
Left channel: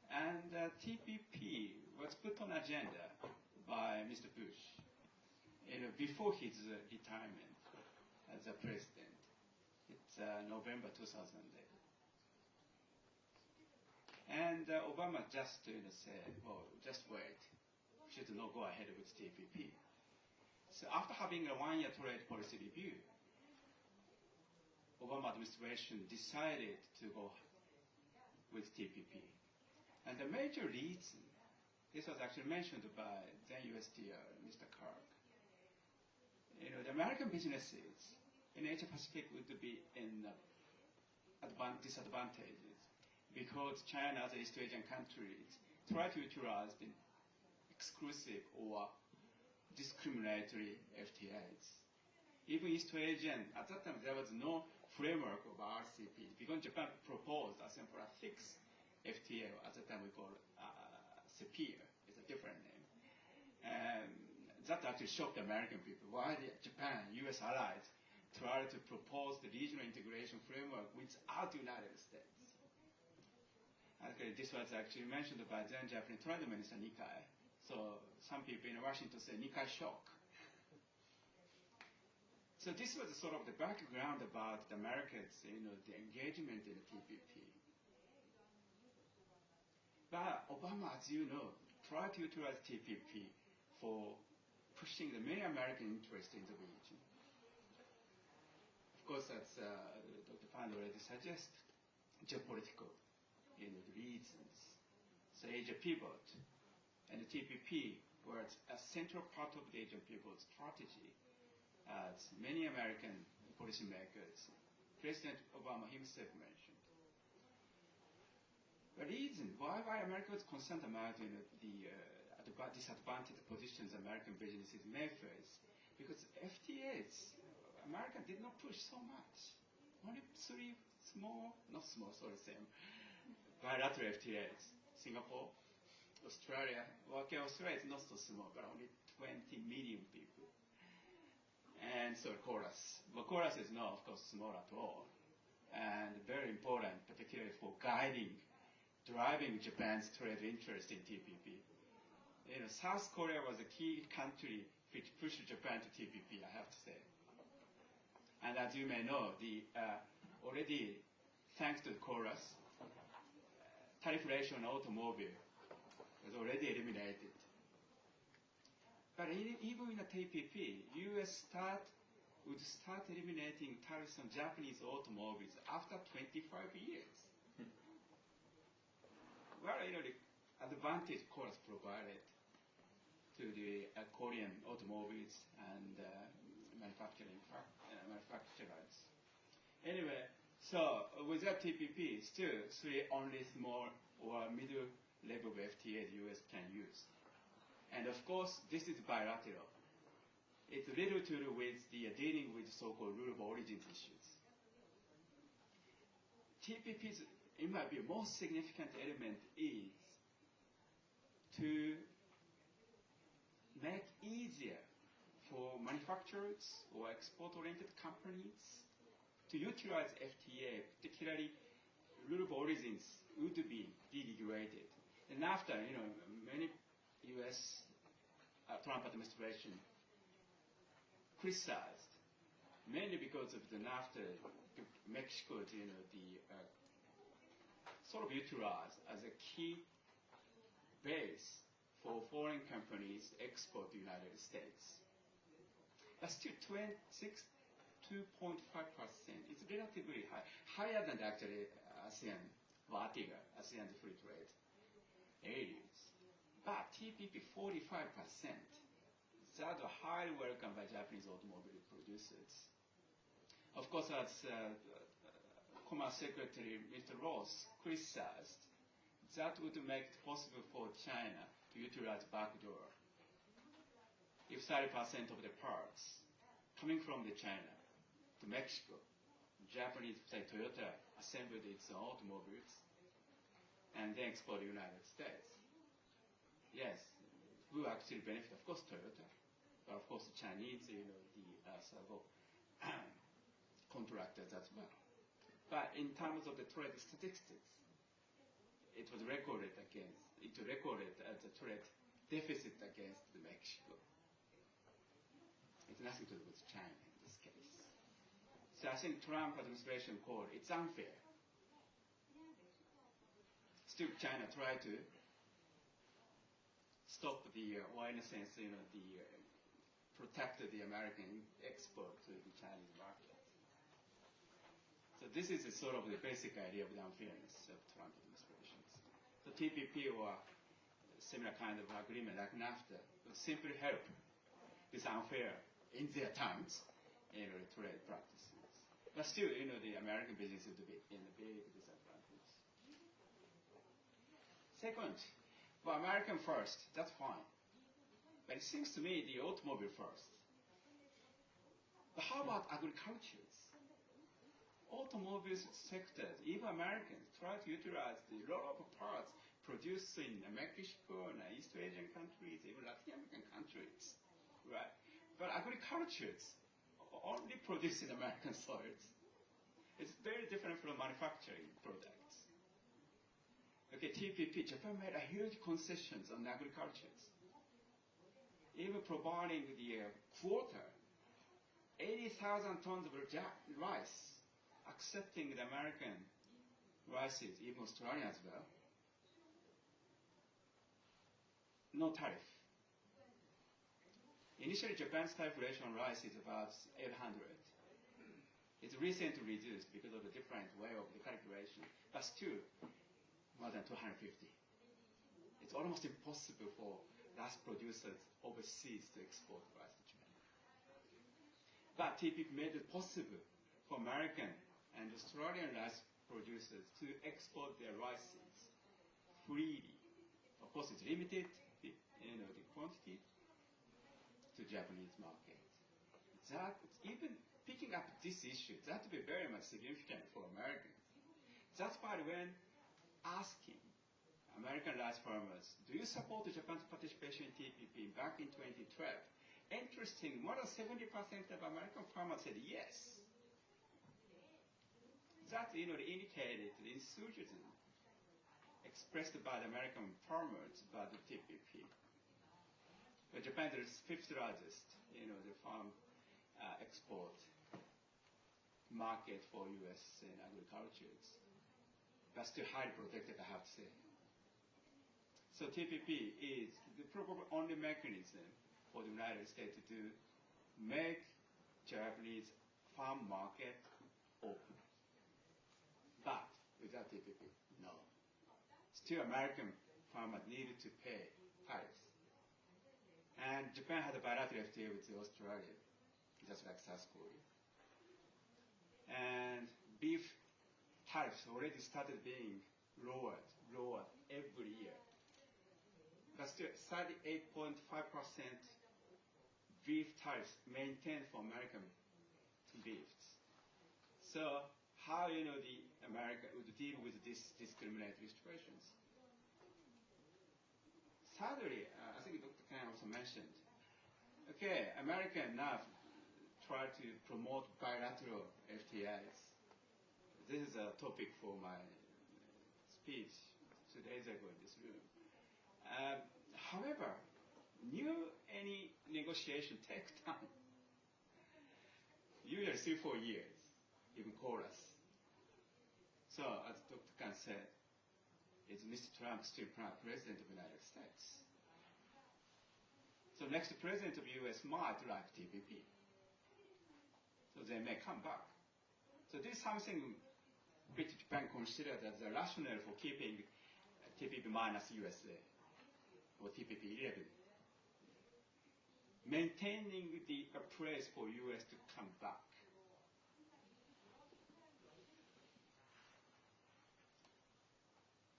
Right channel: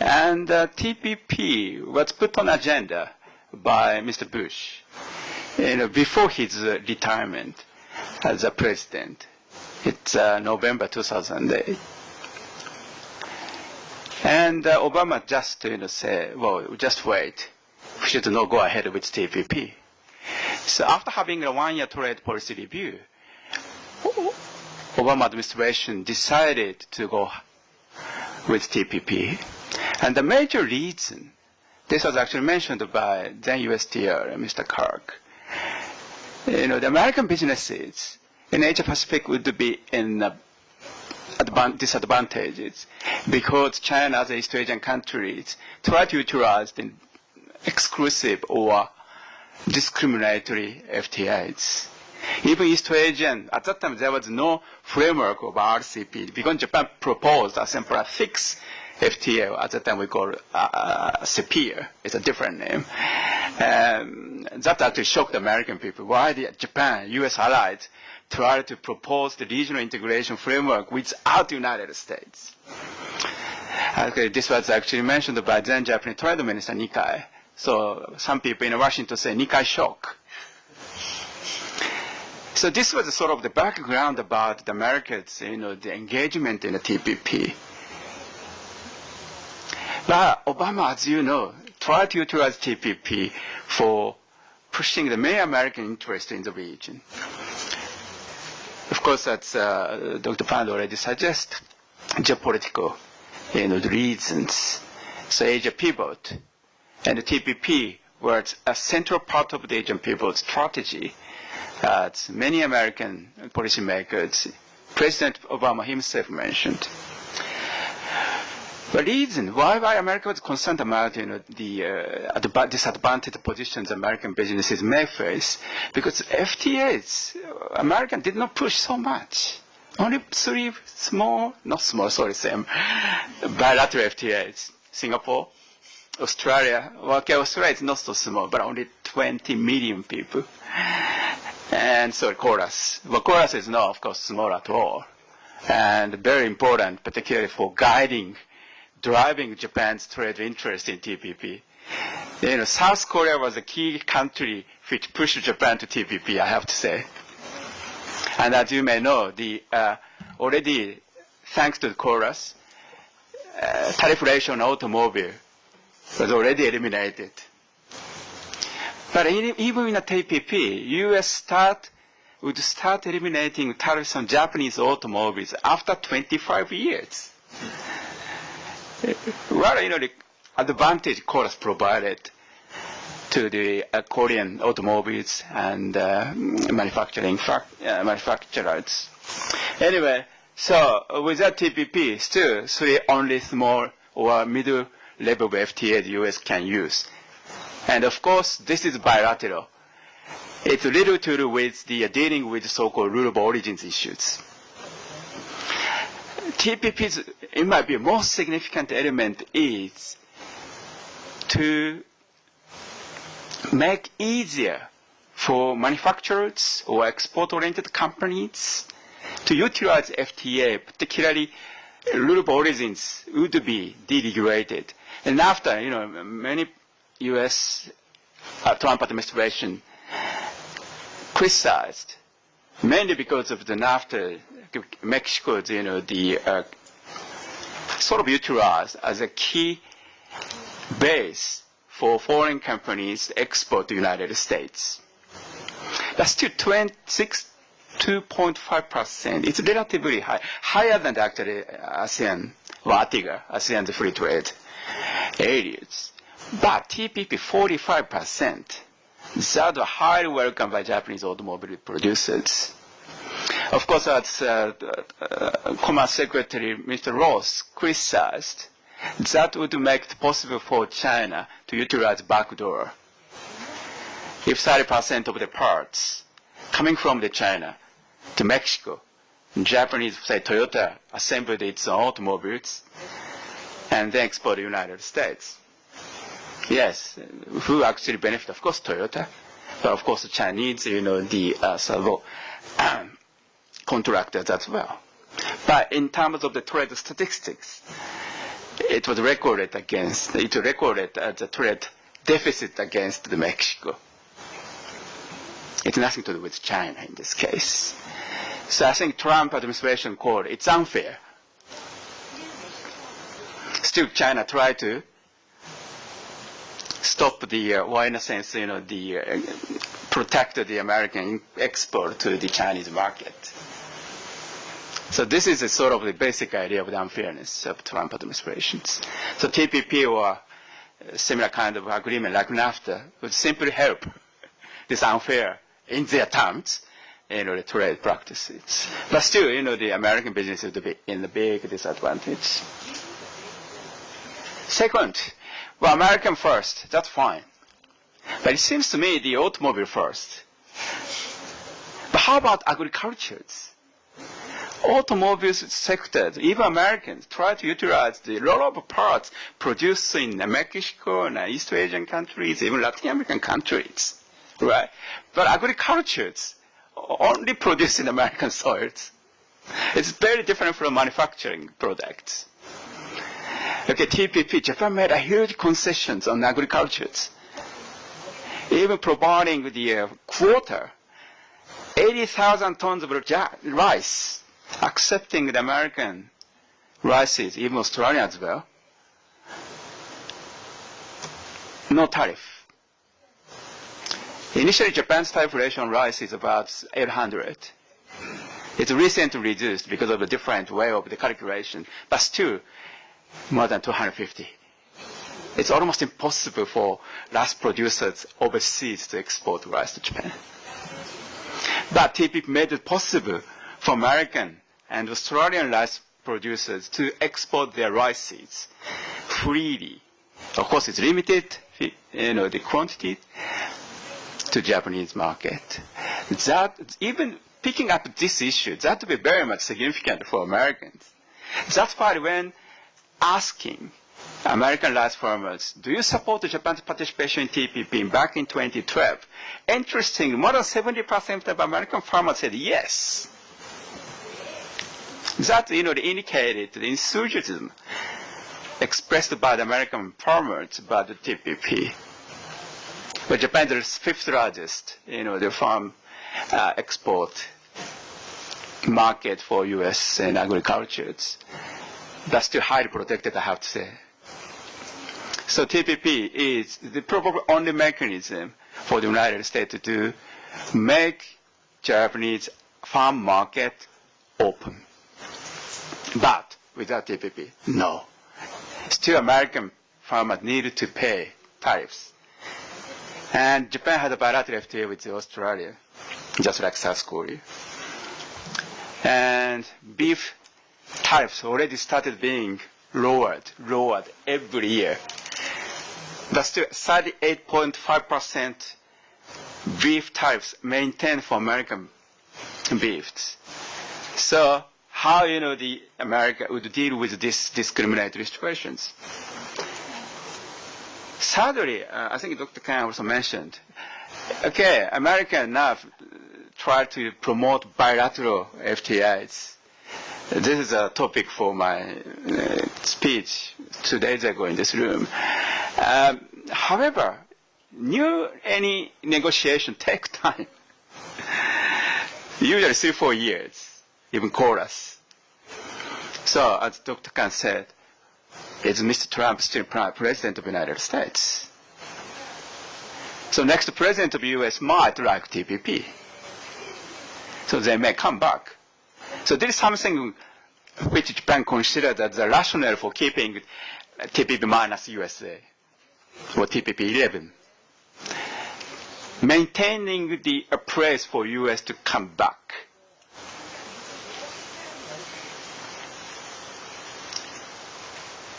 And TPP was put on agenda by Mr. Bush before his retirement as a president. It's November 2008. And Obama just said, well, just wait. We should not go ahead with TPP. So after having a 1-year trade policy review, Obama administration decided to go with TPP. And the major reason, this was actually mentioned by then USTR, Mr. Kirk, the American businesses in Asia Pacific would be in disadvantages because China, as East Asian countries, try to utilize the exclusive or discriminatory FTAs. Even East Asian, at that time there was no framework of RCP because Japan proposed a simple fixed FTA. At that time we call it CPIA. It's a different name. That actually shocked the American people. Why did Japan, US allies, try to propose the regional integration framework without the United States? Okay, this was actually mentioned by then Japanese Trade Minister Nikai. So some people in Washington say Nikai shock. So this was sort of the background about the Americans, the engagement in the TPP. But Obama, as you know, tried to utilize TPP for pushing the main American interest in the region. Of course, as Dr. Pand already suggested, geopolitical, the reasons. So Asia pivot, and the TPP was a central part of the Asian pivot strategy. As many American policymakers, President Obama himself mentioned. The reason why America was concerned about the disadvantaged positions American businesses may face, because FTAs, American did not push so much. Only 3 bilateral FTAs. Singapore, Australia. Well, okay, Australia is not so small, but only 20 million people. And so Chorus. Well, Chorus is not, of course, small at all. And very important, particularly for driving Japan's trade interest in TPP. You know, South Korea was a key country which pushed Japan to TPP, I have to say. And as you may know, already, thanks to the Chorus, tariff ratio on automobile was already eliminated. But even in a TPP, U.S. would start eliminating tariffs on Japanese automobiles after 25 years. What, you know, the advantage Chorus provided to the Korean automobiles and manufacturers. Anyway, so with that TPP, still only small or middle level of FTA the U.S. can use. And of course, this is bilateral. It's little to do with the dealing with so-called rule of origins issues. TPP's, it might be most significant element is to make easier for manufacturers or export-oriented companies to utilize FTA, particularly rule of origins would be deregulated. And after, you know, many U.S. Trump administration criticized, mainly because of the NAFTA, Mexico's, you know, the sort of utilized as a key base for foreign companies export to the United States. That's still 2.5%. It's relatively high, higher than actually ASEAN, ATIGA, ASEAN's free trade areas. But TPP 45%. That are highly welcomed by Japanese automobile producers. Of course, as Commerce Secretary Mr. Ross criticized, that would make it possible for China to utilize backdoor. If 30% of the parts coming from China to Mexico, Japanese, say Toyota, assembled its own automobiles and then export to the United States. Yes, who actually benefit? Of course, Toyota, but of course the Chinese, you know, the servo contractors as well. But in terms of the trade statistics, it was recorded as a trade deficit against Mexico. It's nothing to do with China in this case. So I think Trump administration called it's unfair. Still, China tried to stop the, or in a sense, you know, the protect the American export to the Chinese market. So this is a sort of the basic idea of the unfairness of Trump administrations. So TPP or similar kind of agreement like NAFTA would simply help this unfair in their terms, you know, the trade practices. But still, you know, the American business would be in the big disadvantage. Second, well, American first, that's fine. But it seems to me the automobile first. But how about agricultures? Automobiles sector, even Americans try to utilize the lot of parts produced in Mexico and East Asian countries, even Latin American countries, right? But agricultures only produced in American soils. It's very different from manufacturing products. Okay, TPP, Japan made a huge concessions on agricultures, even providing the quota, 80,000 tons of rice, accepting the American rices, even Australian as well. No tariff. Initially, Japan's tariff ratio on rice is about 800. It's recently reduced because of a different way of the calculation, but still more than 250. It's almost impossible for rice producers overseas to export rice to Japan. But TPP made it possible for American and Australian rice producers to export their rice seeds freely. Of course, it's limited, you know, the quantity to Japanese market. That, even picking up this issue, that would be very much significant for Americans. That's why when asking American rice farmers, do you support Japan's participation in TPP back in 2012? Interesting, more than 70% of American farmers said yes. That, indicated the enthusiasm expressed by the American farmers about the TPP. But Japan is the fifth largest, the farm export market for U.S. and agriculture. That's still highly protected, I have to say. So TPP is the probably only mechanism for the United States to make Japanese farm market open. But without TPP, no. Still American farmers need to pay tariffs. And Japan had a bilateral FTA with Australia, just like South Korea. And beef tariffs already started being lowered every year. But still 38.5% beef tariffs maintained for American beefs. So how, the America would deal with these discriminatory situations? Thirdly, I think Dr. Khan also mentioned, okay, America now try to promote bilateral FTAs. This is a topic for my speech 2 days ago in this room. However, any negotiation takes time. Usually 3-4 years, even chorus. So, as Dr. Khan said, is Mr. Trump still President of the United States? So next President of the U.S. might like TPP. So they may come back. So this is something which Japan considered as the rationale for keeping TPP minus USA, or TPP 11. Maintaining the place for U.S. to come back.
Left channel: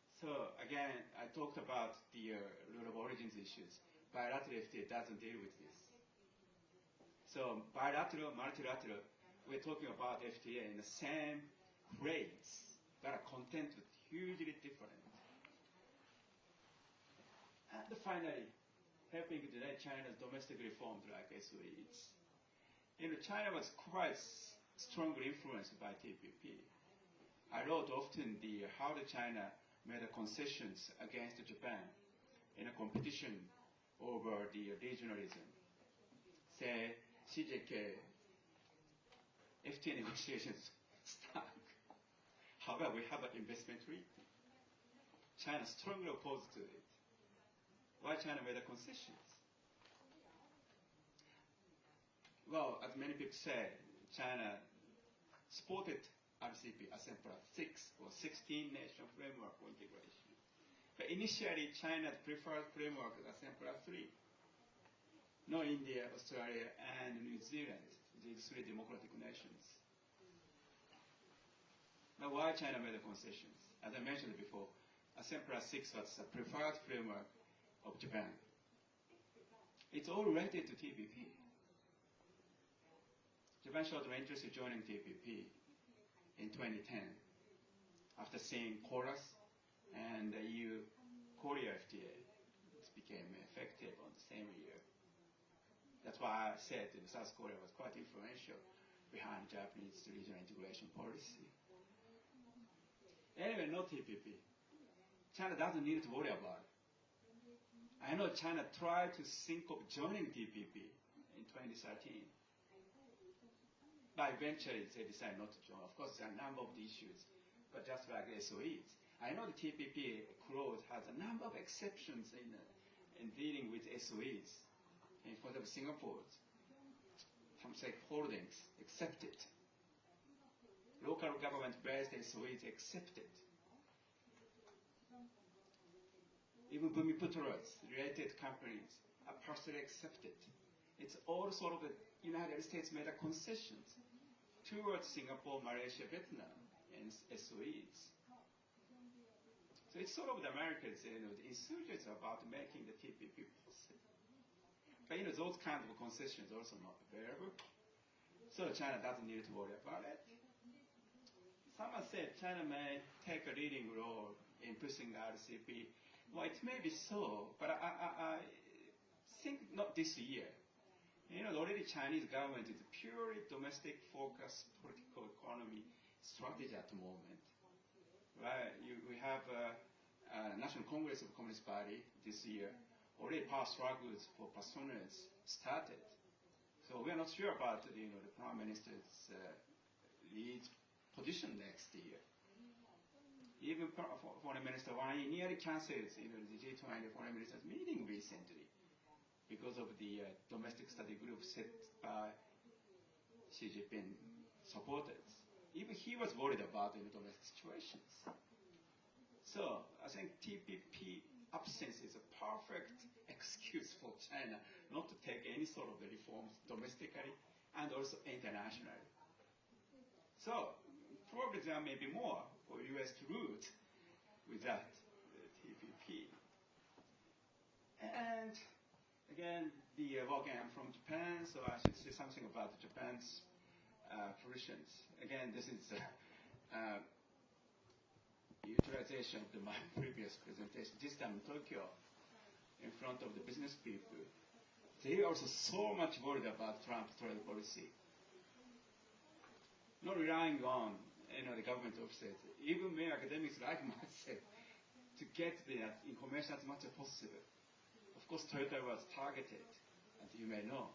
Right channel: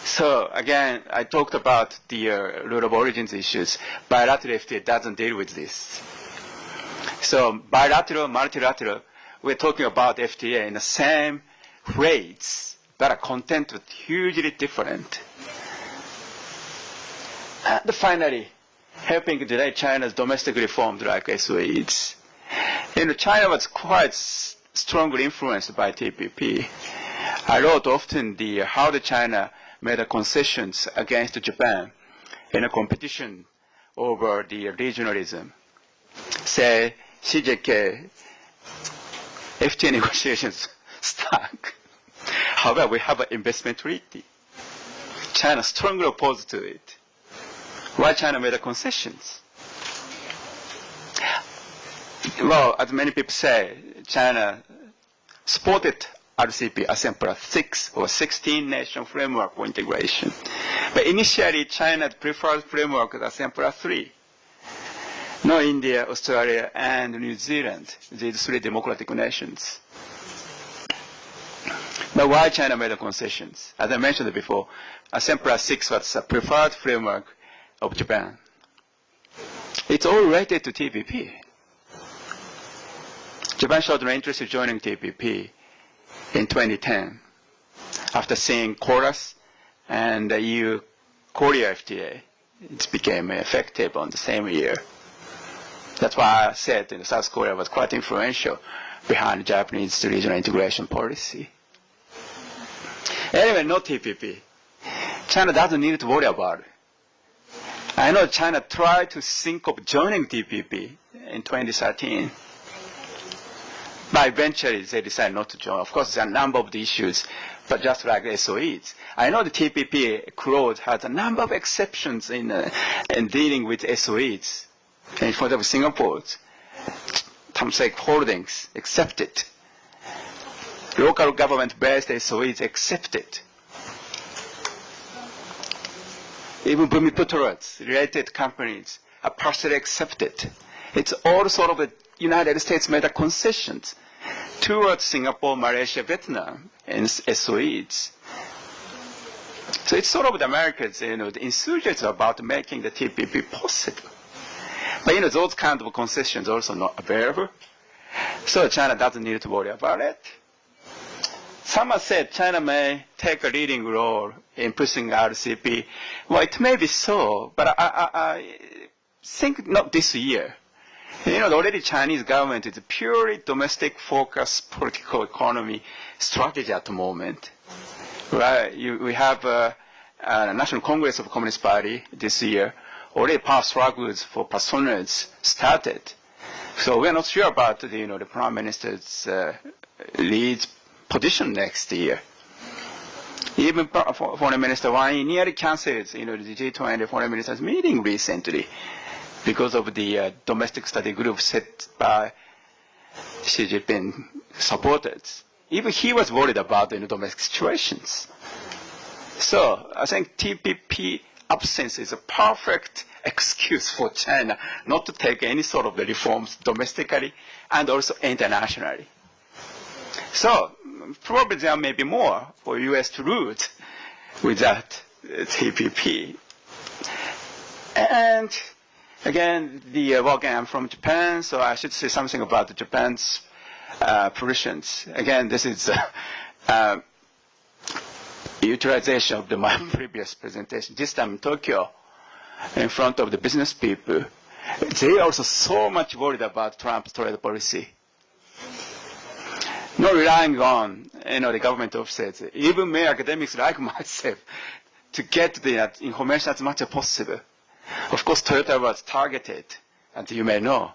So again, I talked about the rule of origins issues. Bilateral FTA doesn't deal with this. So bilateral, multilateral, we're talking about FTA in the same rates, but content is hugely different. And finally, helping delay China's domestic reforms like SOEs. China was quite strongly influenced by TPP. I wrote often how China made concessions against Japan in a competition over the regionalism. Say, CJK, FTA negotiations stuck. However, we have an investment treaty. China strongly opposed to it. Why China made concessions? Well, as many people say, China supported RCP, ASEAN 6 or 16 nation framework for integration. But initially, China's preferred framework was ASEAN 3. No India, Australia, and New Zealand, these 3 democratic nations. But why China made concessions? As I mentioned before, ASEAN 6 was a preferred framework of Japan. It's all related to TPP. Japan showed no interest in joining TPP in 2010 after seeing Chorus and the EU-Korea FTA. It became effective on the same year. That's why I said South Korea was quite influential behind Japanese regional integration policy. Anyway, no TPP. China doesn't need to worry about it. I know China tried to think of joining TPP in 2013. But eventually they decided not to join. Of course, there are a number of the issues, but just like SOEs. I know the TPP clause has a number of exceptions in dealing with SOEs. And for example, Singapore's Temasek Holdings accepted. Local government-based SOEs accepted. Even Bumiputra's related companies are partially accepted. It's all sort of the United States made concessions towards Singapore, Malaysia, Vietnam, and SOEs. So it's sort of the Americans, the enthusiasm about making the TPP possible. But those kind of concessions are also not available. So China doesn't need to worry about it. Someone said China may take a leading role in pushing RCEP. Well, it may be so, but I think not this year. Already Chinese government is a purely domestic-focused political economy strategy at the moment. Right? We have a National Congress of Communist Party this year. Already power struggles for personage started. So we are not sure about the Prime Minister's lead position next year. Even Foreign Minister Wang nearly cancelled the G20 Foreign Ministers meeting recently because of the domestic study group set by Xi Jinping supporters. Even he was worried about the domestic situations. So I think TPP absence is a perfect excuse for China not to take any sort of the reforms domestically and also internationally. So probably there may be more for U.S. to root without TPP. And again, I'm from Japan, so I should say something about Japan's positions. Again, this is utilization of my previous presentation. This time in Tokyo, in front of the business people, they are also so much worried about Trump's trade policy. Not relying on the government offices, even many academics like myself, to get the information as much as possible. Of course, Toyota was targeted, as you may know,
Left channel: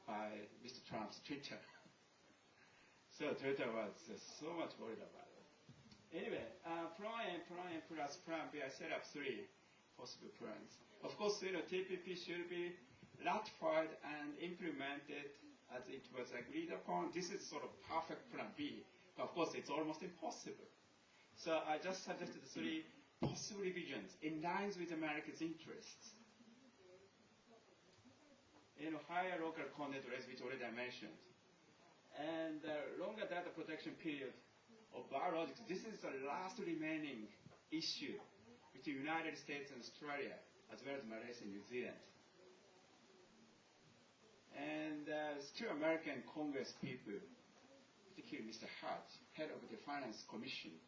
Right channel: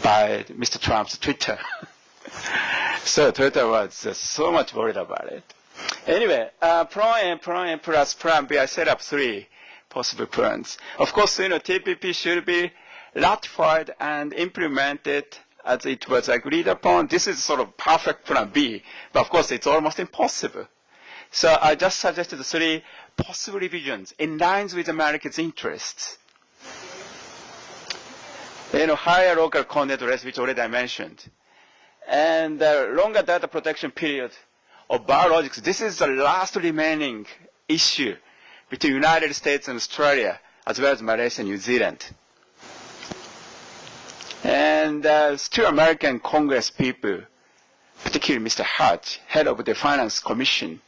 by Mr. Trump's Twitter. So Toyota was so much worried about it. Anyway, Plan A plus Plan B, I set up 3 possible plans. Of course, TPP should be ratified and implemented as it was agreed upon. This is sort of perfect Plan B, but of course it's almost impossible. So I just suggested 3 possible revisions in line with America's interests. Higher local content rates, which already I mentioned, and longer data protection period of biologics. This is the last remaining issue between the United States and Australia, as well as Malaysia and New Zealand. And still American Congress people, particularly Mr. Hutch, head of the Finance Commission,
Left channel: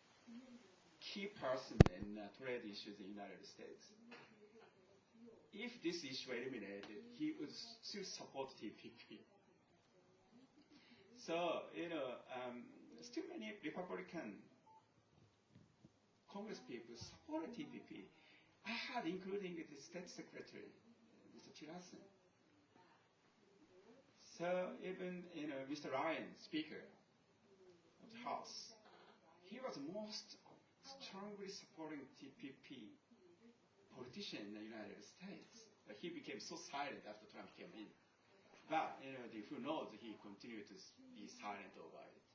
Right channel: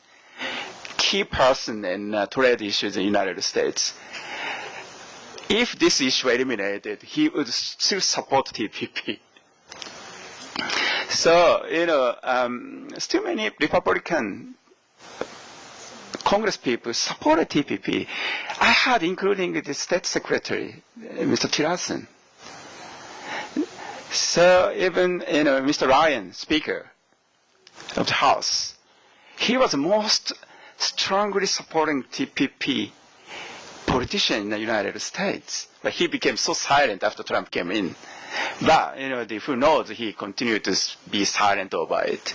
key person in trade issues in the United States. If this issue were eliminated, he would still support TPP. So, still many Republican Congress people supported TPP. I had, including the State Secretary, Mr. Tillerson. So even, Mr. Ryan, Speaker of the House, he was most strongly supporting TPP politician in the United States. But he became so silent after Trump came in. But, who knows, he continued to be silent over it.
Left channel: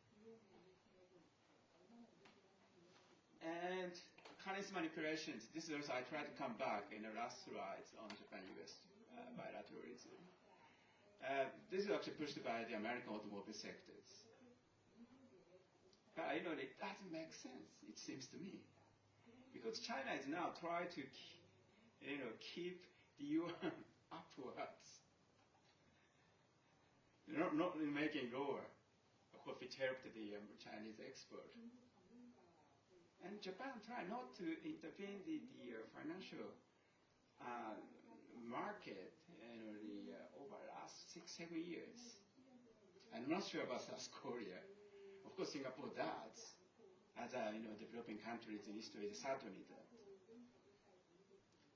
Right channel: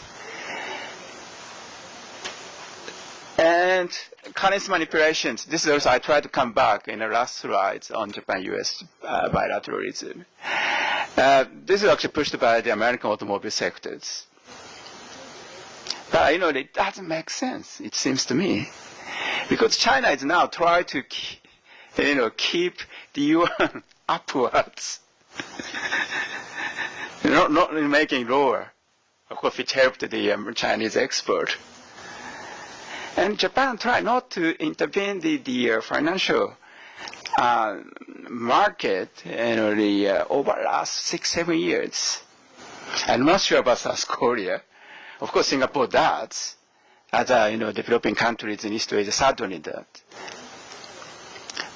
And currency manipulations. This is also, I tried to come back in the last slides on Japan-US bilateralism. This is actually pushed by the American automobile sectors. But, it doesn't make sense, it seems to me. Because China is now trying to keep the yuan upwards. not making lower, of course, which helped the Chinese export. And Japan tried not to intervene the financial market over the last 6-7 years. I'm not sure about South Korea. Of course, Singapore does. Other developing countries in East Asia certainly does.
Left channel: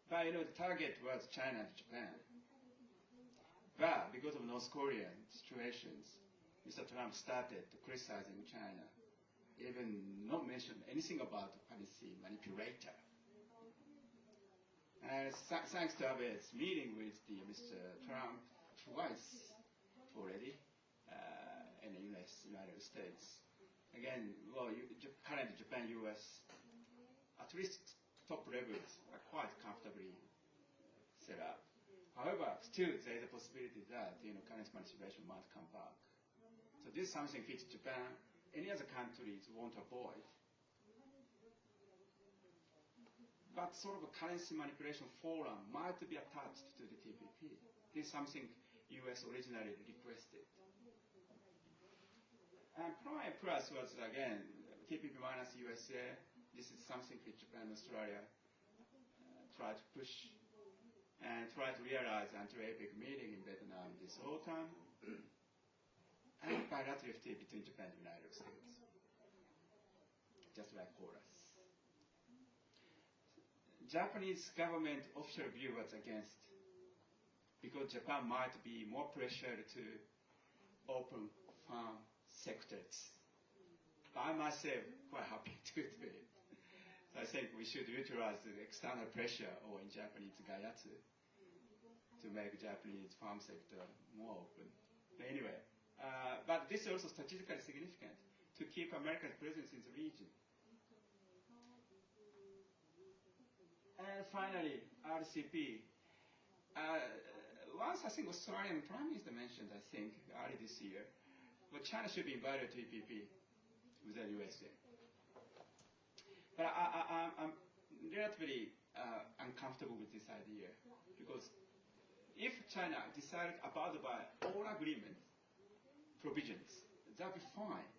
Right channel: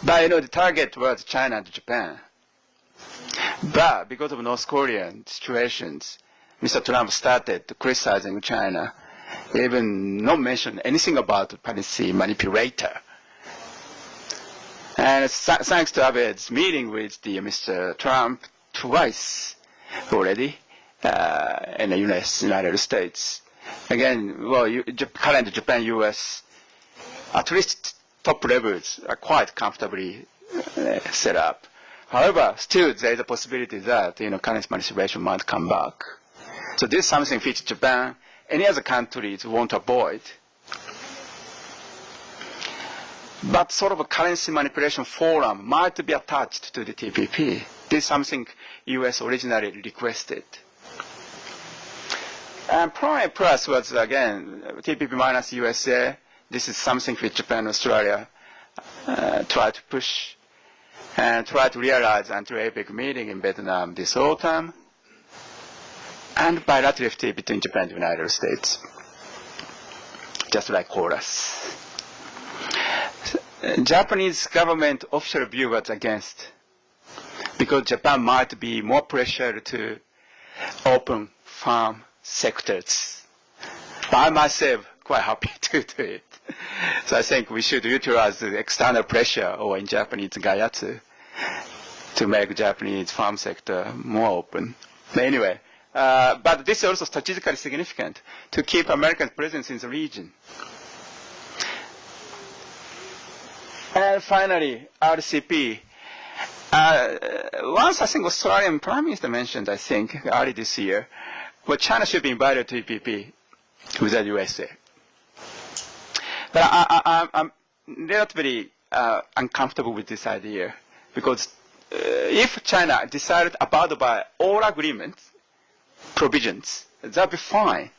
But the target was China and Japan. But because of North Korean situations, Mr. Trump started criticizing China, even not mention anything about policy manipulator. And thanks to Abe's meeting with Mr. Trump twice already in the United States. Again, current Japan-US, at least top levels are quite comfortably set up. However, still there is a possibility that currency manipulation might come back. So this is something which Japan, any other countries want to avoid. But sort of a currency manipulation forum might be attached to the TPP. This is something U.S. originally requested. And Prime Plus was, again, TPP minus USA. This is something which Japan and Australia try to push and try to realize until APEC meeting in Vietnam this autumn, and bilateral FTA between Japan and the United States, just like KORUS. Japanese government official view was against, because Japan might be more pressure to open farm sectors. But I myself quite happy to do it. So I think we should utilize the external pressure or in Japanese gayatsu to make Japanese farm sector more open. But anyway, but this is also strategically significant to keep American presence in the region. And finally, RCP. Once I think Australian Prime Minister mentioned, I think, early this year, well, China should be invited to EPP with the USA. But I'm relatively uncomfortable with this idea, because if China decided to abide by all agreements, provisions, that would be fine.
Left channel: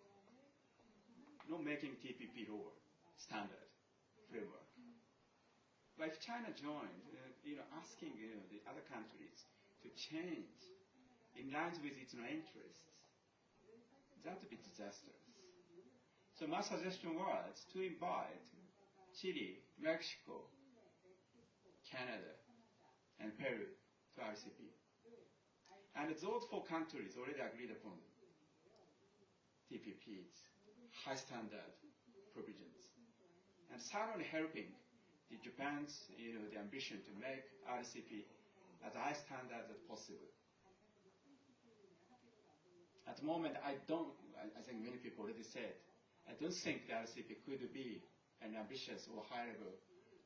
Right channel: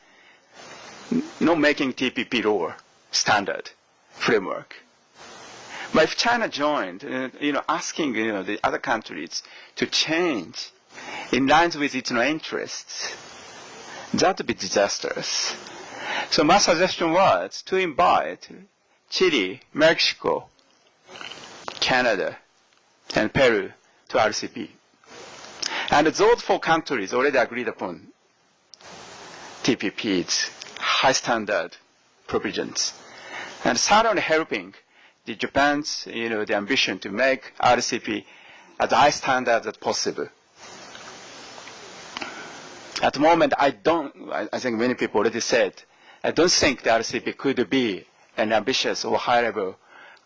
Not making TPP law standard framework. But if China joined, asking the other countries to change in line with its interests, that would be disastrous. So my suggestion was to invite Chile, Mexico, Canada, and Peru to RCP. And those 4 countries already agreed upon TPP's high standard provisions, and certainly helping the Japan's, the ambition to make RCP as high standard as possible. At the moment, I think many people already said, I don't think the RCP could be an ambitious or high level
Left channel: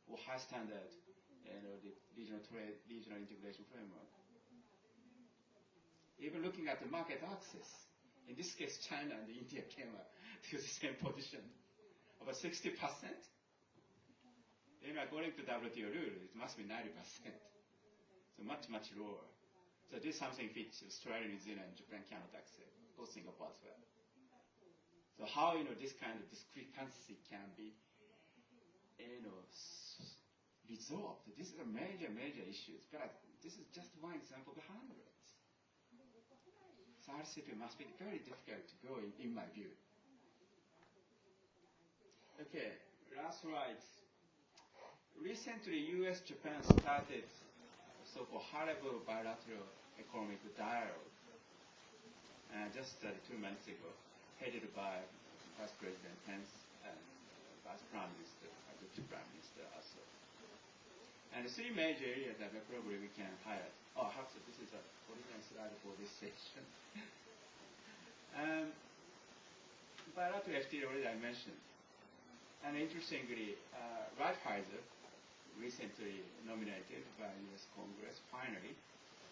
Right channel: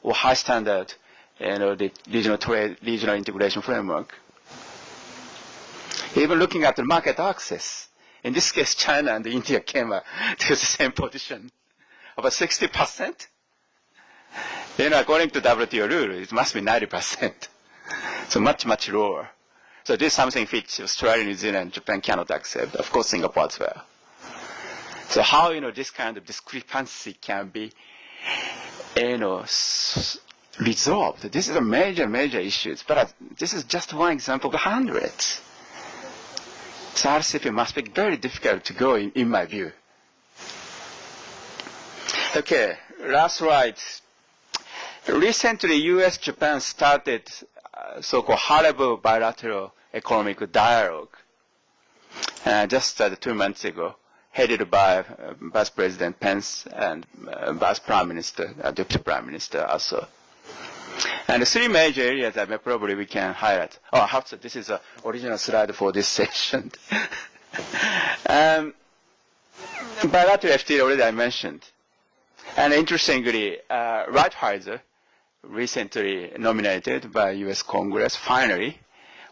or high standard, the regional trade, regional integration framework. Even looking at the market access, in this case, China and India came to the same position, about 60%. According to WTO rule, it must be 90%. So much, much lower. So this is something which Australia, New Zealand, and Japan cannot accept. Of course, Singapore as well. So how, this kind of discrepancy can be, resolved? This is a major, major issue. But this is just one example of hundreds. So RCP must be very difficult to go in my view. Okay, last slide. Recently, U.S.-Japan started so-called high-level bilateral economic dialogue just 2 months ago, headed by Vice President Pence and Vice Prime Minister, Deputy Prime Minister also. And the 3 major areas that probably we can highlight. Oh, this is the original slide for this session. Bilateral FTA already I mentioned. And interestingly, Lighthizer, recently nominated by U.S. Congress, finally,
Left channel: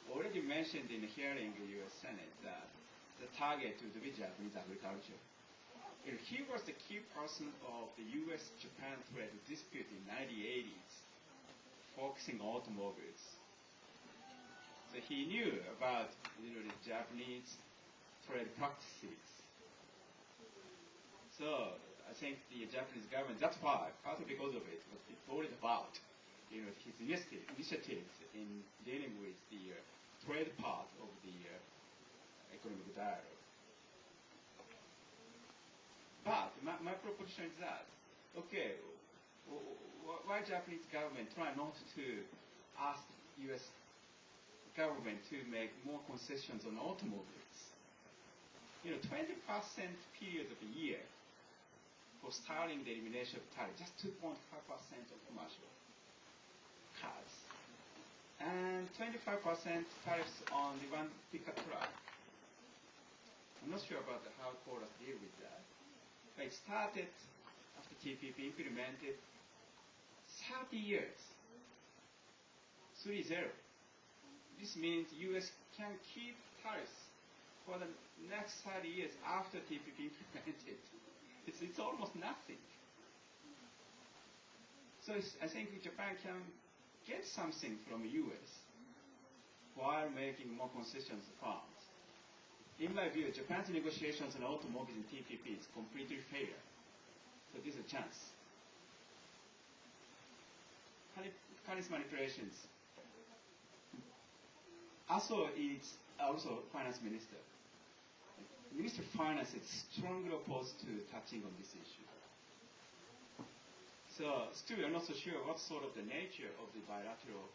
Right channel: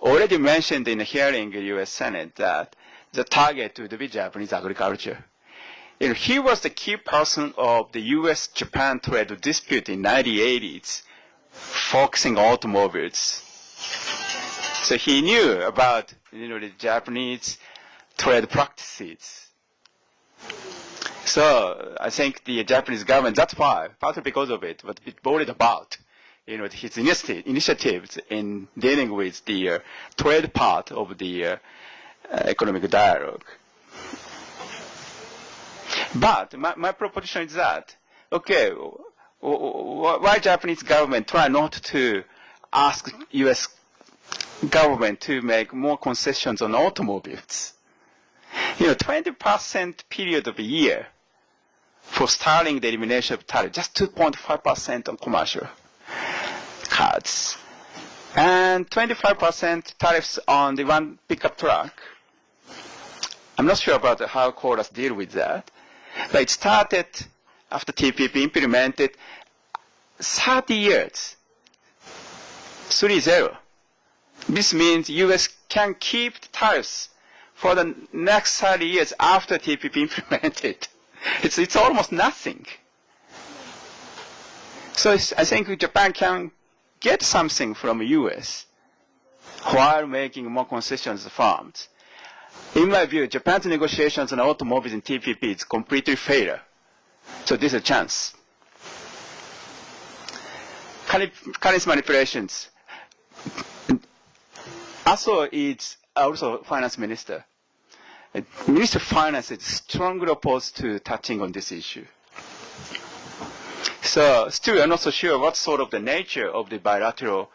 already mentioned in a hearing in the U.S. Senate that the target would be Japanese agriculture. He was the key person of the U.S.-Japan trade dispute in the 1980s, focusing on automobiles. So he knew about the Japanese trade practices. So I think the Japanese government, that's why, partly because of it, but it worried about his initiatives in dealing with the trade part of the economic dialogue. But my proposition is that, okay, why Japanese government try not to ask U.S. government to make more concessions on automobiles? 20% period of a year for starting the elimination of tariff, just 2.5% on commercial cars, and 25% tariffs on the one pickup truck. I'm not sure about how KORUS deal with that, but it started after TPP implemented 30 years, 3-0. This means U.S. can keep the tariffs for the next 30 years after TPP implemented. It's almost nothing. So I think Japan can get something from the U.S. while making more concessions to farms. in my view, Japan's negotiations on automobiles and TPP is completely failure. So this is a chance. Currency manipulations. ASO is also finance minister. Minister of Finance is strongly opposed to touching on this issue. So still we are not so sure what sort of the nature of the bilateral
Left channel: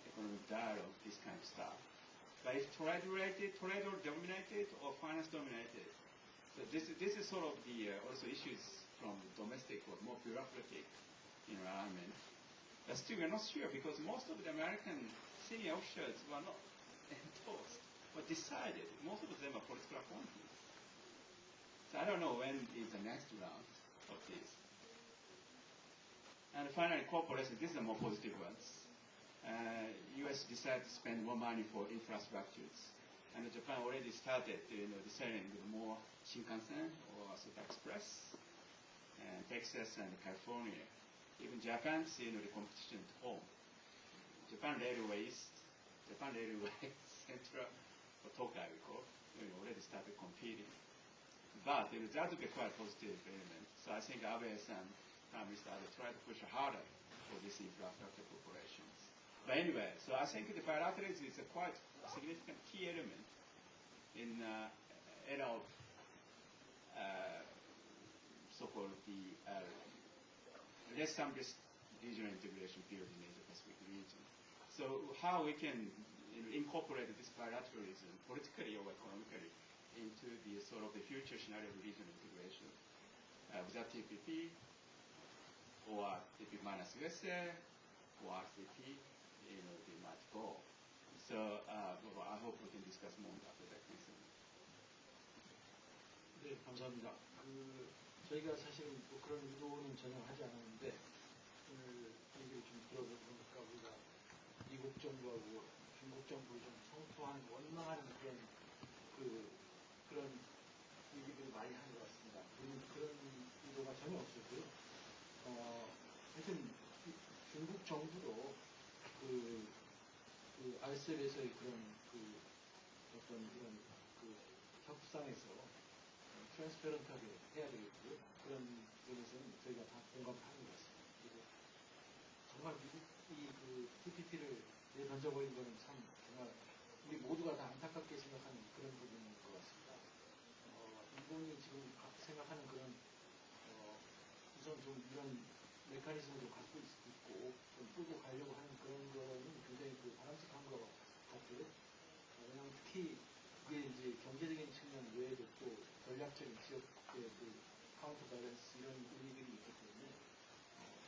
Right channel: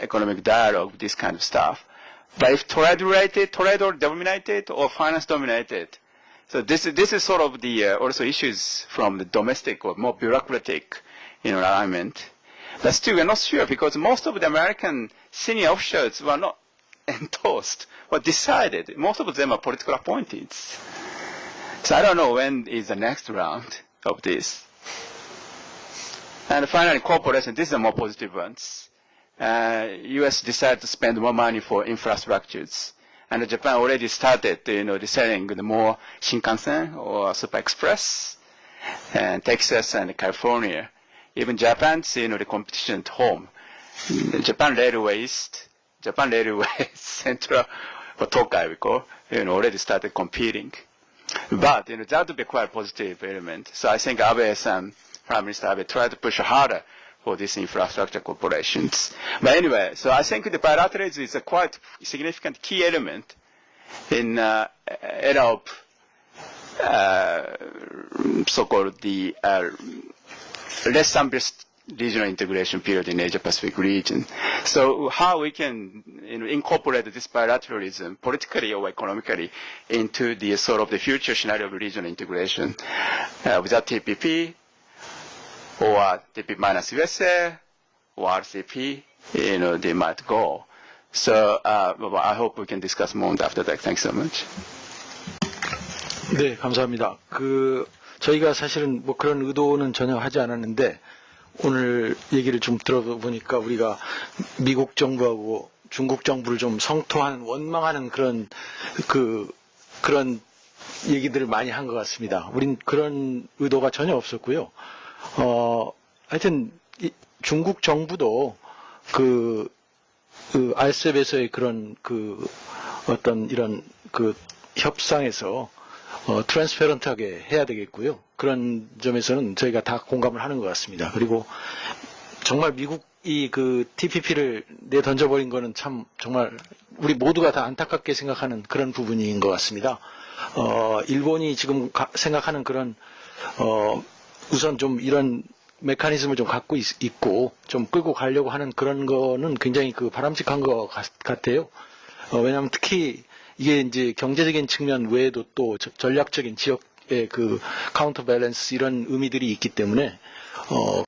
economic dialogue, this kind of stuff. But if trade-related, trade-dominated, or finance-dominated, so this is sort of the also issues from the domestic or more bureaucratic alignment. But still we are not sure because most of the American senior officials were not endorsed or decided. Most of them are political appointees. So I don't know when is the next round of this. And finally, corporations, these are more positive ones. U.S. decided to spend more money for infrastructures. And Japan already started, selling the more Shinkansen or Super Express, and Texas and California. Even Japan's, the competition at home. Japan Railways, Central, or Tokai, we call, already started competing. But, that would be quite a positive element. So I think Abe-san, Prime Minister Abe, tried to push harder for these infrastructure corporations. But anyway, so I think the bilateralism is a quite significant key element in era of so-called the less ambitious regional integration period in Asia-Pacific region. So how we can incorporate this bilateralism politically or economically into the sort of the future scenario of regional integration without TPP or TPP minus USA or RCP, they might go. So I hope we can discuss more on that after that. Thanks so much. 네, 감사합니다. 저희가 사실은 뭐 그런 의도는 전혀 하지 않았는데 오늘 얘기를 좀 들어보니까 우리가 미국 정부하고 중국 정부를 좀 성토하는 원망하는 그런 얘기들을 많이 한 것 같습니다. 우린 그런 의도가 전혀 없었고요. 하여튼 중국 정부도 RCEP에서의 그런 어떤 이런 협상에서 트랜스페런트하게 해야 되겠고요. 그런 점에서는 저희가 다 공감을 하는 것 같습니다. 그리고 정말 미국이 TPP를 내던져버린 거는 참 정말 우리 모두가 다 안타깝게 생각하는 그런 부분인 것 같습니다. 일본이 지금 생각하는 그런 우선 좀 이런 메커니즘을 좀 갖고 있고 좀 끌고 가려고 하는 그런 거는 굉장히 바람직한 것 같아요. 왜냐하면 특히 이게 이제 경제적인 측면 외에도 또 전략적인 지역의 카운터 밸런스 이런 의미들이 있기 때문에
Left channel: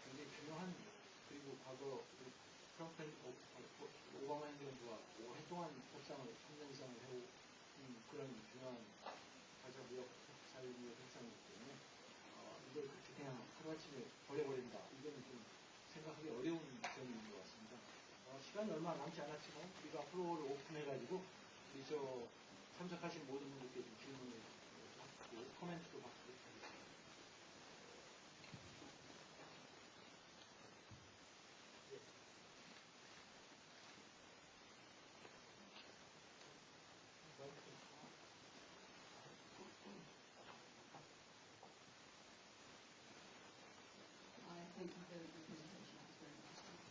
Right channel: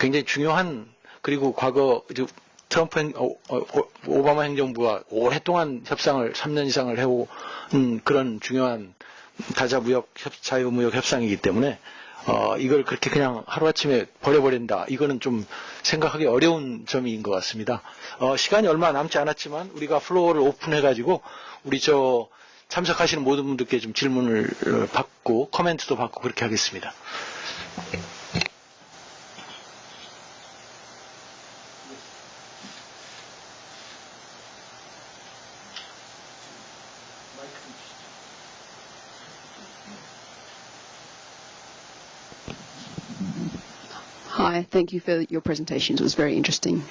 굉장히 중요한 그리고 과거 트럼프 오바마 행정부가 오랫동안 협상을 3년 이상을 해온 그런 중요한 자유무역 협상이기 때문에 이걸 그렇게 그냥 하루아침에 버려버린다. 이거는 좀 생각하기 어려운 점인 것 같습니다. 시간이 얼마 남지 않았지만 우리가 플로어를 오픈해가지고 우리 참석하시는 모든 분들께 좀 질문을 받고 코멘트도 받고 그렇게 하겠습니다. Hi, thank you for your presentations. It was very interesting.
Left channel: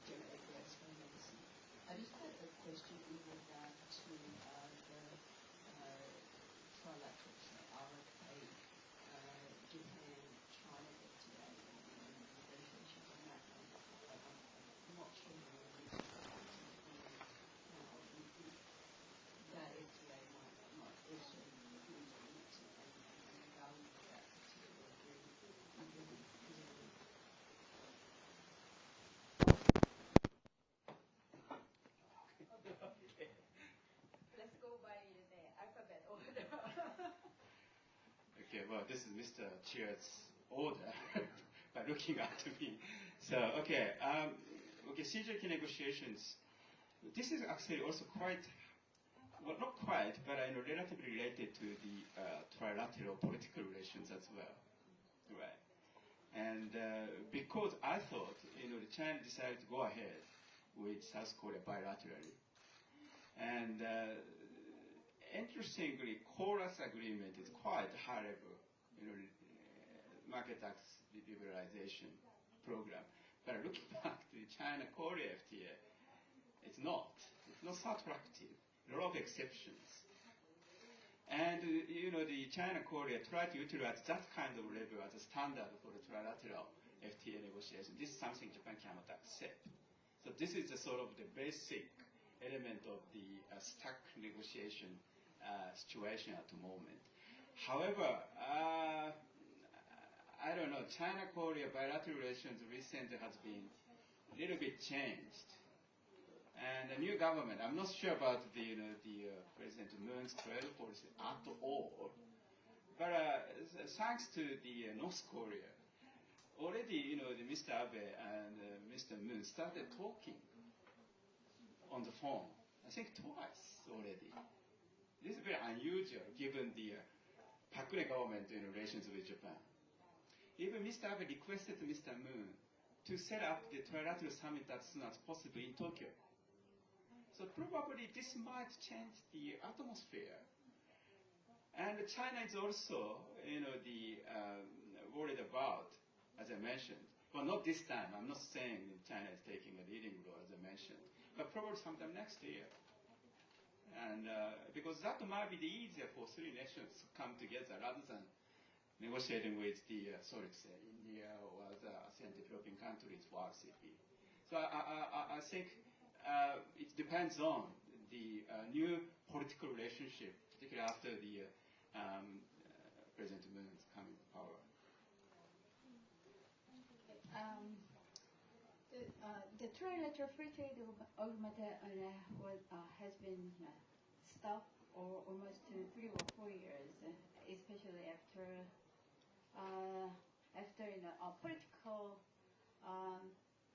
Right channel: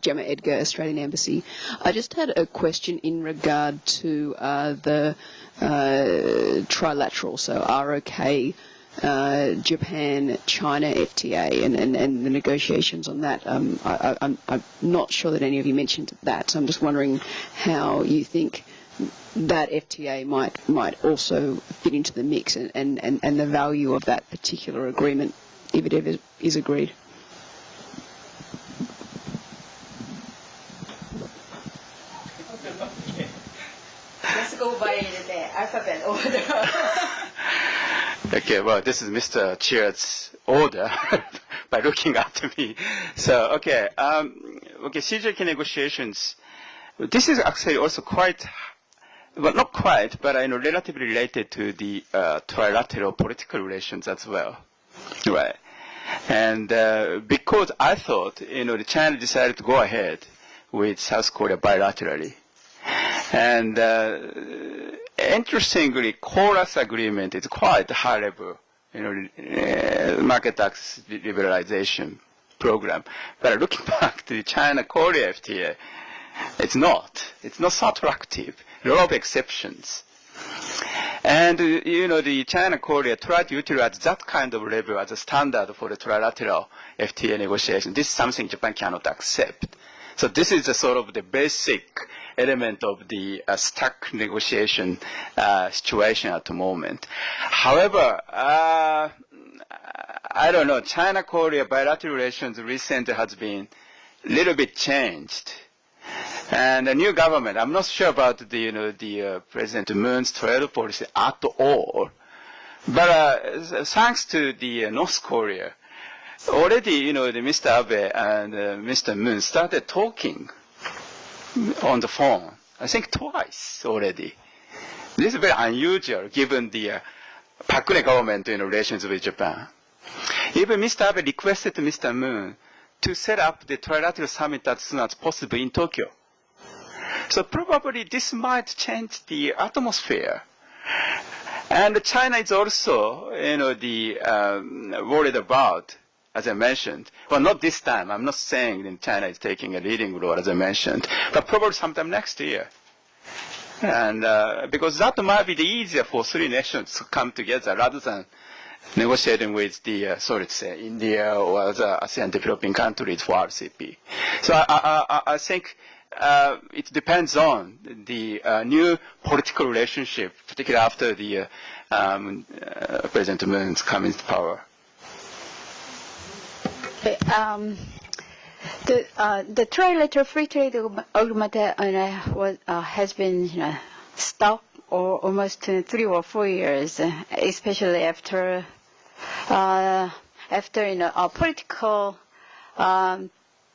Gemma Edgar, Australian Embassy. I just had a question in regard to the trilateral, so ROK, Japan, China FTA, and the negotiations on that. I'm not sure that any of you mentioned that, so I'm just wondering how you think that FTA might also fit into the mix and the value of that particular agreement, if it ever is agreed. Let's go by the alphabet order. Okay, well, this is Mr. Chair's order by looking at me. So, okay, CJK negotiations. This is actually also quite, well, not quite, but relatively related to the trilateral political relations as well. Right. And because I thought, China decided to go ahead with South Korea bilaterally. And interestingly, Chorus agreement is quite high level, market access liberalization program. But looking back to the China-Korea FTA, it's not so attractive. A lot of exceptions. And, the China-Korea tried to utilize that kind of level as a standard for the trilateral FTA negotiation. This is something Japan cannot accept. So this is the sort of the basic element of the stuck negotiation situation at the moment. However, I don't know, China-Korea bilateral relations recently has been a little bit changed. And the new government, I'm not sure about the President Moon's trade policy at all. But thanks to the North Korea, already, the Mr. Abe and Mr. Moon started talking on the phone, I think twice already. This is very unusual given the Park Geun-hye government in relations with Japan. Even Mr. Abe requested Mr. Moon to set up the trilateral summit as soon as possible in Tokyo. So probably this might change the atmosphere. And China is also, worried about, as I mentioned, well, not this time. I'm not saying that China is taking a leading role, as I mentioned, but probably sometime next year. And because that might be the easier for three nations to come together rather than negotiating with the, India or other ASEAN developing countries for RCP. So I think it depends on the new political relationship, particularly after the President Moon's coming to power. The trilateral free trade agreement has been stopped for almost 3 or 4 years, especially after political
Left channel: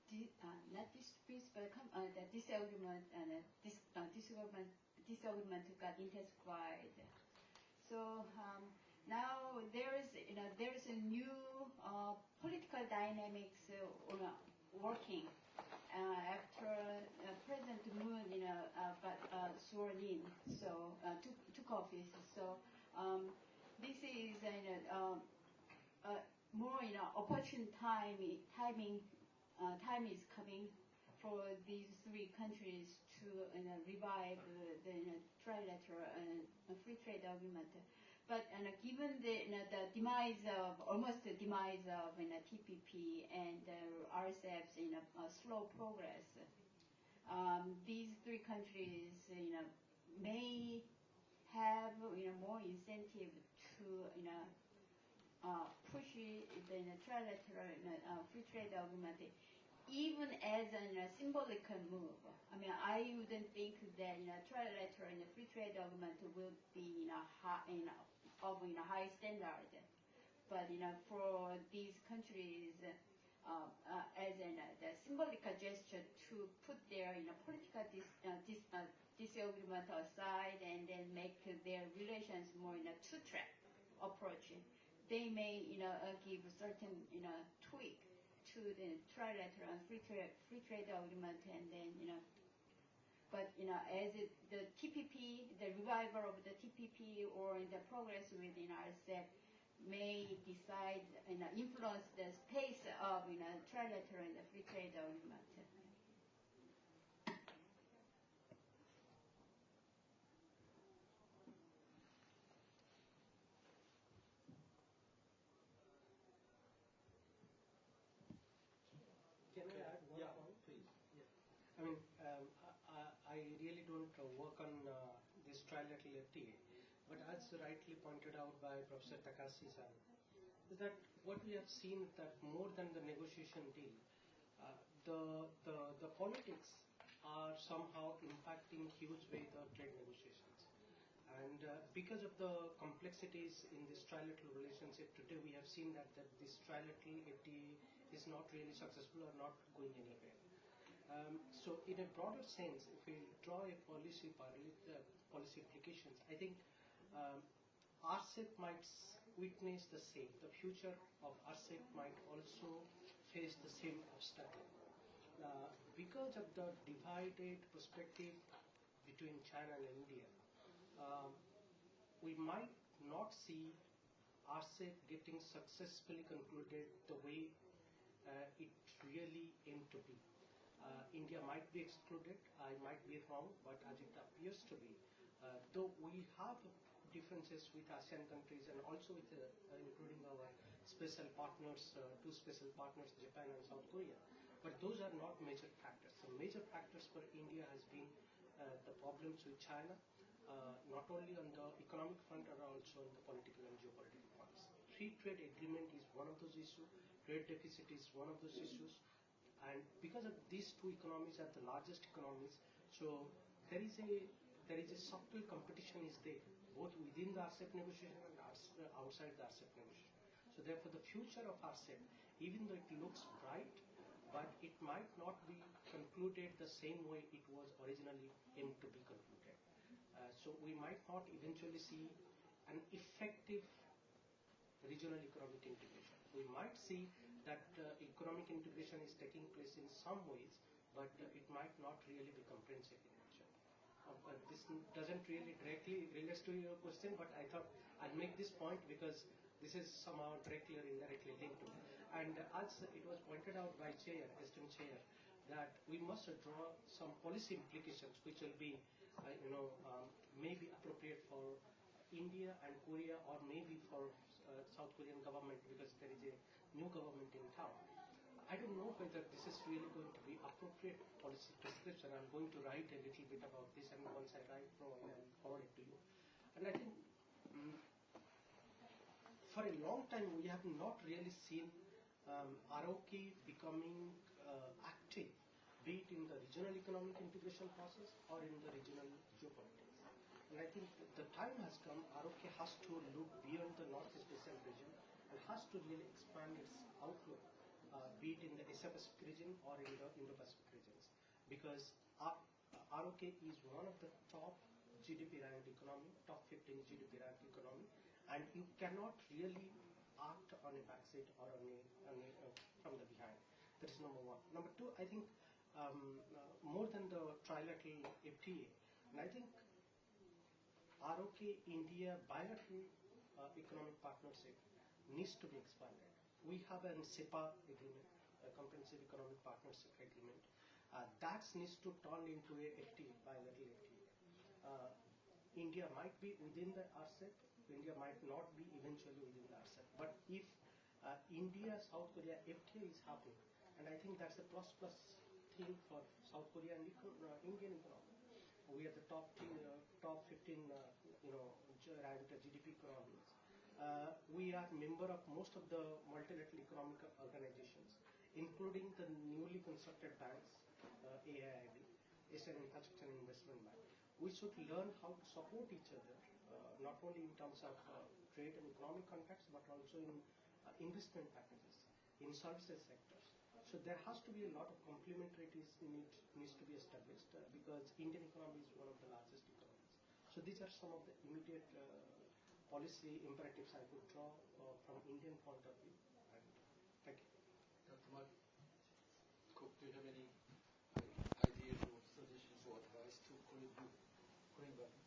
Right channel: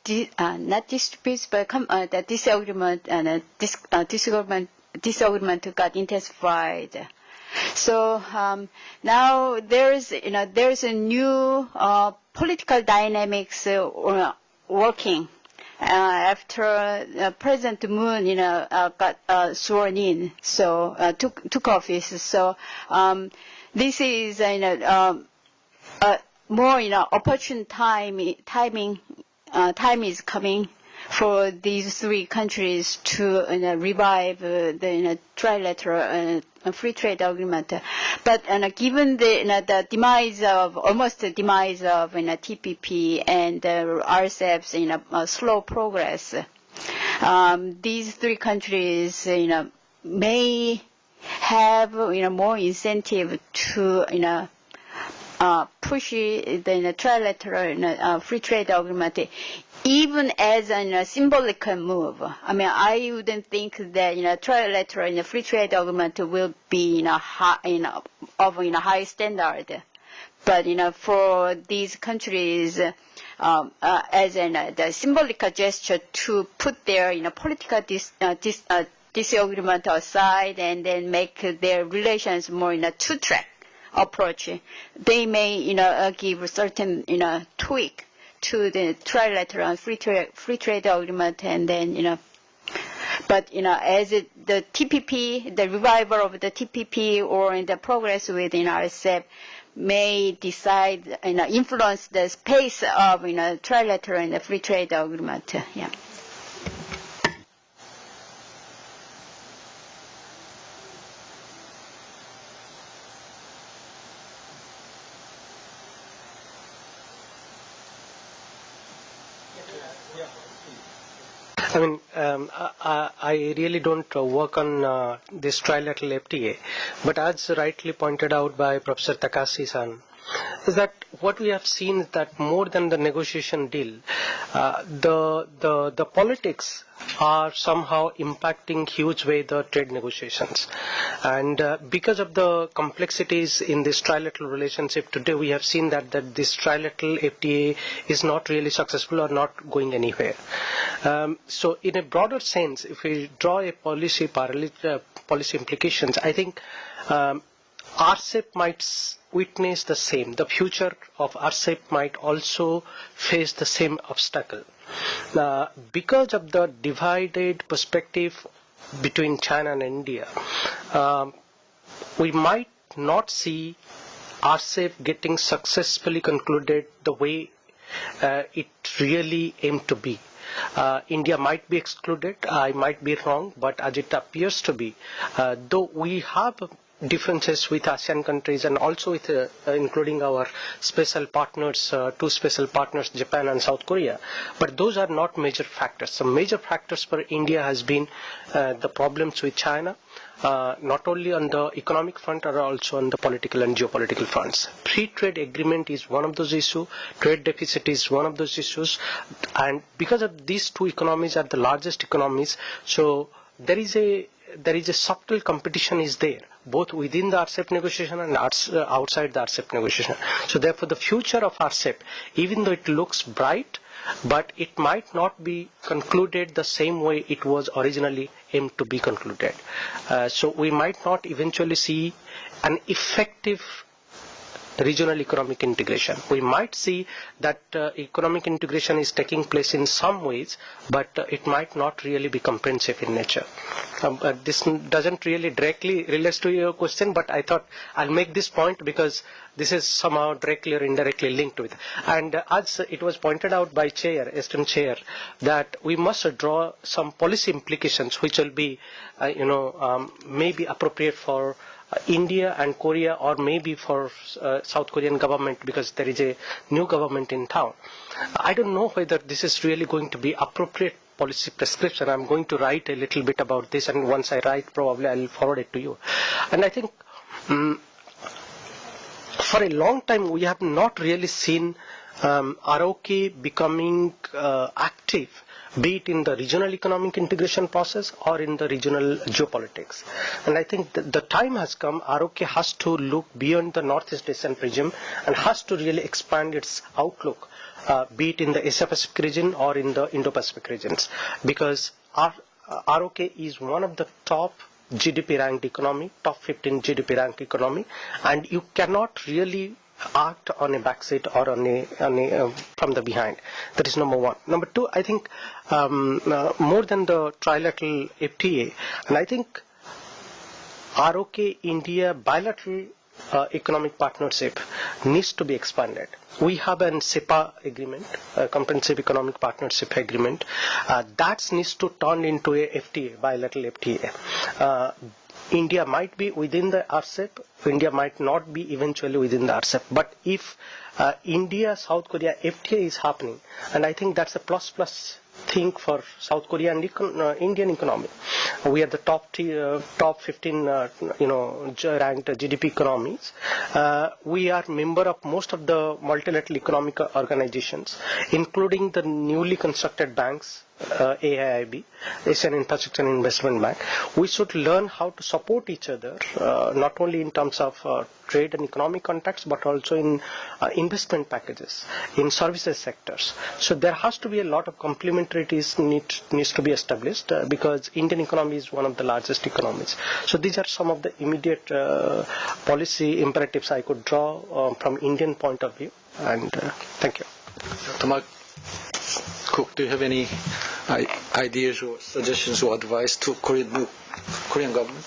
not disputes, but the disagreement and disagreement got intensified. So now there's a new political dynamics working after President Moon got sworn in, so took office. So this is more opportune time is coming for these three countries to revive the trilateral free trade agreement. But given the demise of TPP and RCEP's slow progress, these three countries may have more incentive to push the trilateral free trade agreement, even as a symbolic move. I mean, I wouldn't think that trilateral free trade agreement will be of high standard, but for these countries, as the symbolic gesture to put their political disagreement aside and then make their relations more in a two-track approach, they may give a certain tweak to the trilateral free trade agreement, and then but as the TPP, the revival of the TPP or the progress within RCEP may decide influence the pace of trilateral and the free trade agreement. Yeah. I mean, I really don't work on this trilateral FTA, but as rightly pointed out by Professor Takashi-san, is that what we have seen is that more than the negotiation deal, the politics are somehow impacting huge way the trade negotiations. And because of the complexities in this trilateral relationship today, we have seen that this trilateral FTA is not really successful or not going anywhere. So in a broader sense, if we draw a policy implications, I think RCEP might witness the same. The future of RCEP might also face the same obstacle. Because of the divided perspective between China and India, we might not see RCEP getting successfully concluded the way it really aimed to be. India might be excluded, I might be wrong, but as it appears to be, though we have differences with ASEAN countries and also with including our special partners, two special partners, Japan and South Korea, but those are not major factors. Some major factors for India has been the problems with China, not only on the economic front but also on the political and geopolitical fronts. Free trade agreement is one of those issues, trade deficit is one of those issues, and because of these two economies are the largest economies, so there is a subtle competition is there, both within the RCEP negotiation and outside the RCEP negotiation. So therefore the future of RCEP, even though it looks bright, but it might not be concluded the same way it was originally aimed to be concluded. So we might not eventually see an effective regional economic integration. We might see that economic integration is taking place in some ways, but it might not really be comprehensive in nature. This doesn't really directly relate to your question, but I thought I'll make this point because this is somehow directly or indirectly linked with. And as it was pointed out by Chair, esteemed Chair, that we must draw some policy implications which will be, maybe appropriate for India and Korea, or maybe for South Korean government, because there is a new government in town. I don't know whether this is really going to be appropriate policy prescription. I'm going to write a little bit about this, and once I write, probably I'll forward it to you. And I think for a long time we have not really seen ROK becoming active, be it in the regional economic integration process or in the regional geopolitics. And I think the time has come, ROK has to look beyond the Northeast Asian region and has to really expand its outlook, be it in the Asia-Pacific region or in the Indo-Pacific regions, because ROK is one of the top GDP ranked economy, top 15 GDP ranked economy, and you cannot really act on a backseat or from the behind. That is number one. Number two, I think more than the trilateral FTA, and I think ROK India bilateral economic partnership needs to be expanded. We have an SEPA agreement, a comprehensive economic partnership agreement, that needs to turn into a FTA, bilateral FTA. India might be within the RCEP, India might not be eventually within the RCEP. But if India, South Korea FTA is happening, and I think that's a plus thing for South Korea and Indian economy. We are the top 15 ranked GDP economies. We are member of most of the multilateral economic organizations, including the newly constructed banks, AIIB, Asian Infrastructure and Investment Bank. We should learn how to support each other, not only in terms of trade and economic contacts, but also in investment packages, in services sectors. So there has to be a lot of complementarities needs to be established, because Indian economy is one of the largest economies. So these are some of the immediate policy imperatives I could draw from Indian point of view. And thank you. Dr. Mark Cook, do you have any ideas or suggestions or advice to Korean government?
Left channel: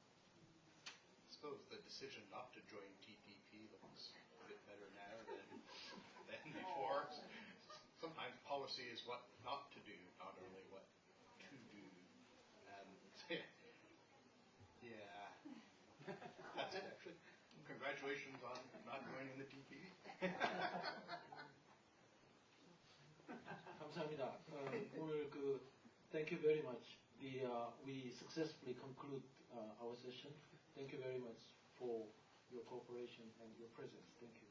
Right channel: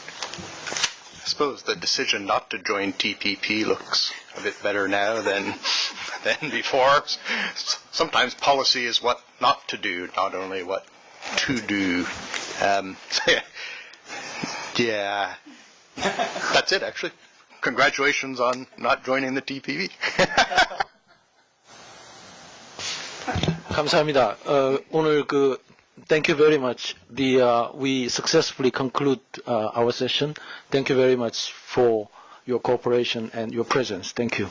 I suppose the decision not to join TPP looks a bit better now than before. Sometimes policy is what not to do, not only what to do. Yeah, that's it actually. Congratulations on not joining the TPP. 감사합니다. 오늘 thank you very much. We successfully conclude our session. Thank you very much for your cooperation and your presence. Thank you.